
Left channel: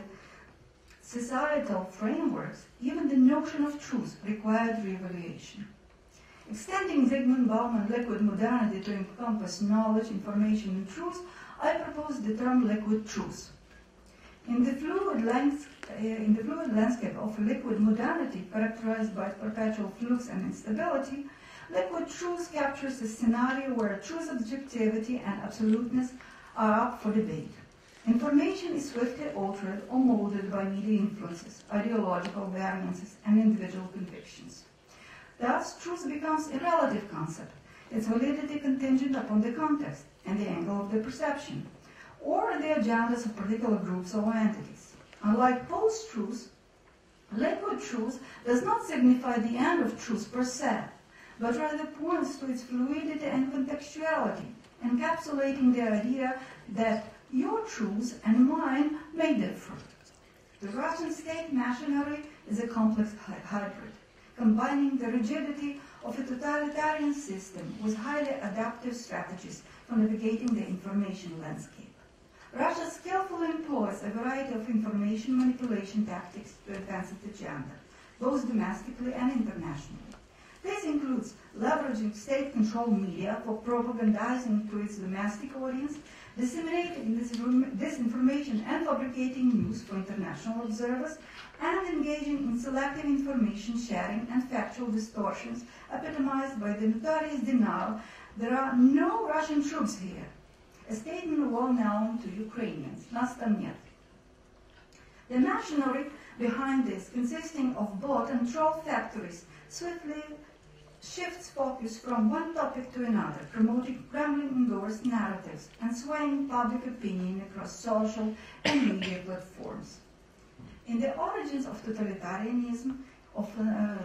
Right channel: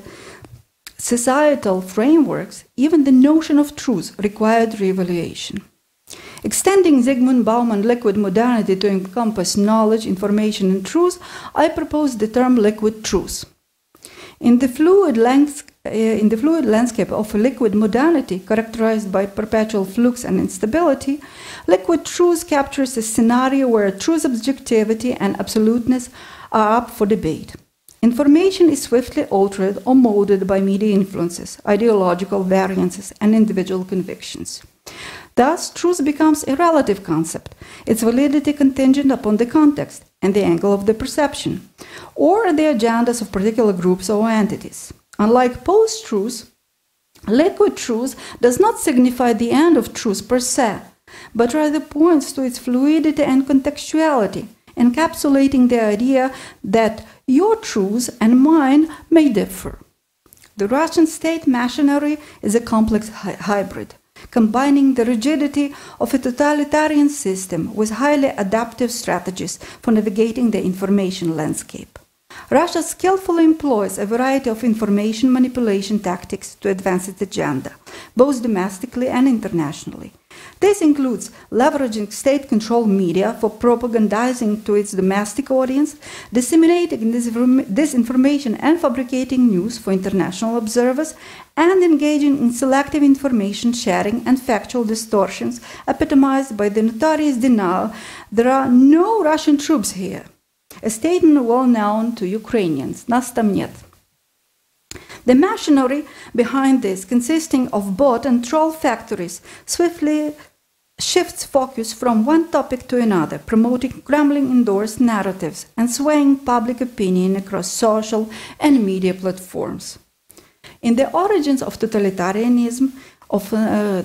societal frameworks, even the notion of truth required reevaluation. Extending Zygmunt Bauman's liquid modernity to encompass knowledge, information, and truth, I propose the term liquid truth. In the fluid landscape of liquid modernity, characterized by perpetual flux and instability, liquid truth captures a scenario where truth, objectivity, and absoluteness are up for debate. Information is swiftly altered or molded by media influences, ideological variances, and individual convictions. Thus, truth becomes a relative concept, its validity contingent upon the context and the angle of the perception, or the agendas of particular groups or entities. Unlike post-truth, liquid truth does not signify the end of truth per se, but rather points to its fluidity and contextuality, encapsulating the idea that your truth and mine may differ. The Russian state machinery is a complex hybrid, combining the rigidity of a totalitarian system with highly adaptive strategies for navigating the information landscape. Russia skillfully employs a variety of information manipulation tactics to advance its agenda, both domestically and internationally. This includes leveraging state-controlled media for propagandizing to its domestic audience, disseminating disinformation and fabricating news for international observers, and engaging in selective information sharing and factual distortions epitomized by the notorious denial there are no Russian troops here, a statement well known to Ukrainians, "Nas tam net." The machinery behind this, consisting of bot and troll factories, swiftly shifts focus from one topic to another, promoting Kremlin-endorsed narratives and swaying public opinion across social and media platforms. In The Origins of Totalitarianism,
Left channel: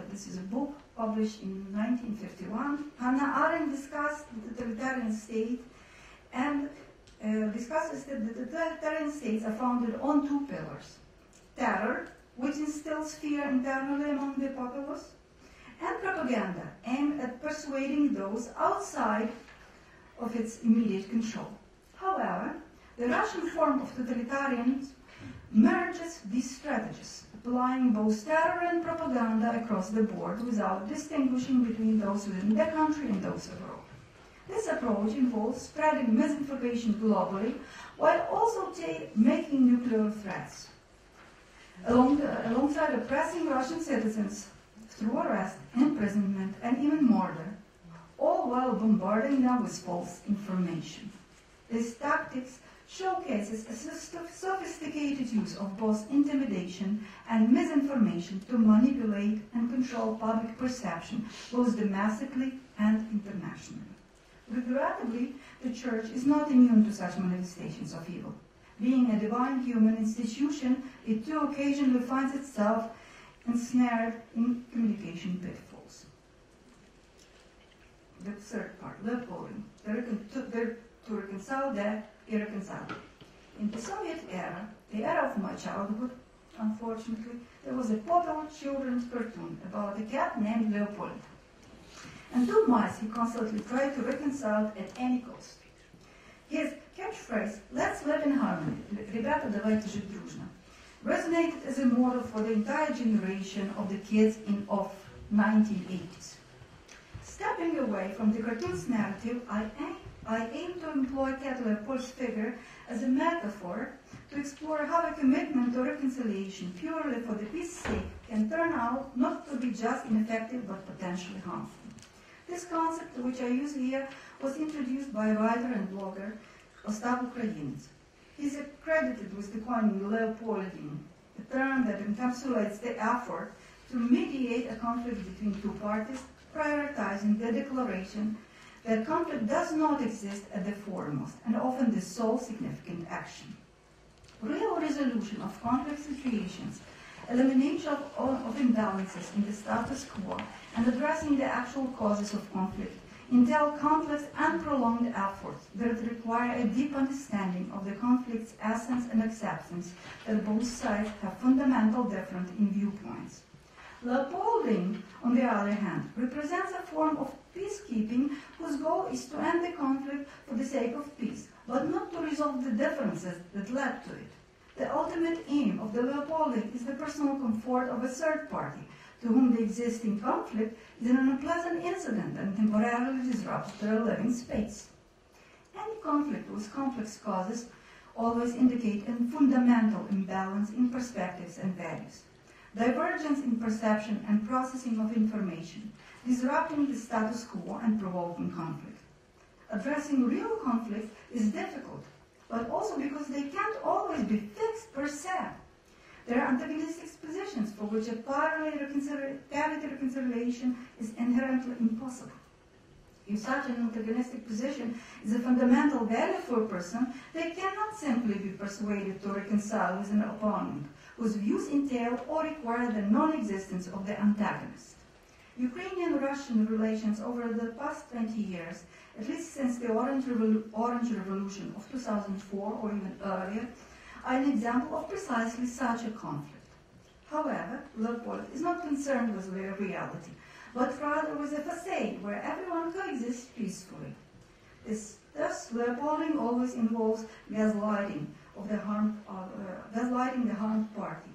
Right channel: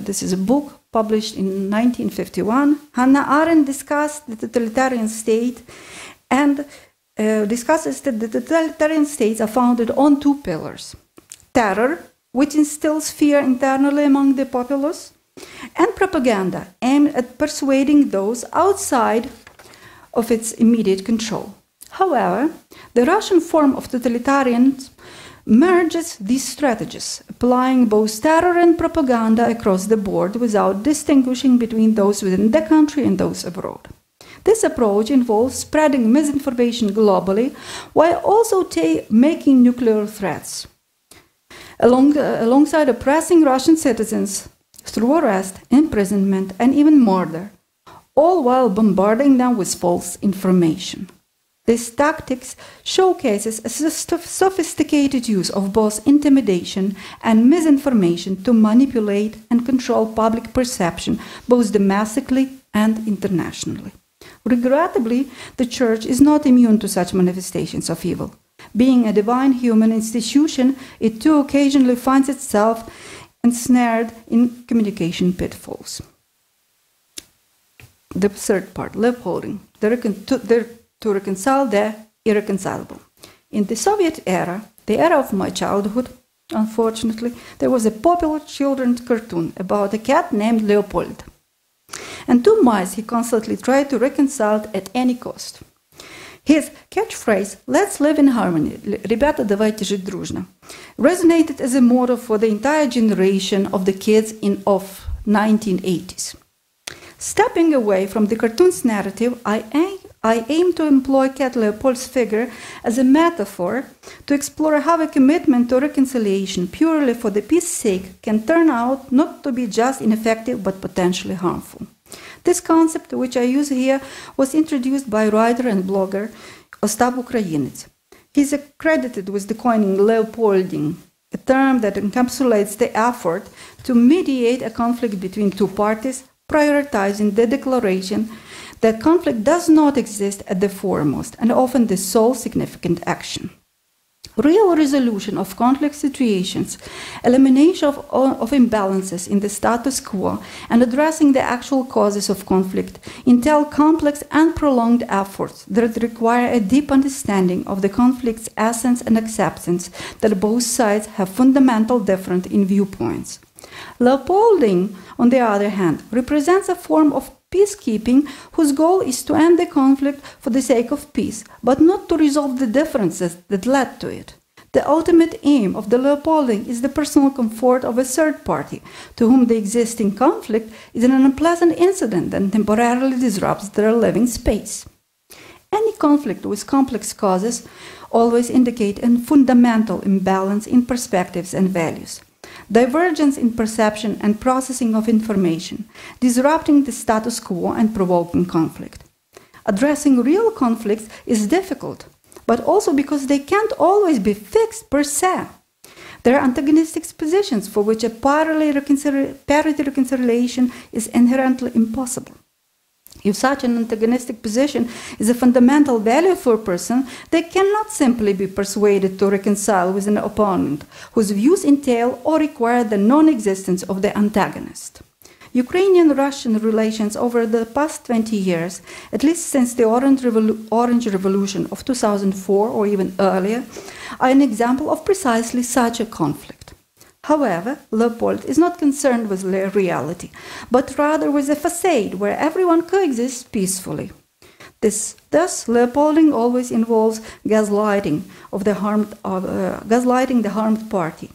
this is a book published in 1951, Hannah Arendt discussed the totalitarian state and discusses that the totalitarian states are founded on two pillars: terror, which instills fear internally among the populace, and propaganda, aimed at persuading those outside of its immediate control. However, the Russian form of totalitarianism merges these strategies, applying both terror and propaganda across the board without distinguishing between those within the country and those abroad. This approach involves spreading misinformation globally while also making nuclear threats. Alongside oppressing Russian citizens through arrest, imprisonment, and even murder, all while bombarding them with false information. This tactics showcases a sophisticated use of both intimidation and misinformation to manipulate and control public perception, both domestically and internationally. Regrettably, the Church is not immune to such manifestations of evil. Being a divine human institution, it too occasionally finds itself ensnared in communication pitfalls. The third part, Leopolding, to reconcile the irreconcilable. In the Soviet era, the era of my childhood, unfortunately, there was a popular children's cartoon about a cat named Leopold. And two mice he constantly tried to reconcile at any cost. His catchphrase, "Let's live in harmony, ребята, давайте жить дружно," resonated as a motto for the entire generation of the kids of 1980s. Stepping away from the cartoon's narrative, I aim to employ Cat Leopold's figure as a metaphor to explore how a commitment to reconciliation purely for the peace's sake can turn out not to be just ineffective but potentially harmful. This concept, which I use here, was introduced by writer and blogger Ostap Ukrainets. He is credited with the coining Leopolding, a term that encapsulates the effort to mediate a conflict between two parties, prioritizing the declaration that conflict does not exist at the foremost and often the sole significant action. Real resolution of conflict situations, elimination of imbalances in the status quo, and addressing the actual causes of conflict entail complex and prolonged efforts that require a deep understanding of the conflict's essence and acceptance that both sides have fundamental difference in viewpoints. Leopolding, on the other hand, represents a form of peacekeeping whose goal is to end the conflict for the sake of peace, but not to resolve the differences that led to it. The ultimate aim of the Leopolding is the personal comfort of a third party, to whom the existing conflict is an unpleasant incident that temporarily disrupts their living space. Any conflict with complex causes always indicate a fundamental imbalance in perspectives and values. Divergence in perception and processing of information, disrupting the status quo and provoking conflict. Addressing real conflicts is difficult, but also because they can't always be fixed per se. There are antagonistic positions for which a parity reconciliation is inherently impossible. If such an antagonistic position is a fundamental value for a person, they cannot simply be persuaded to reconcile with an opponent whose views entail or require the non-existence of the antagonist. Ukrainian-Russian relations over the past 20 years, at least since the Orange Revolution of 2004 or even earlier, are an example of precisely such a conflict. However, Leopold is not concerned with reality, but rather with a facade where everyone coexists peacefully. Thus, Leopolding always involves gaslighting the harmed party,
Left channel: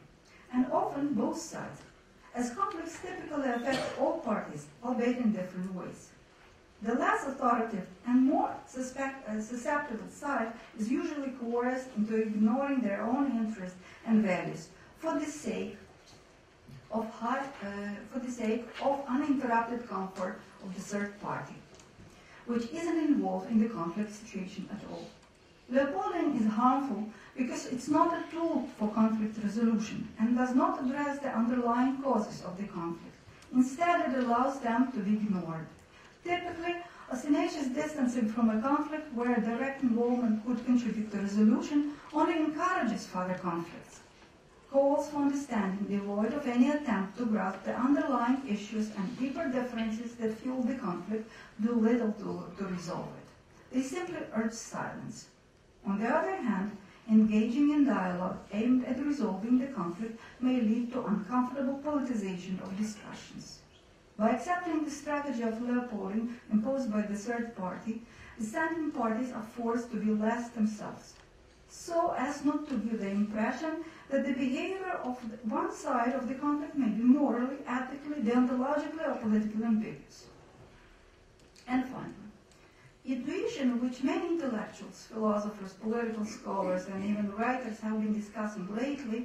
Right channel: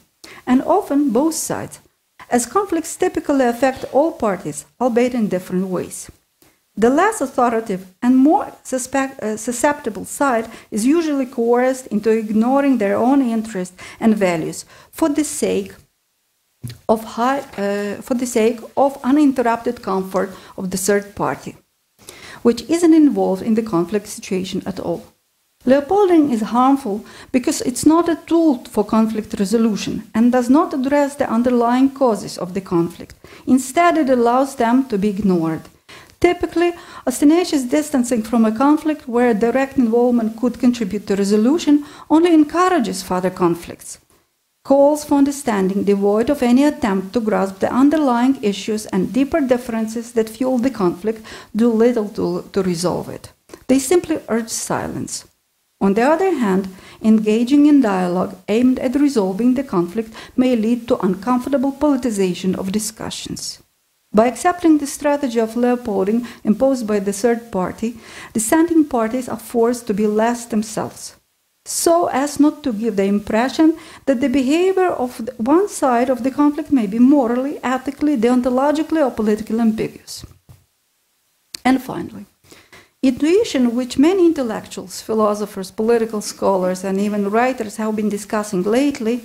and often both sides, as conflicts typically affect all parties, albeit in different ways. The less authoritative and more susceptible side is usually coerced into ignoring their own interests and values for the sake of uninterrupted comfort of the third party, which isn't involved in the conflict situation at all. Leopolding is harmful because it's not a tool for conflict resolution and does not address the underlying causes of the conflict. Instead, it allows them to be ignored. Typically, ostentatious distancing from a conflict where direct involvement could contribute to resolution only encourages further conflicts. Calls for understanding devoid of any attempt to grasp the underlying issues and deeper differences that fuel the conflict do little to resolve it. They simply urge silence. On the other hand, engaging in dialogue aimed at resolving the conflict may lead to uncomfortable politicization of discussions. By accepting the strategy of Leopolding imposed by the third party, dissenting parties are forced to be less themselves, so as not to give the impression that the behavior of one side of the conflict may be morally, ethically, deontologically, or politically ambiguous. And finally, Intuition, which many intellectuals, philosophers, political scholars, and even writers have been discussing lately,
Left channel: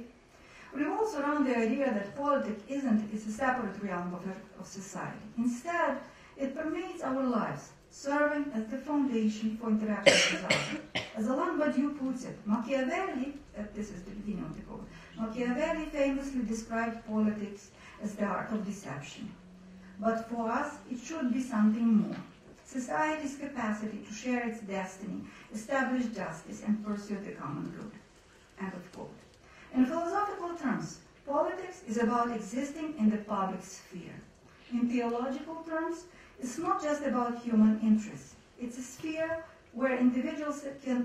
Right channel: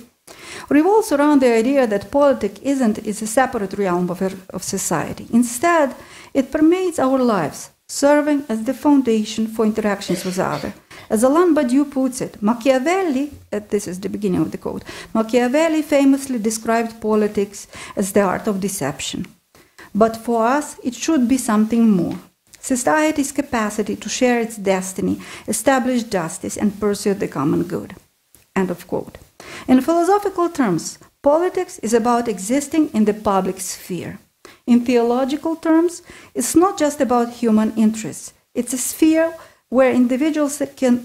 revolves around the idea that politics is a separate realm of society. Instead, it permeates our lives, serving as the foundation for interactions with others. As Alain Badiou puts it, Machiavelli, this is the beginning of the quote, Machiavelli famously described politics as the art of deception. But for us, it should be something more. Society's capacity to share its destiny, establish justice, and pursue the common good. End of quote. In philosophical terms, politics is about existing in the public sphere. In theological terms, it's not just about human interests. It's a sphere where individuals can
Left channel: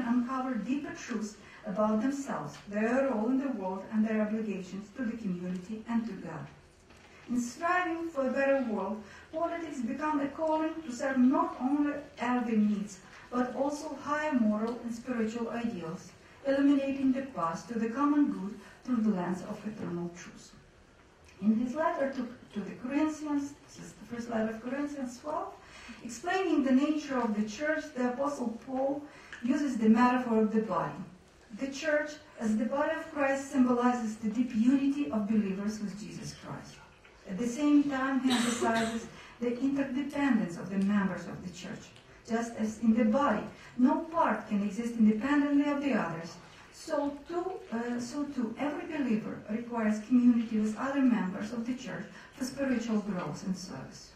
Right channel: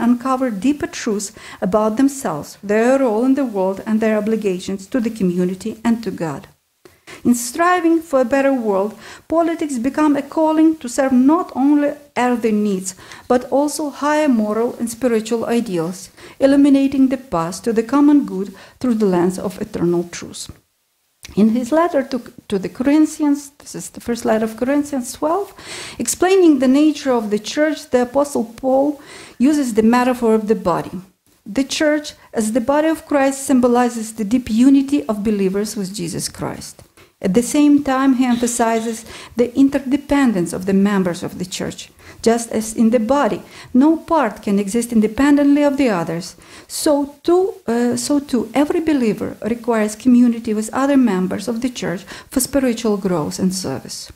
uncover deeper truths about themselves, their role in the world, and their obligations to the community and to God. In striving for a better world, politics become a calling to serve not only earthly needs, but also higher moral and spiritual ideals, illuminating the path to the common good through the lens of eternal truth. In his letter to the Corinthians, this is the first letter of Corinthians 12, explaining the nature of the church, the Apostle Paul uses the metaphor of the body. The church, as the body of Christ, symbolizes the deep unity of believers with Jesus Christ. At the same time, he emphasizes the interdependence of the members of the church. Just as in the body, no part can exist independently of the others, so too every believer requires community with other members of the church for spiritual growth and service.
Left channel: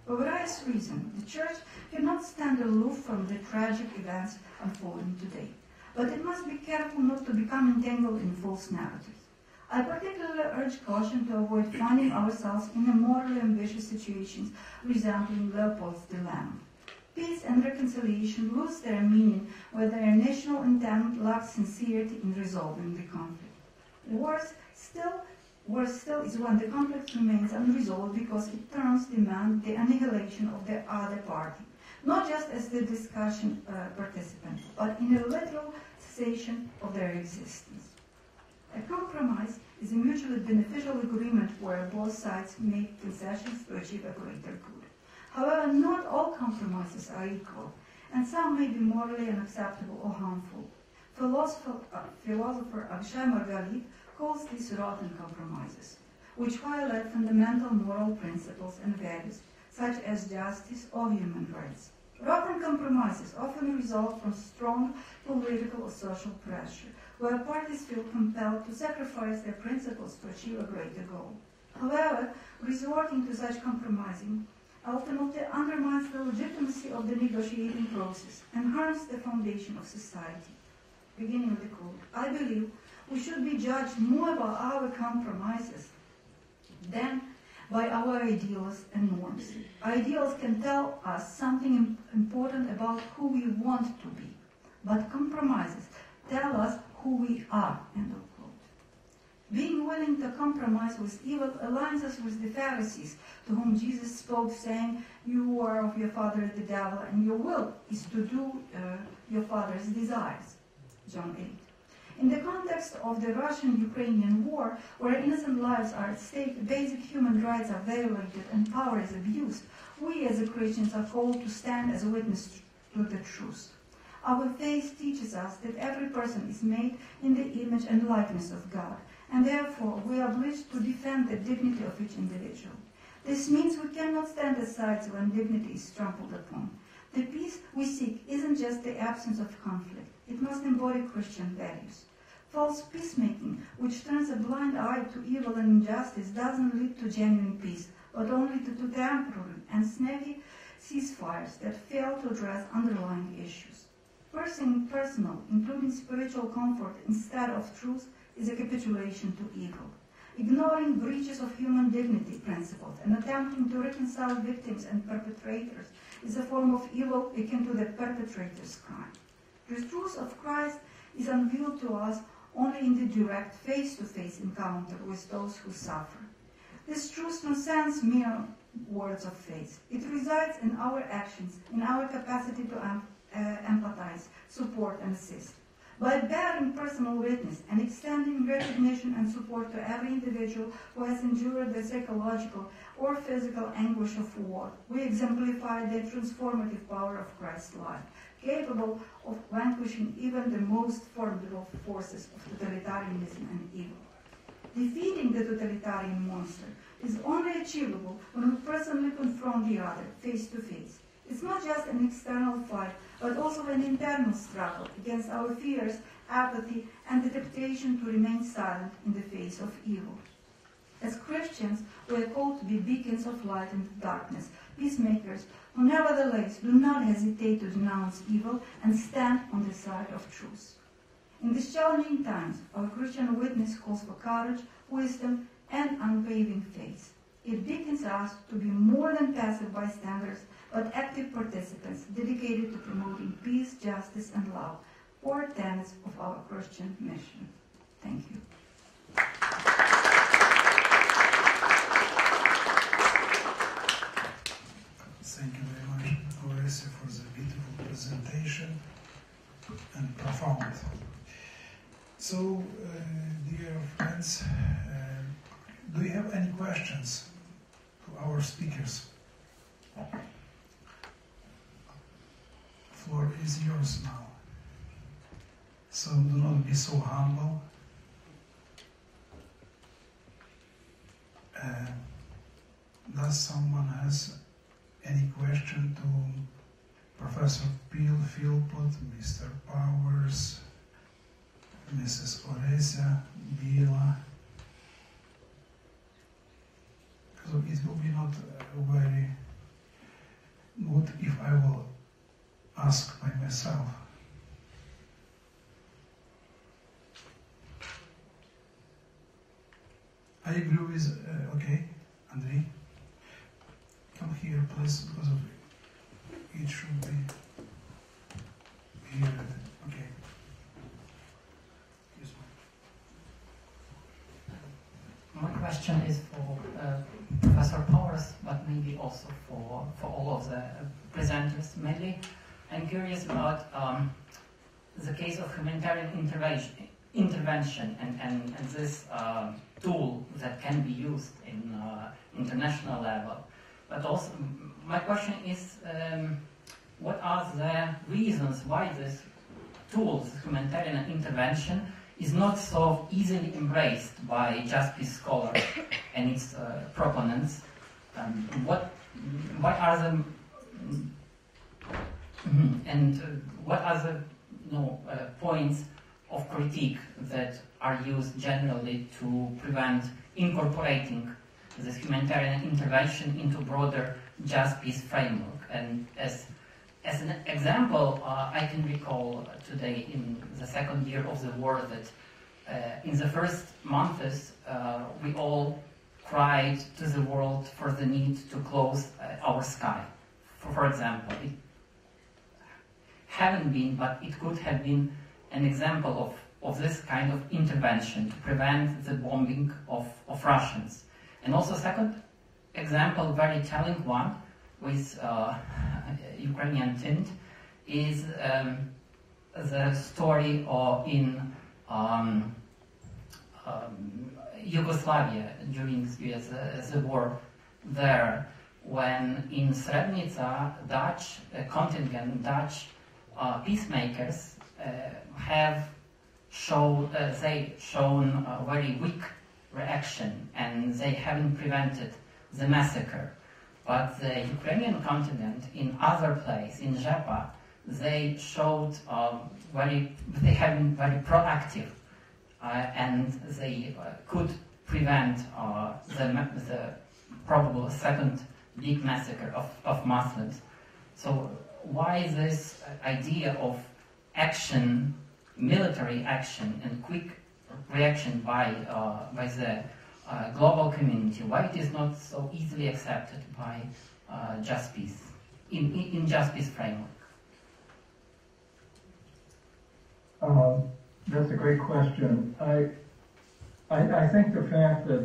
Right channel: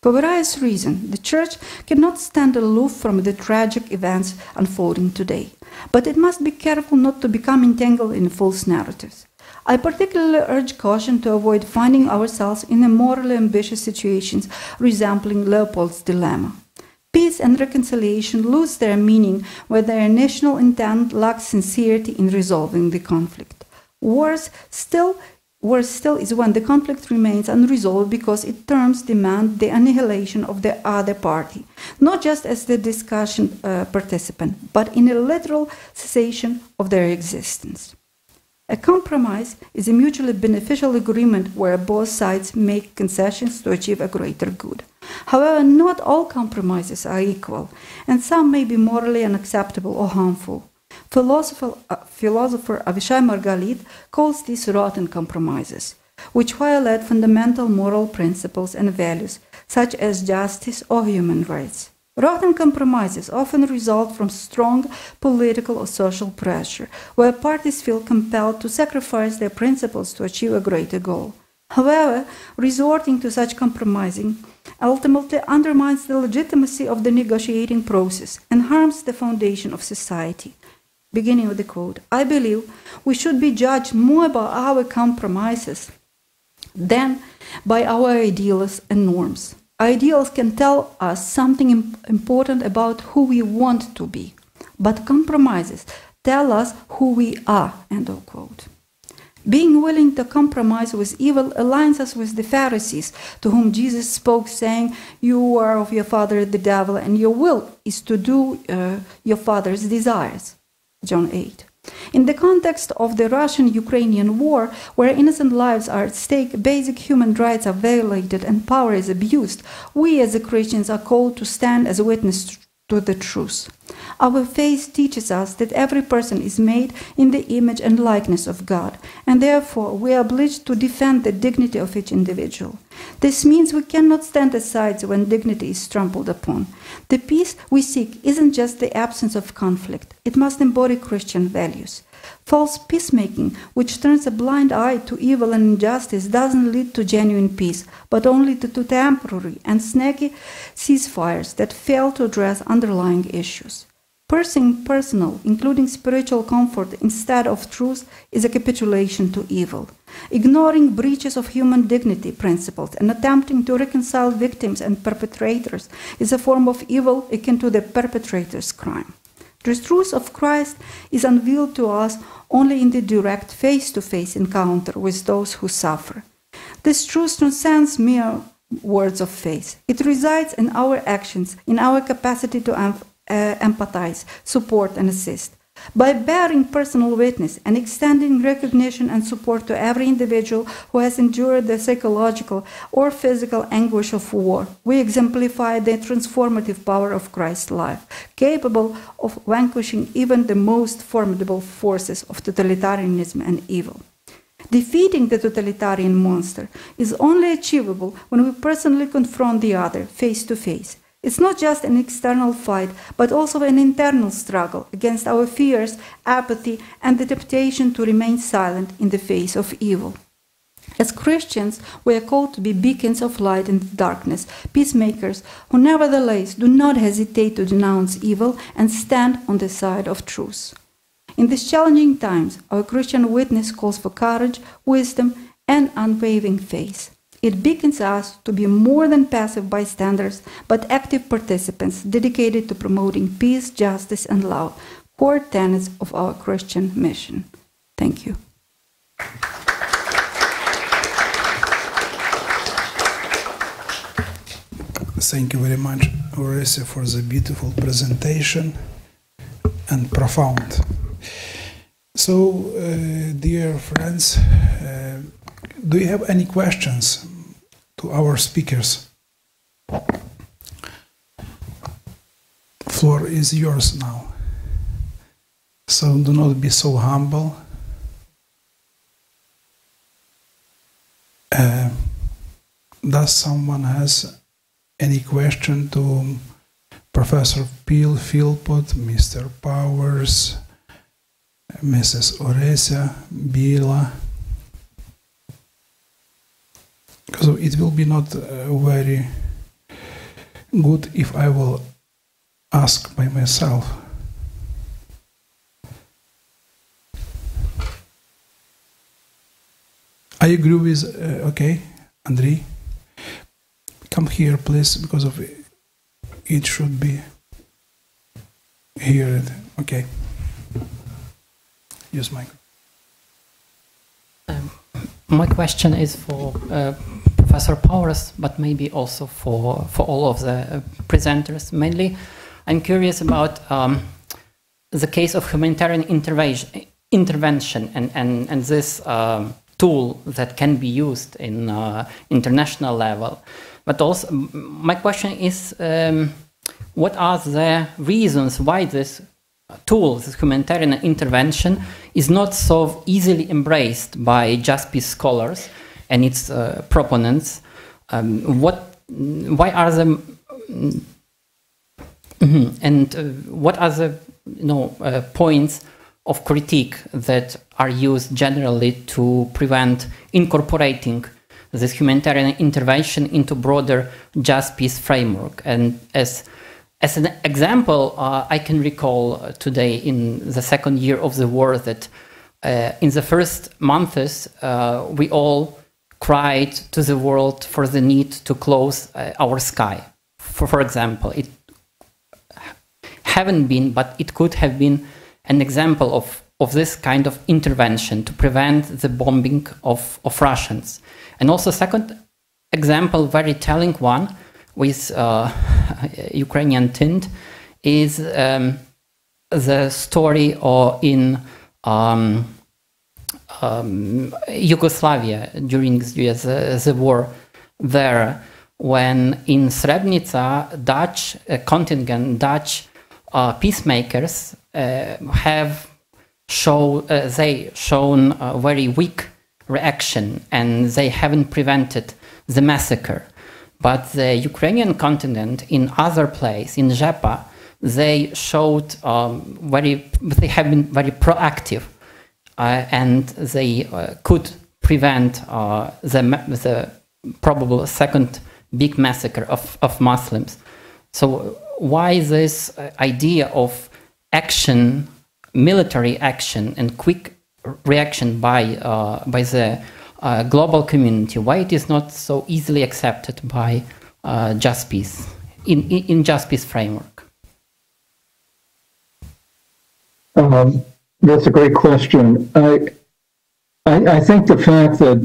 For various reasons, the church cannot stand aloof from the tragic events unfolding today, but it must be careful not to become entangled in false narratives. I particularly urge caution to avoid finding ourselves in a morally ambitious situations resembling Leopold's dilemma. Peace and reconciliation lose their meaning where their national intent lacks sincerity in resolving the conflict. Worse still is when the conflict remains unresolved because its terms demand the annihilation of the other party, not just as the discussion participant, but in a literal cessation of their existence. A compromise is a mutually beneficial agreement where both sides make concessions to achieve a greater good. However, not all compromises are equal, and some may be morally unacceptable or harmful. Philosopher Avishai Margalit calls these rotten compromises, which violate fundamental moral principles and values, such as justice or human rights. Rotten compromises often result from strong political or social pressure, where parties feel compelled to sacrifice their principles to achieve a greater goal. However, resorting to such compromising ultimately undermines the legitimacy of the negotiating process and harms the foundation of society. Beginning of the quote, I believe we should be judged more by our compromises than by our ideals and norms. Ideals can tell us something important about who we want to be, but compromises tell us who we are, end of quote. Being willing to compromise with evil aligns us with the Pharisees, to whom Jesus spoke, saying, "You are of your father the devil, and your will is to do your father's desires." John 8. In the context of the Russian-Ukrainian war, where innocent lives are at stake, basic human rights are violated, and power is abused, we as Christians are called to stand as a witness to the truth. Our faith teaches us that every person is made in the image and likeness of God, and therefore we are obliged to defend the dignity of each individual. This means we cannot stand aside when dignity is trampled upon. The peace we seek isn't just the absence of conflict, it must embody Christian values. False peacemaking, which turns a blind eye to evil and injustice, doesn't lead to genuine peace, but only to temporary and snaky ceasefires that fail to address underlying issues. Pursuing personal, including spiritual comfort instead of truth, is a capitulation to evil. Ignoring breaches of human dignity principles and attempting to reconcile victims and perpetrators is a form of evil akin to the perpetrator's crime. The truth of Christ is unveiled to us only in the direct face-to-face encounter with those who suffer. This truth transcends mere words of faith. It resides in our actions, in our capacity to empathize, support, and assist. by bearing personal witness and extending recognition and support to every individual who has endured the psychological or physical anguish of war. We exemplify the transformative power of Christ's life, capable of vanquishing even the most formidable forces of totalitarianism and evil. Defeating the totalitarian monster is only achievable when we personally confront the other face to face. It's not just an external fight, but also an internal struggle against our fears, apathy, and the temptation to remain silent in the face of evil. As Christians, we are called to be beacons of light in the darkness, peacemakers who nevertheless do not hesitate to denounce evil and stand on the side of truth. In these challenging times, our Christian witness calls for courage, wisdom, and unwavering faith. It beckons us to be more than passive bystanders, but active participants dedicated to promoting peace, justice, and love, core tenets of our Christian mission. Thank you. Thank you very much, Orysya, for the beautiful presentation and profound. So, dear friends, do you have any questions to our speakers? The floor is yours now. So do not be so humble. Does someone has any question to Professor Peel, Philpott, Mr. Powers, Mrs. Orysya, Bila? Because it will be not very good if I will ask by myself. I agree with, okay, Andrei, come here please, because of it should be here, okay. Use mic. My question is for Professor Powers, but maybe also for all of the presenters. Mainly, I'm curious about the case of humanitarian intervention and this tool that can be used in international level. But also, my question is, what are the reasons why this tool, this humanitarian intervention, is not so easily embraced by just peace scholars and its proponents? Why are the what are the points of critique that are used generally to prevent incorporating this humanitarian intervention into broader just peace framework? And as an example, I can recall today in the second year of the war that in the first months we all cried to the world for the need to close our sky. For example, it haven't been, but it could have been an example of this kind of intervention to prevent the bombing of Russians. And also second example, very telling one, with Ukrainian tint, is the story in Yugoslavia during the war there, when in Srebrenica, Dutch contingent, Dutch peacemakers have shown a very weak reaction, and they haven't prevented the massacre. But the Ukrainian contingent in other place, in Zhepa, they showed they have been very proactive, and they could prevent the probable second big massacre of Muslims. So why this idea of action, military action, and quick reaction by the global community, why it is not so easily accepted by just peace, in just peace framework? That's a great question. I think the fact that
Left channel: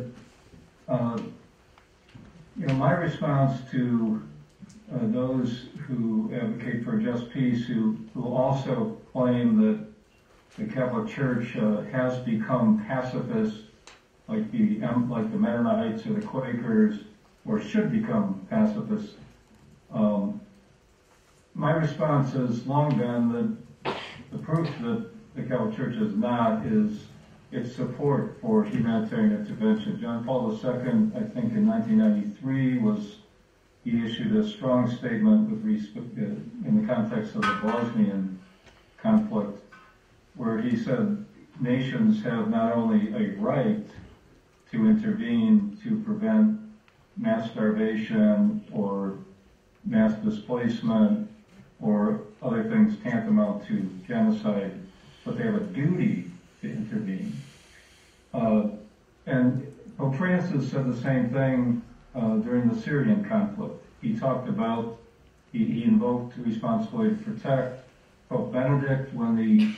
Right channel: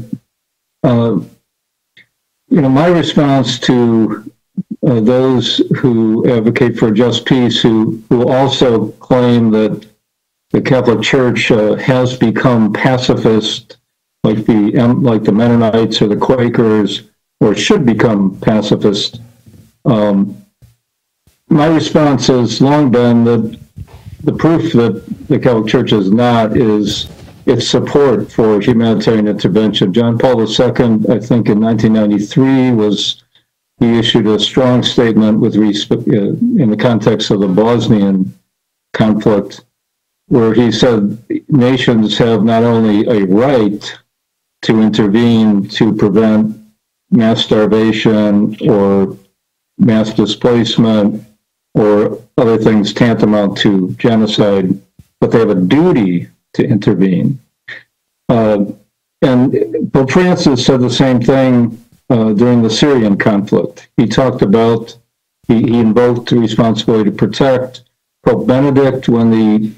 my response to those who advocate for just peace, who also claim that the Catholic Church has become pacifist, like the Mennonites or the Quakers, or should become pacifist. My response has long been that the proof that the Catholic Church is not is its support for humanitarian intervention. John Paul II, I think in 1993, he issued a strong statement with respect in the context of the Bosnian conflict, where he said nations have not only a right to intervene to prevent mass starvation or mass displacement or other things tantamount to genocide, but they have a duty to intervene. And Pope Francis said the same thing during the Syrian conflict. He talked about, he invoked the responsibility to protect. Pope Benedict, when the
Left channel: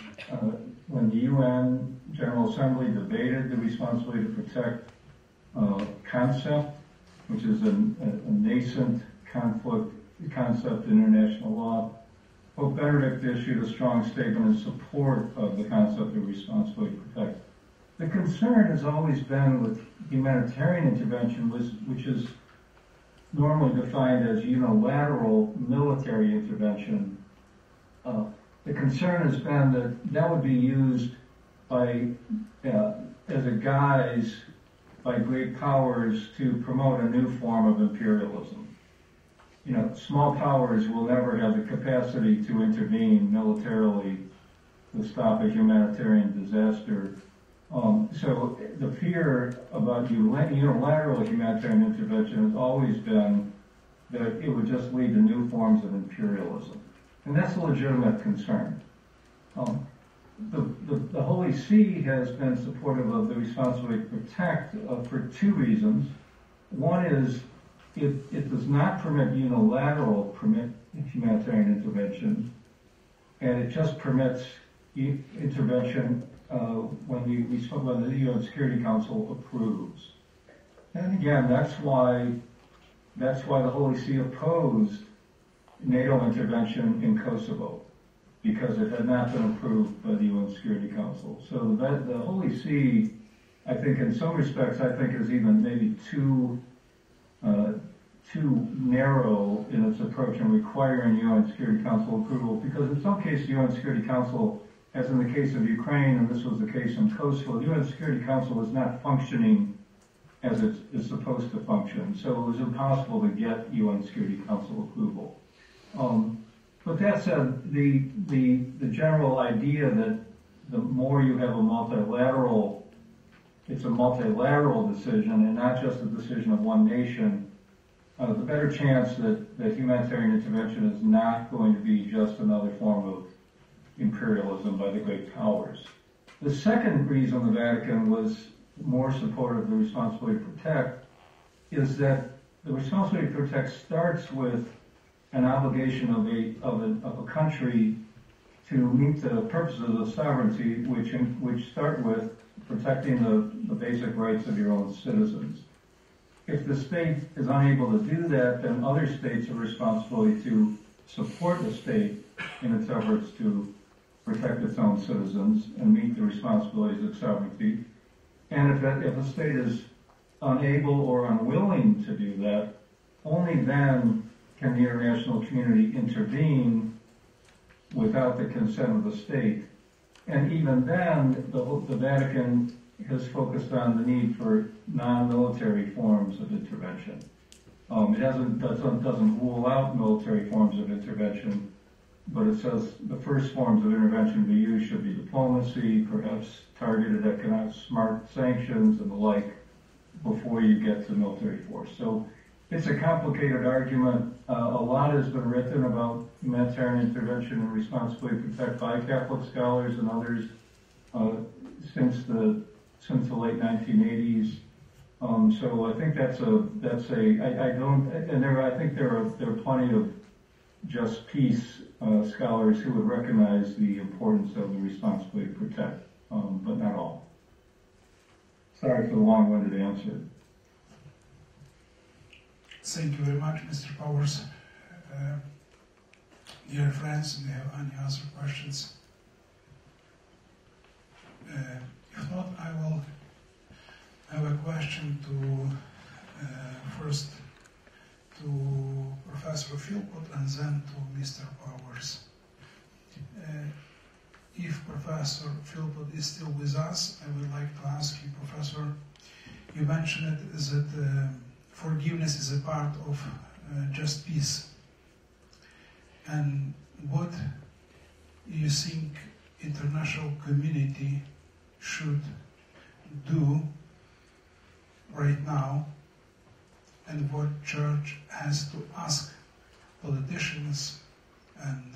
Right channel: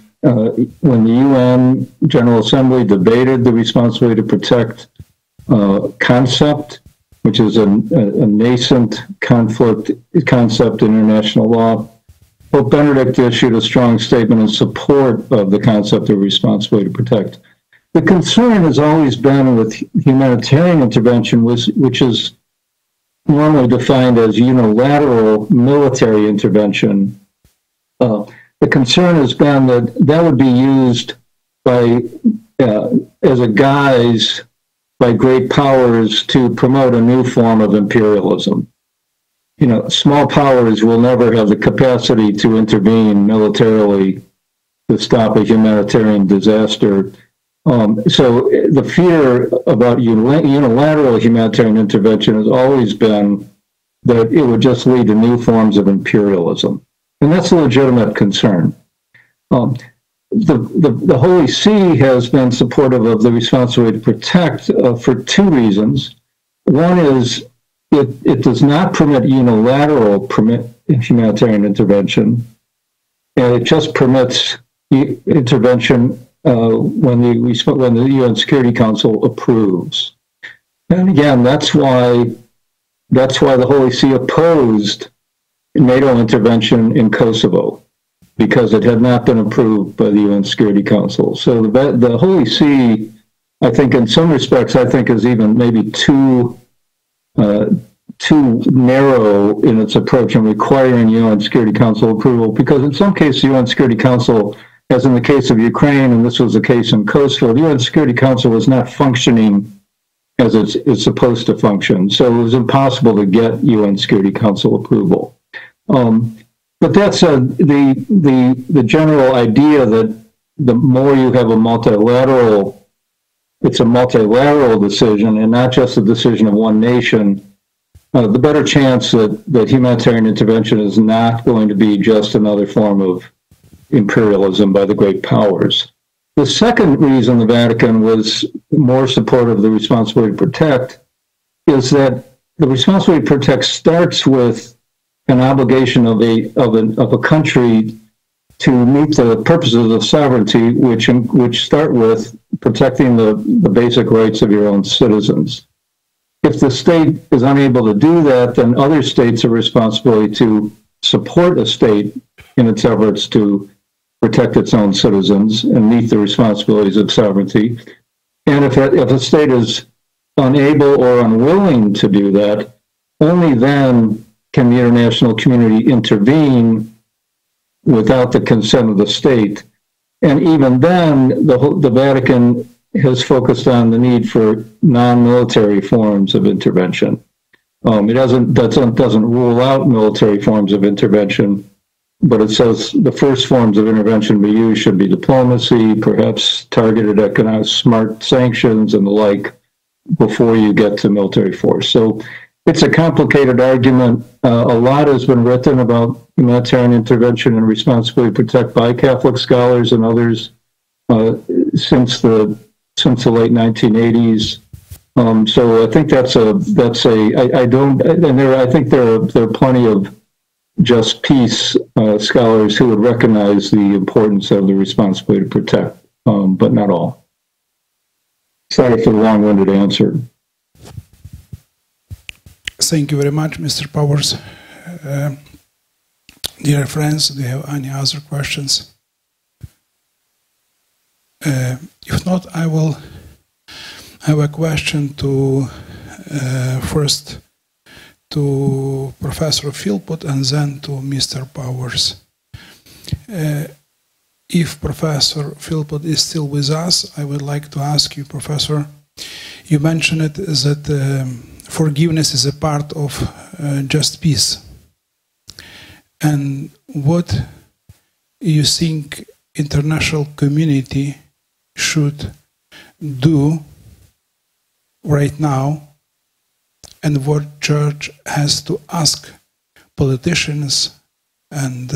UN General Assembly debated the responsibility to protect concept, which is a nascent concept in international law, Pope Benedict issued a strong statement in support of the concept of responsibility to protect. The concern has always been with humanitarian intervention, which is normally defined as unilateral military intervention. The concern has been that would be used as a guise by great powers to promote a new form of imperialism. Small powers will never have the capacity to intervene militarily to stop a humanitarian disaster. So the fear about unilateral humanitarian intervention has always been that it would just lead to new forms of imperialism. And that's a legitimate concern. The Holy See has been supportive of the responsibility to protect for two reasons. One is it does not permit unilateral humanitarian intervention, and it just permits intervention when the UN Security Council approves. And again, that's why the Holy See opposed NATO intervention in Kosovo, because it had not been approved by the UN Security Council. So the Holy See, I think in some respects, is even maybe too narrow in its approach in requiring UN Security Council approval, because in some cases the UN Security Council, as in the case of Ukraine, and this was the case in Kosovo, the UN Security Council was not functioning as it's supposed to function. So it was impossible to get UN Security Council approval. But that said, the general idea that the more you have it's a multilateral decision and not just a decision of one nation, the better chance that humanitarian intervention is not going to be just another form of imperialism by the great powers. The second reason the Vatican was more supportive of the responsibility to protect is that the responsibility to protect starts with an obligation of a country to meet the purposes of sovereignty, which start with protecting the basic rights of your own citizens. If the state is unable to do that, then other states have responsibility to support a state in its efforts to protect its own citizens and meet the responsibilities of sovereignty. And if a state is unable or unwilling to do that, only then can the international community intervene without the consent of the state. And even then, the Vatican has focused on the need for non-military forms of intervention. It doesn't rule out military forms of intervention, but it says the first forms of intervention we use should be diplomacy, perhaps targeted economic smart sanctions and the like, before you get to military force. So it's a complicated argument. A lot has been written about humanitarian intervention and responsibility to protect by Catholic scholars and others since the late 1980s. So I think I think there are plenty of just peace scholars who would recognize the importance of the responsibility to protect, but not all. Sorry for the long-winded answer. Thank you very much, Mr. Powers. Dear friends, do you have any other questions? If not, I will have a question to first to Professor Philpott and then to Mr. Powers. If Professor Philpott is still with us, I would like to ask you, Professor, you mentioned it that forgiveness is a part of just peace. And what you think international community should do right now, and what church has to ask politicians and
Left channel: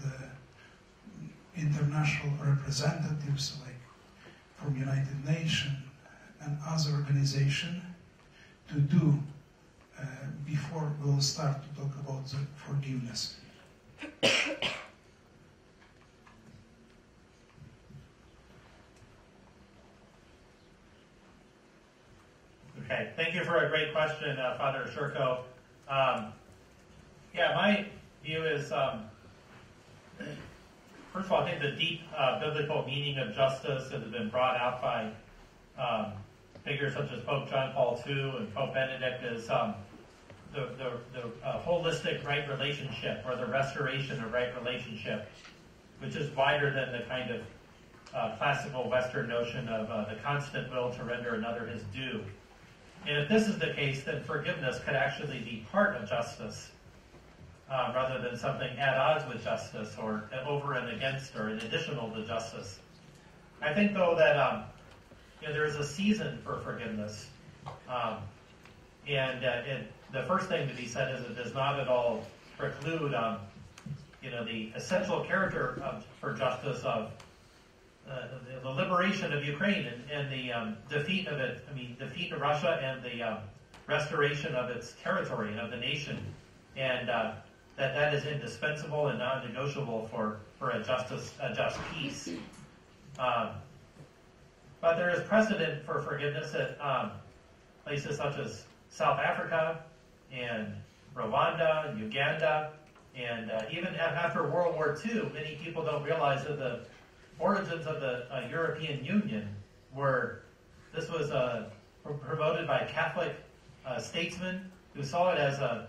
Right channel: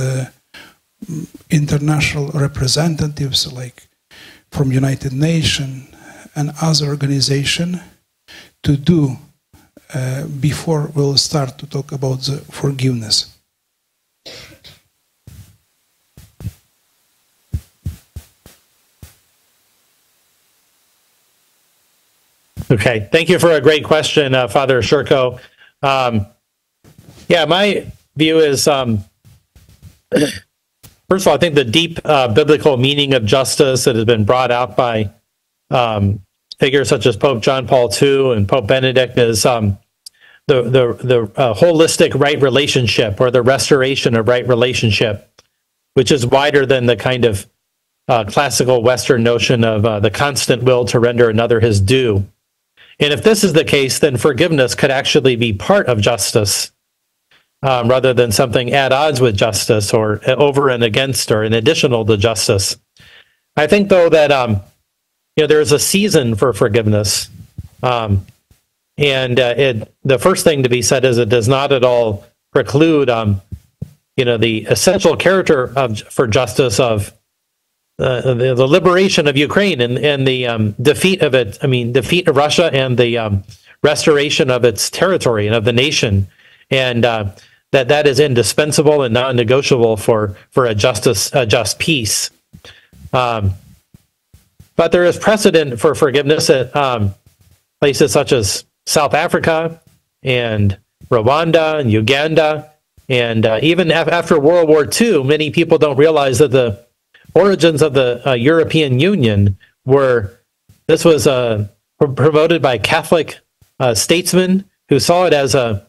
international representatives like from United Nations and other organizations to do before we'll start to talk about the forgiveness? Okay, thank you for a great question, Father Shchurko. Yeah, my view is, first of all, I think the deep biblical meaning of justice that has been brought out by figures such as Pope John Paul II and Pope Benedict is the holistic right relationship, or the restoration of right relationship, which is wider than the kind of classical Western notion of the constant will to render another his due. And if this is the case, then forgiveness could actually be part of justice, rather than something at odds with justice or over and against or in additional to justice. I think, though, that there is a season for forgiveness. The first thing to be said is it does not at all preclude the essential character for justice of the liberation of Ukraine and the defeat of it. Defeat of Russia and the restoration of its territory and of the nation, and that is indispensable and non-negotiable for a just peace. But there is precedent for forgiveness at places such as South Africa and Rwanda and Uganda, and even after World War II, many people don't realize that the origins of the European Union this was promoted by Catholic statesmen who saw it as a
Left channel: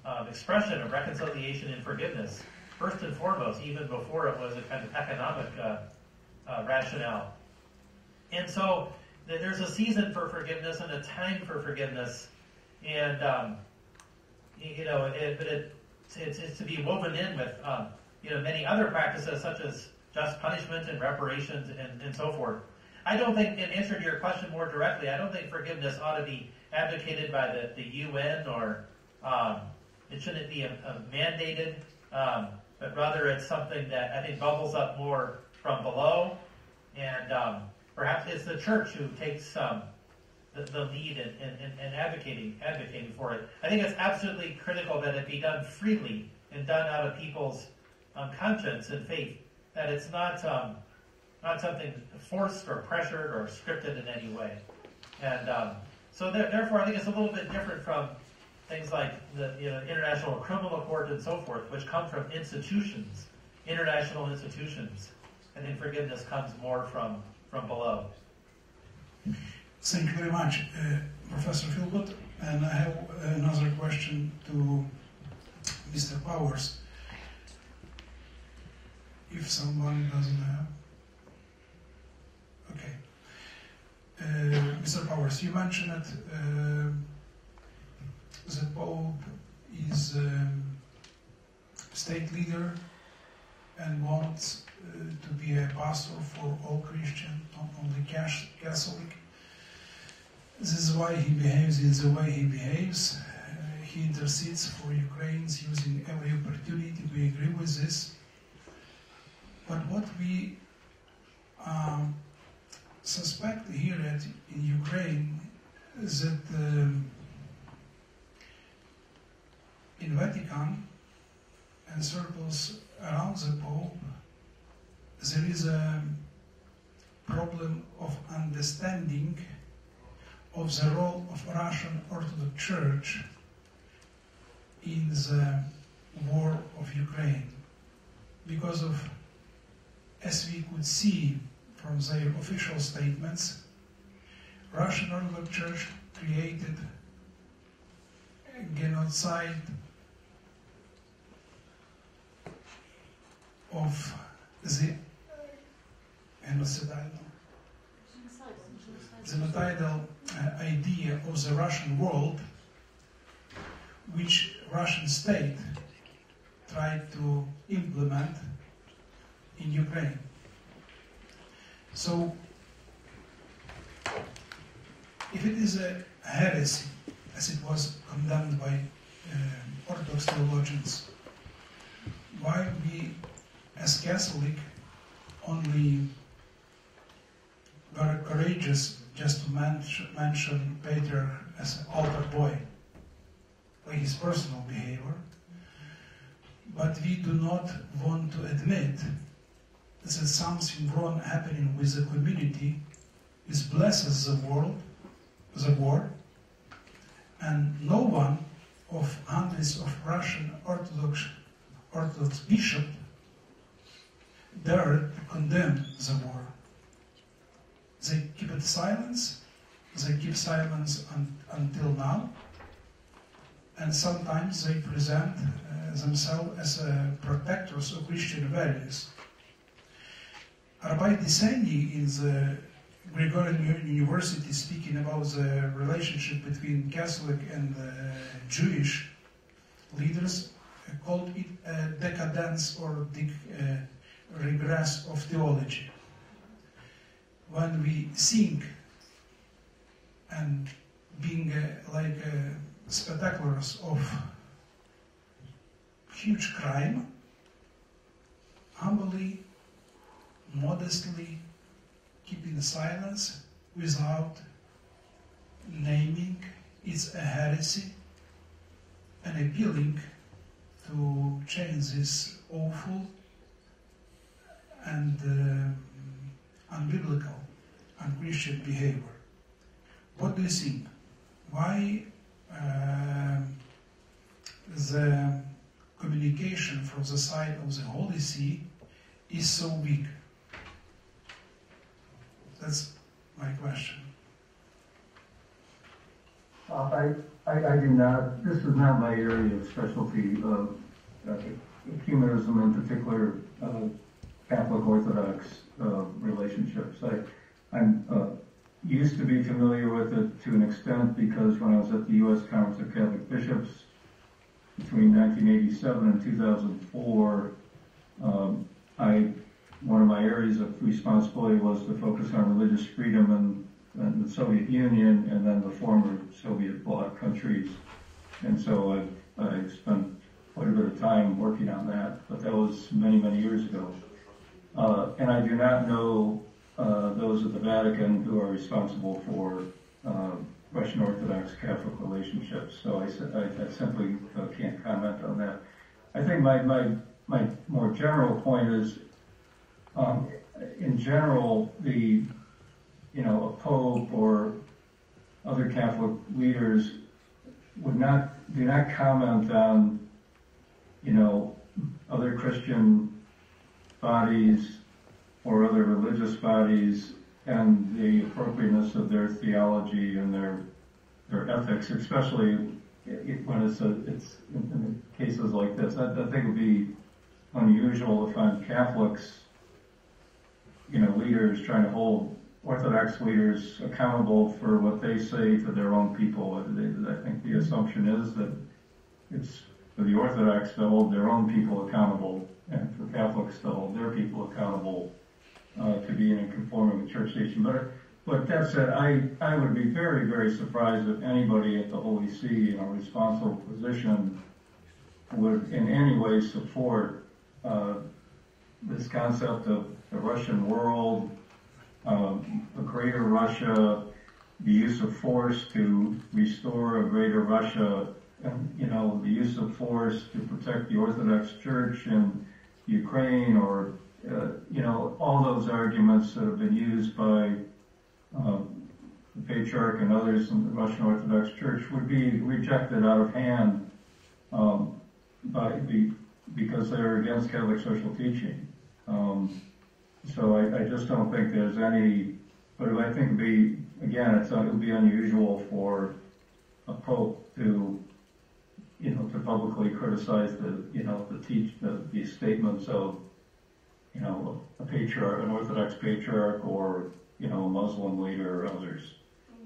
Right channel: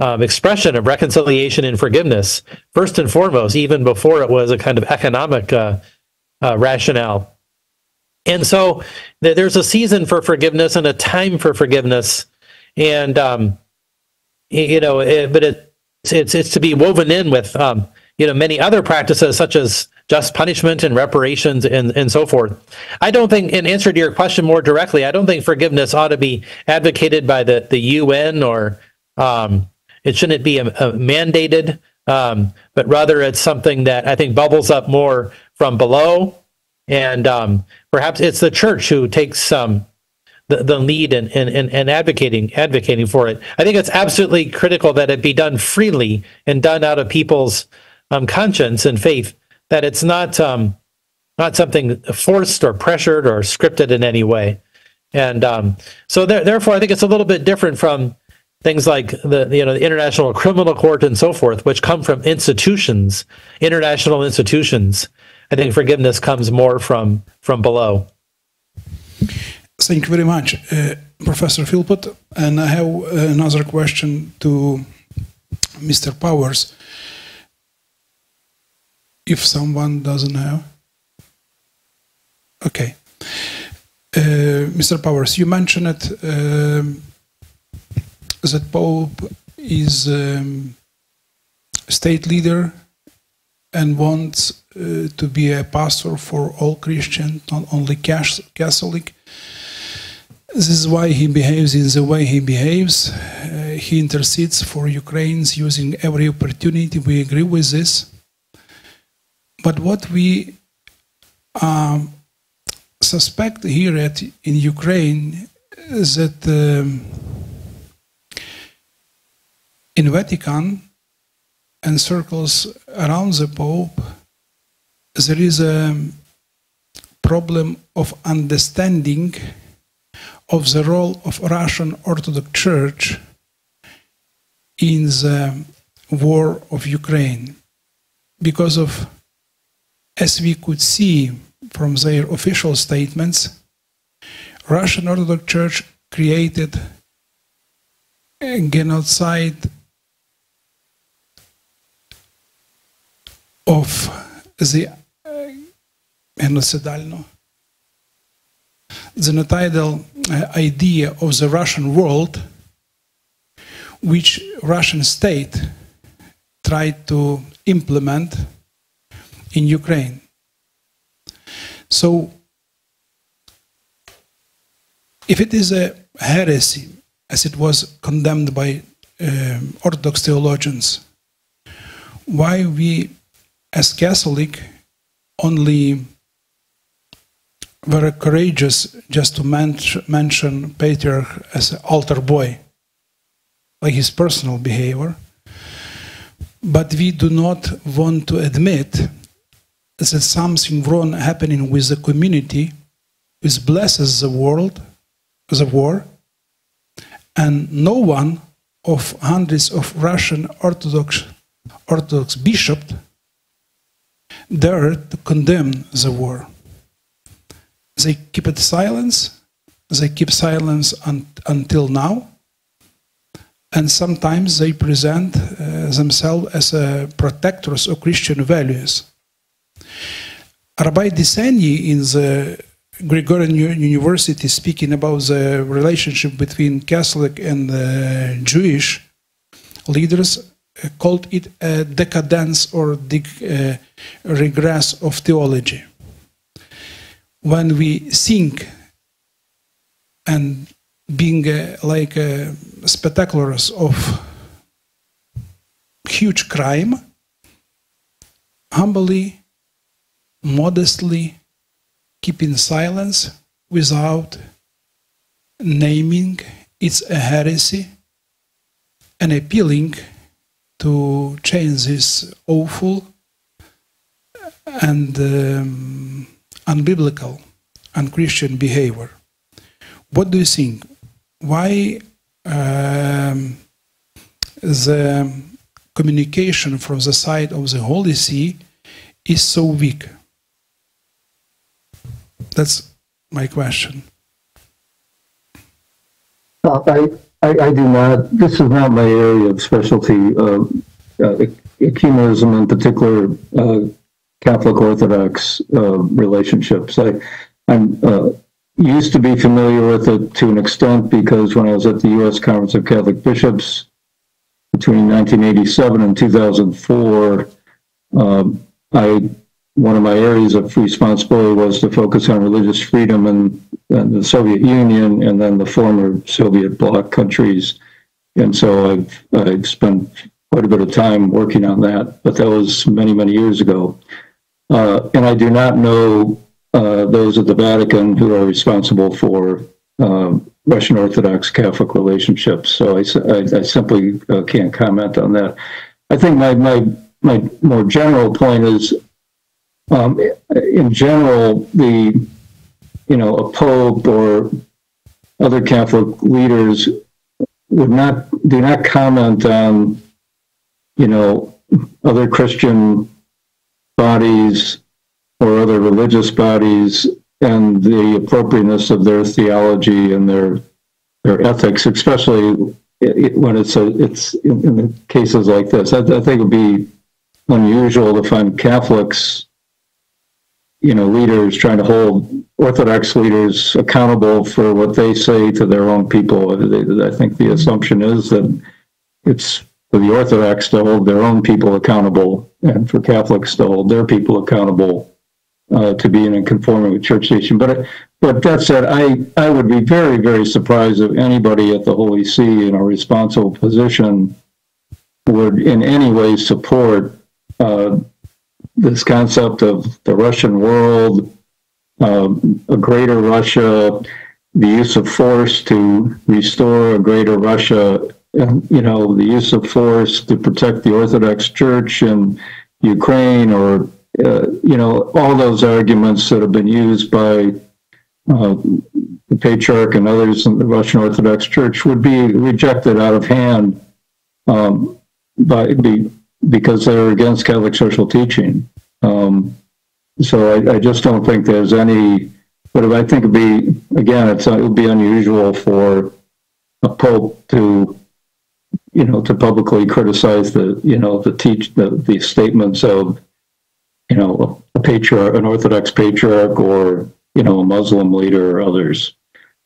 expression of reconciliation and forgiveness, first and foremost, even before it was a kind of economic rationale. And so there's a season for forgiveness and a time for forgiveness, and but it's to be woven in with many other practices such as just punishment and reparations and so forth. I don't think, in answer to your question more directly, I don't think forgiveness ought to be advocated by the UN, or it shouldn't be mandated, but rather it's something that I think bubbles up more from below, and perhaps it's the church who takes the lead in advocating for it. I think it's absolutely critical that it be done freely and done out of people's conscience and faith, that it's not something forced or pressured or scripted in any way. And so therefore, I think it's a little bit different from things like the International Criminal Court and so forth, which come from institutions, international institutions. I think forgiveness comes more from below. Thank you very much, Professor Philpott. And I have another question to Mr. Powers. If someone doesn't know. Okay. Mr. Powers, you mentioned it, that Pope is state leader and wants to be a pastor for all Christians, not only Catholic. This is why he behaves in the way he behaves. He intercedes for Ukrainians using every opportunity. We agree with this. But what we suspect here in Ukraine is that in Vatican and circles around the Pope, there is a problem of understanding of the role of Russian Orthodox Church in the war of Ukraine, because of, as we could see from their official statements, Russian Orthodox Church created a genocide of the genocidal idea of the Russian world, which Russian state tried to implement in Ukraine. So, if it is a heresy, as it was condemned by Orthodox theologians, why we, as Catholic, only were courageous just to mention Patriarch as an altar boy, like his personal behavior, but we do not want to admit that something wrong happening with the community which blesses the world, the war, and no one of hundreds of Russian Orthodox bishops dared to condemn the war. They keep it silence. They keep silence until now. And sometimes they present themselves as protectors of Christian values. Rabbi Deseni in the Gregorian University, speaking about the relationship between Catholic and Jewish leaders, called it a decadence or regress of theology. When we think and being like spectaculars of huge crime, humbly, modestly, keeping silence without naming it's a heresy and appealing to change this awful and unbiblical, unchristian behavior. What do you think? Why the communication from the side of the Holy See is so weak? That's my question. I do not, this is not my area of specialty, ecumenism, in particular Catholic Orthodox relationships. I'm used to be familiar with it to an extent because when I was at the U.S. Conference of Catholic Bishops between 1987 and 2004, one of my areas of responsibility was to focus on religious freedom in the Soviet Union and then the former Soviet bloc countries. And so I've spent quite a bit of time working on that, but that was many, many years ago. And I do not know those at the Vatican who are responsible for Russian Orthodox Catholic relationships. So I simply can't comment on that. I think my more general point is, in general, a pope or other Catholic leaders do not comment on, other Christian bodies or other religious bodies and the appropriateness of their theology and their ethics, especially when it's in cases like this. I think it would be unusual to find Catholics, leaders trying to hold Orthodox leaders accountable for what they say to their own people. I think the assumption is that it's for the Orthodox to hold their own people accountable and for Catholics to hold their people accountable to being in conforming with church tradition. But that said, I would be very, very surprised if anybody at the Holy See in a responsible position would in any way support this concept of the Russian world, a greater Russia, the use of force to restore a greater Russia, and the use of force to protect the Orthodox Church in Ukraine, or all those arguments that have been used by the Patriarch and others in the Russian Orthodox Church would be rejected out of hand because they're against Catholic social teaching. So I just don't think there's any, but I think it'd be, again, it would be unusual for a pope to, to publicly criticize the statements of, a patriarch, an Orthodox patriarch, or, a Muslim leader or others.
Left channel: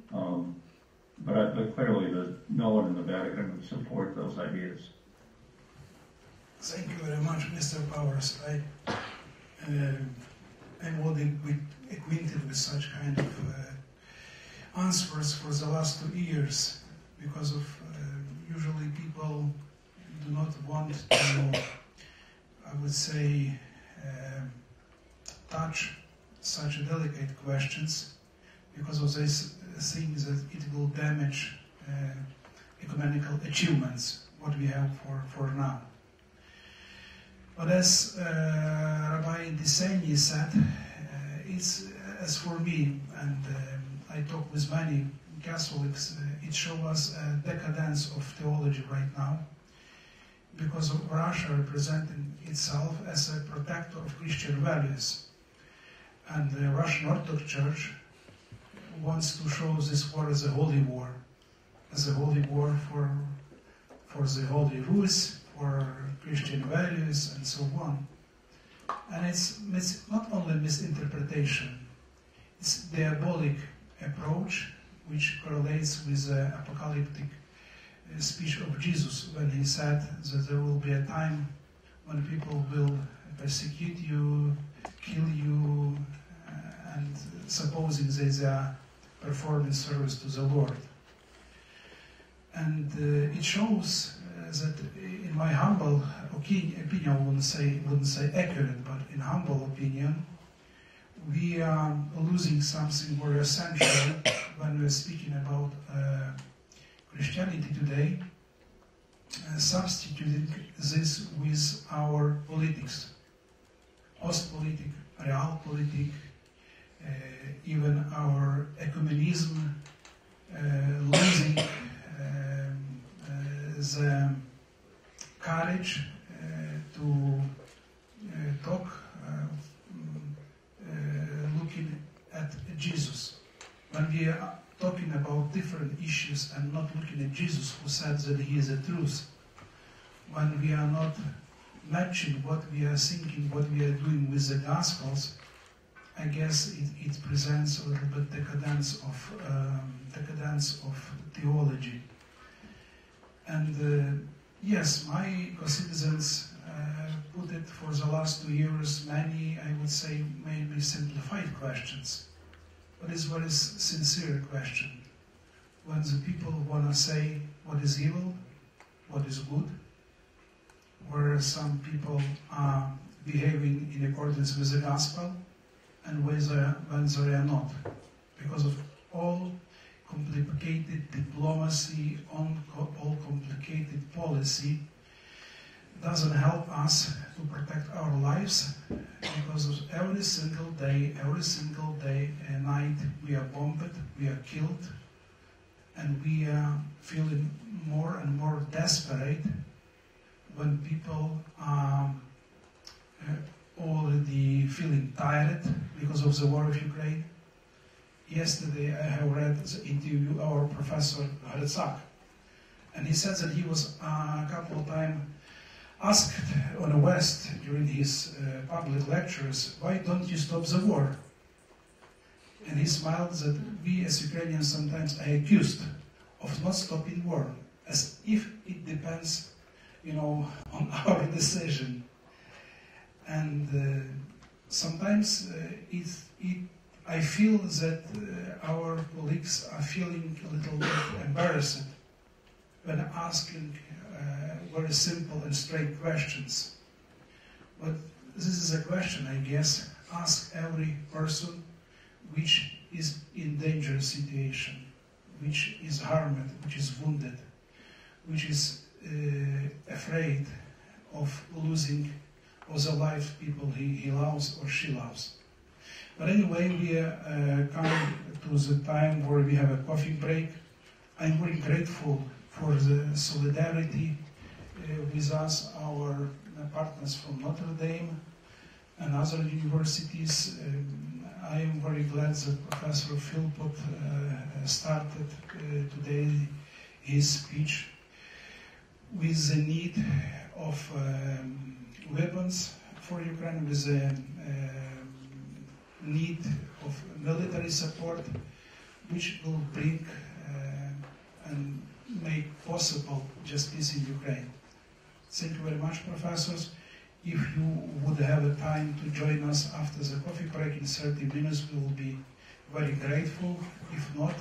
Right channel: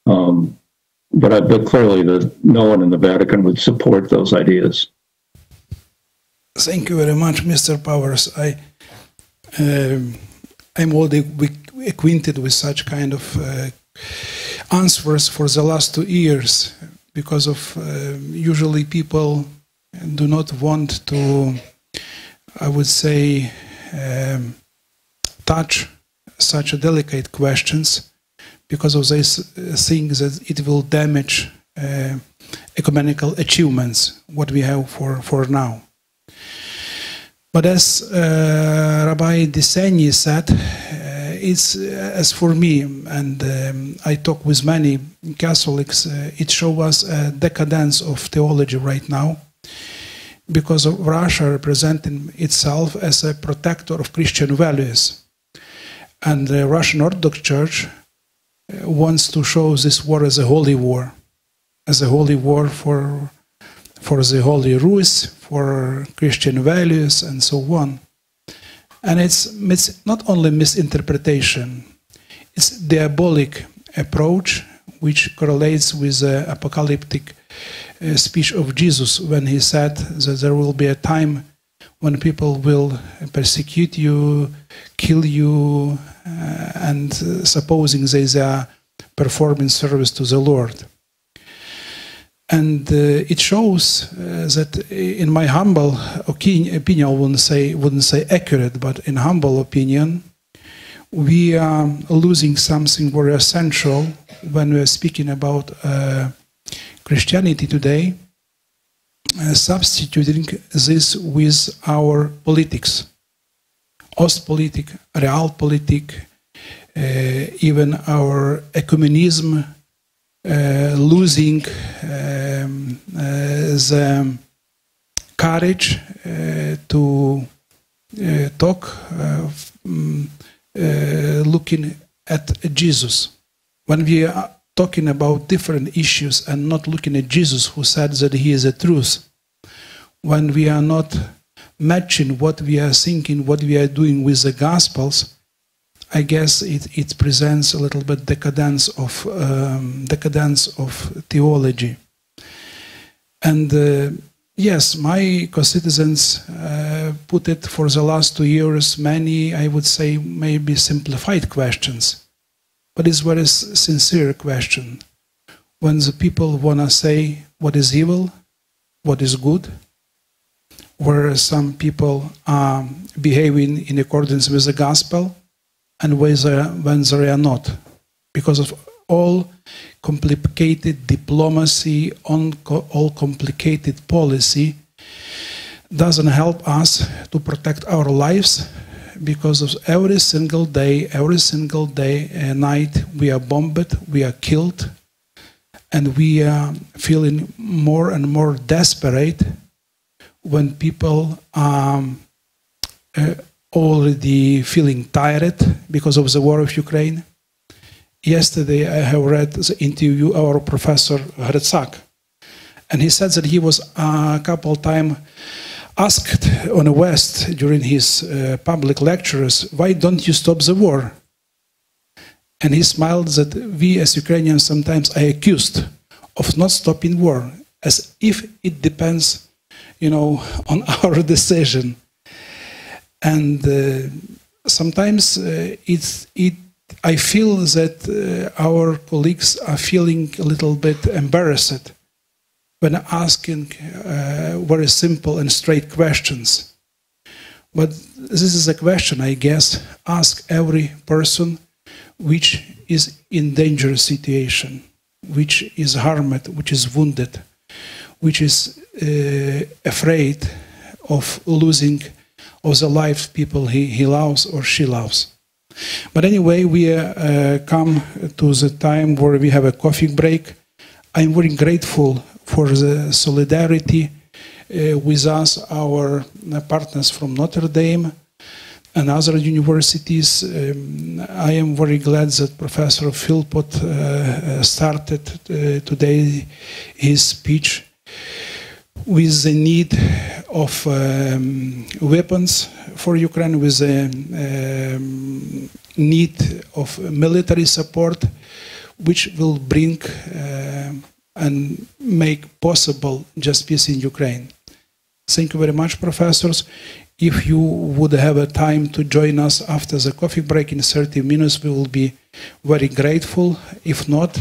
But clearly no one in the Vatican would support those ideas. Thank you very much, Mr. Powers. I'm already acquainted with such kind of answers for the last 2 years, because of usually people do not want to, I would say, touch such a delicate questions, because of these things that it will damage ecumenical achievements, what we have for now. But as Rabbi Deseni said, it's, as for me, and I talk with many Catholics, it shows us a decadence of theology right now, because of Russia representing itself as a protector of Christian values. And the Russian Orthodox Church wants to show this war as a holy war for the Holy Rus, for Christian values, and so on. And it's not only misinterpretation, it's diabolic approach which correlates with the apocalyptic speech of Jesus when he said that there will be a time when people will persecute you, kill you, and supposing they are performing service to the Lord. And it shows that, in my humble opinion, I wouldn't say accurate, but in humble opinion, we are losing something very essential when we are speaking about Christianity today, substituting this with our politics, Ostpolitik, Realpolitik, even our ecumenism, losing the courage to talk, looking at Jesus. When we are talking about different issues and not looking at Jesus, who said that he is the truth, when we are not matching what we are thinking, what we are doing with the Gospels, I guess it presents a little bit decadence of theology. And yes, my co-citizens put it for the last 2 years, many, I would say, maybe simplified questions, but it's a very sincere question. When the people want to say what is evil, what is good, where some people are behaving in accordance with the gospel, and when they are not, because of all complicated diplomacy, all complicated policy, doesn't help us to protect our lives, because of every single day and night we are bombed, we are killed, and we are feeling more and more desperate when people are already feeling tired because of the war of Ukraine. Yesterday I have read the interview of our professor Rector, and he said that he was a couple of times asked on the West during his public lectures, why don't you stop the war? And he smiled that we as Ukrainians sometimes are accused of not stopping war, as if it depends, on our decision. And sometimes I feel that our colleagues are feeling a little bit embarrassed when asking very simple and straight questions. But this is a question, I guess, ask every person which is in dangerous situation, which is harmed, which is wounded, which is afraid of losing of the life people he loves or she loves. But anyway, we come to the time where we have a coffee break. I'm very grateful for the solidarity with us, our partners from Notre Dame, and other universities. I am very glad that Professor Philpott started today his speech with the need of weapons for Ukraine, with the need of military support, which will bring and make possible just peace in Ukraine. Thank you very much, professors. If you would have a time to join us after the coffee break in 30 minutes, we will be very grateful. If not,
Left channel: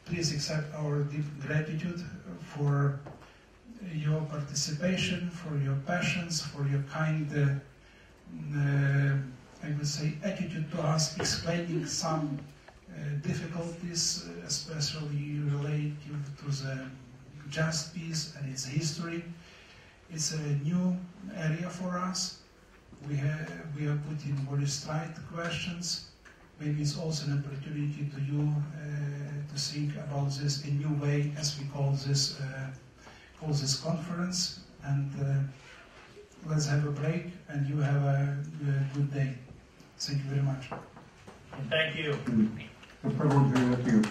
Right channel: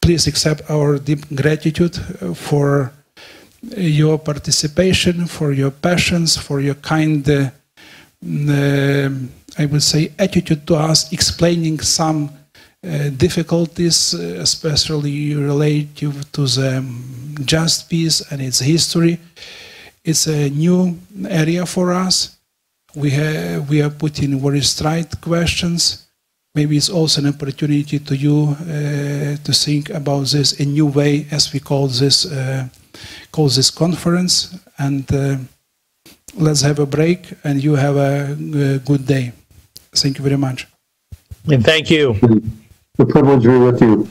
please accept our deep gratitude for your participation, for your passions, for your kind, I would say, attitude to us, explaining some difficulties, especially related to the just peace and its history. It's a new area for us. We are putting very straight questions. Maybe it's also an opportunity to you to think about this a new way, as we call this conference. And let's have a break, and you have a good day. Thank you very much. And thank you. The privilege to be with you.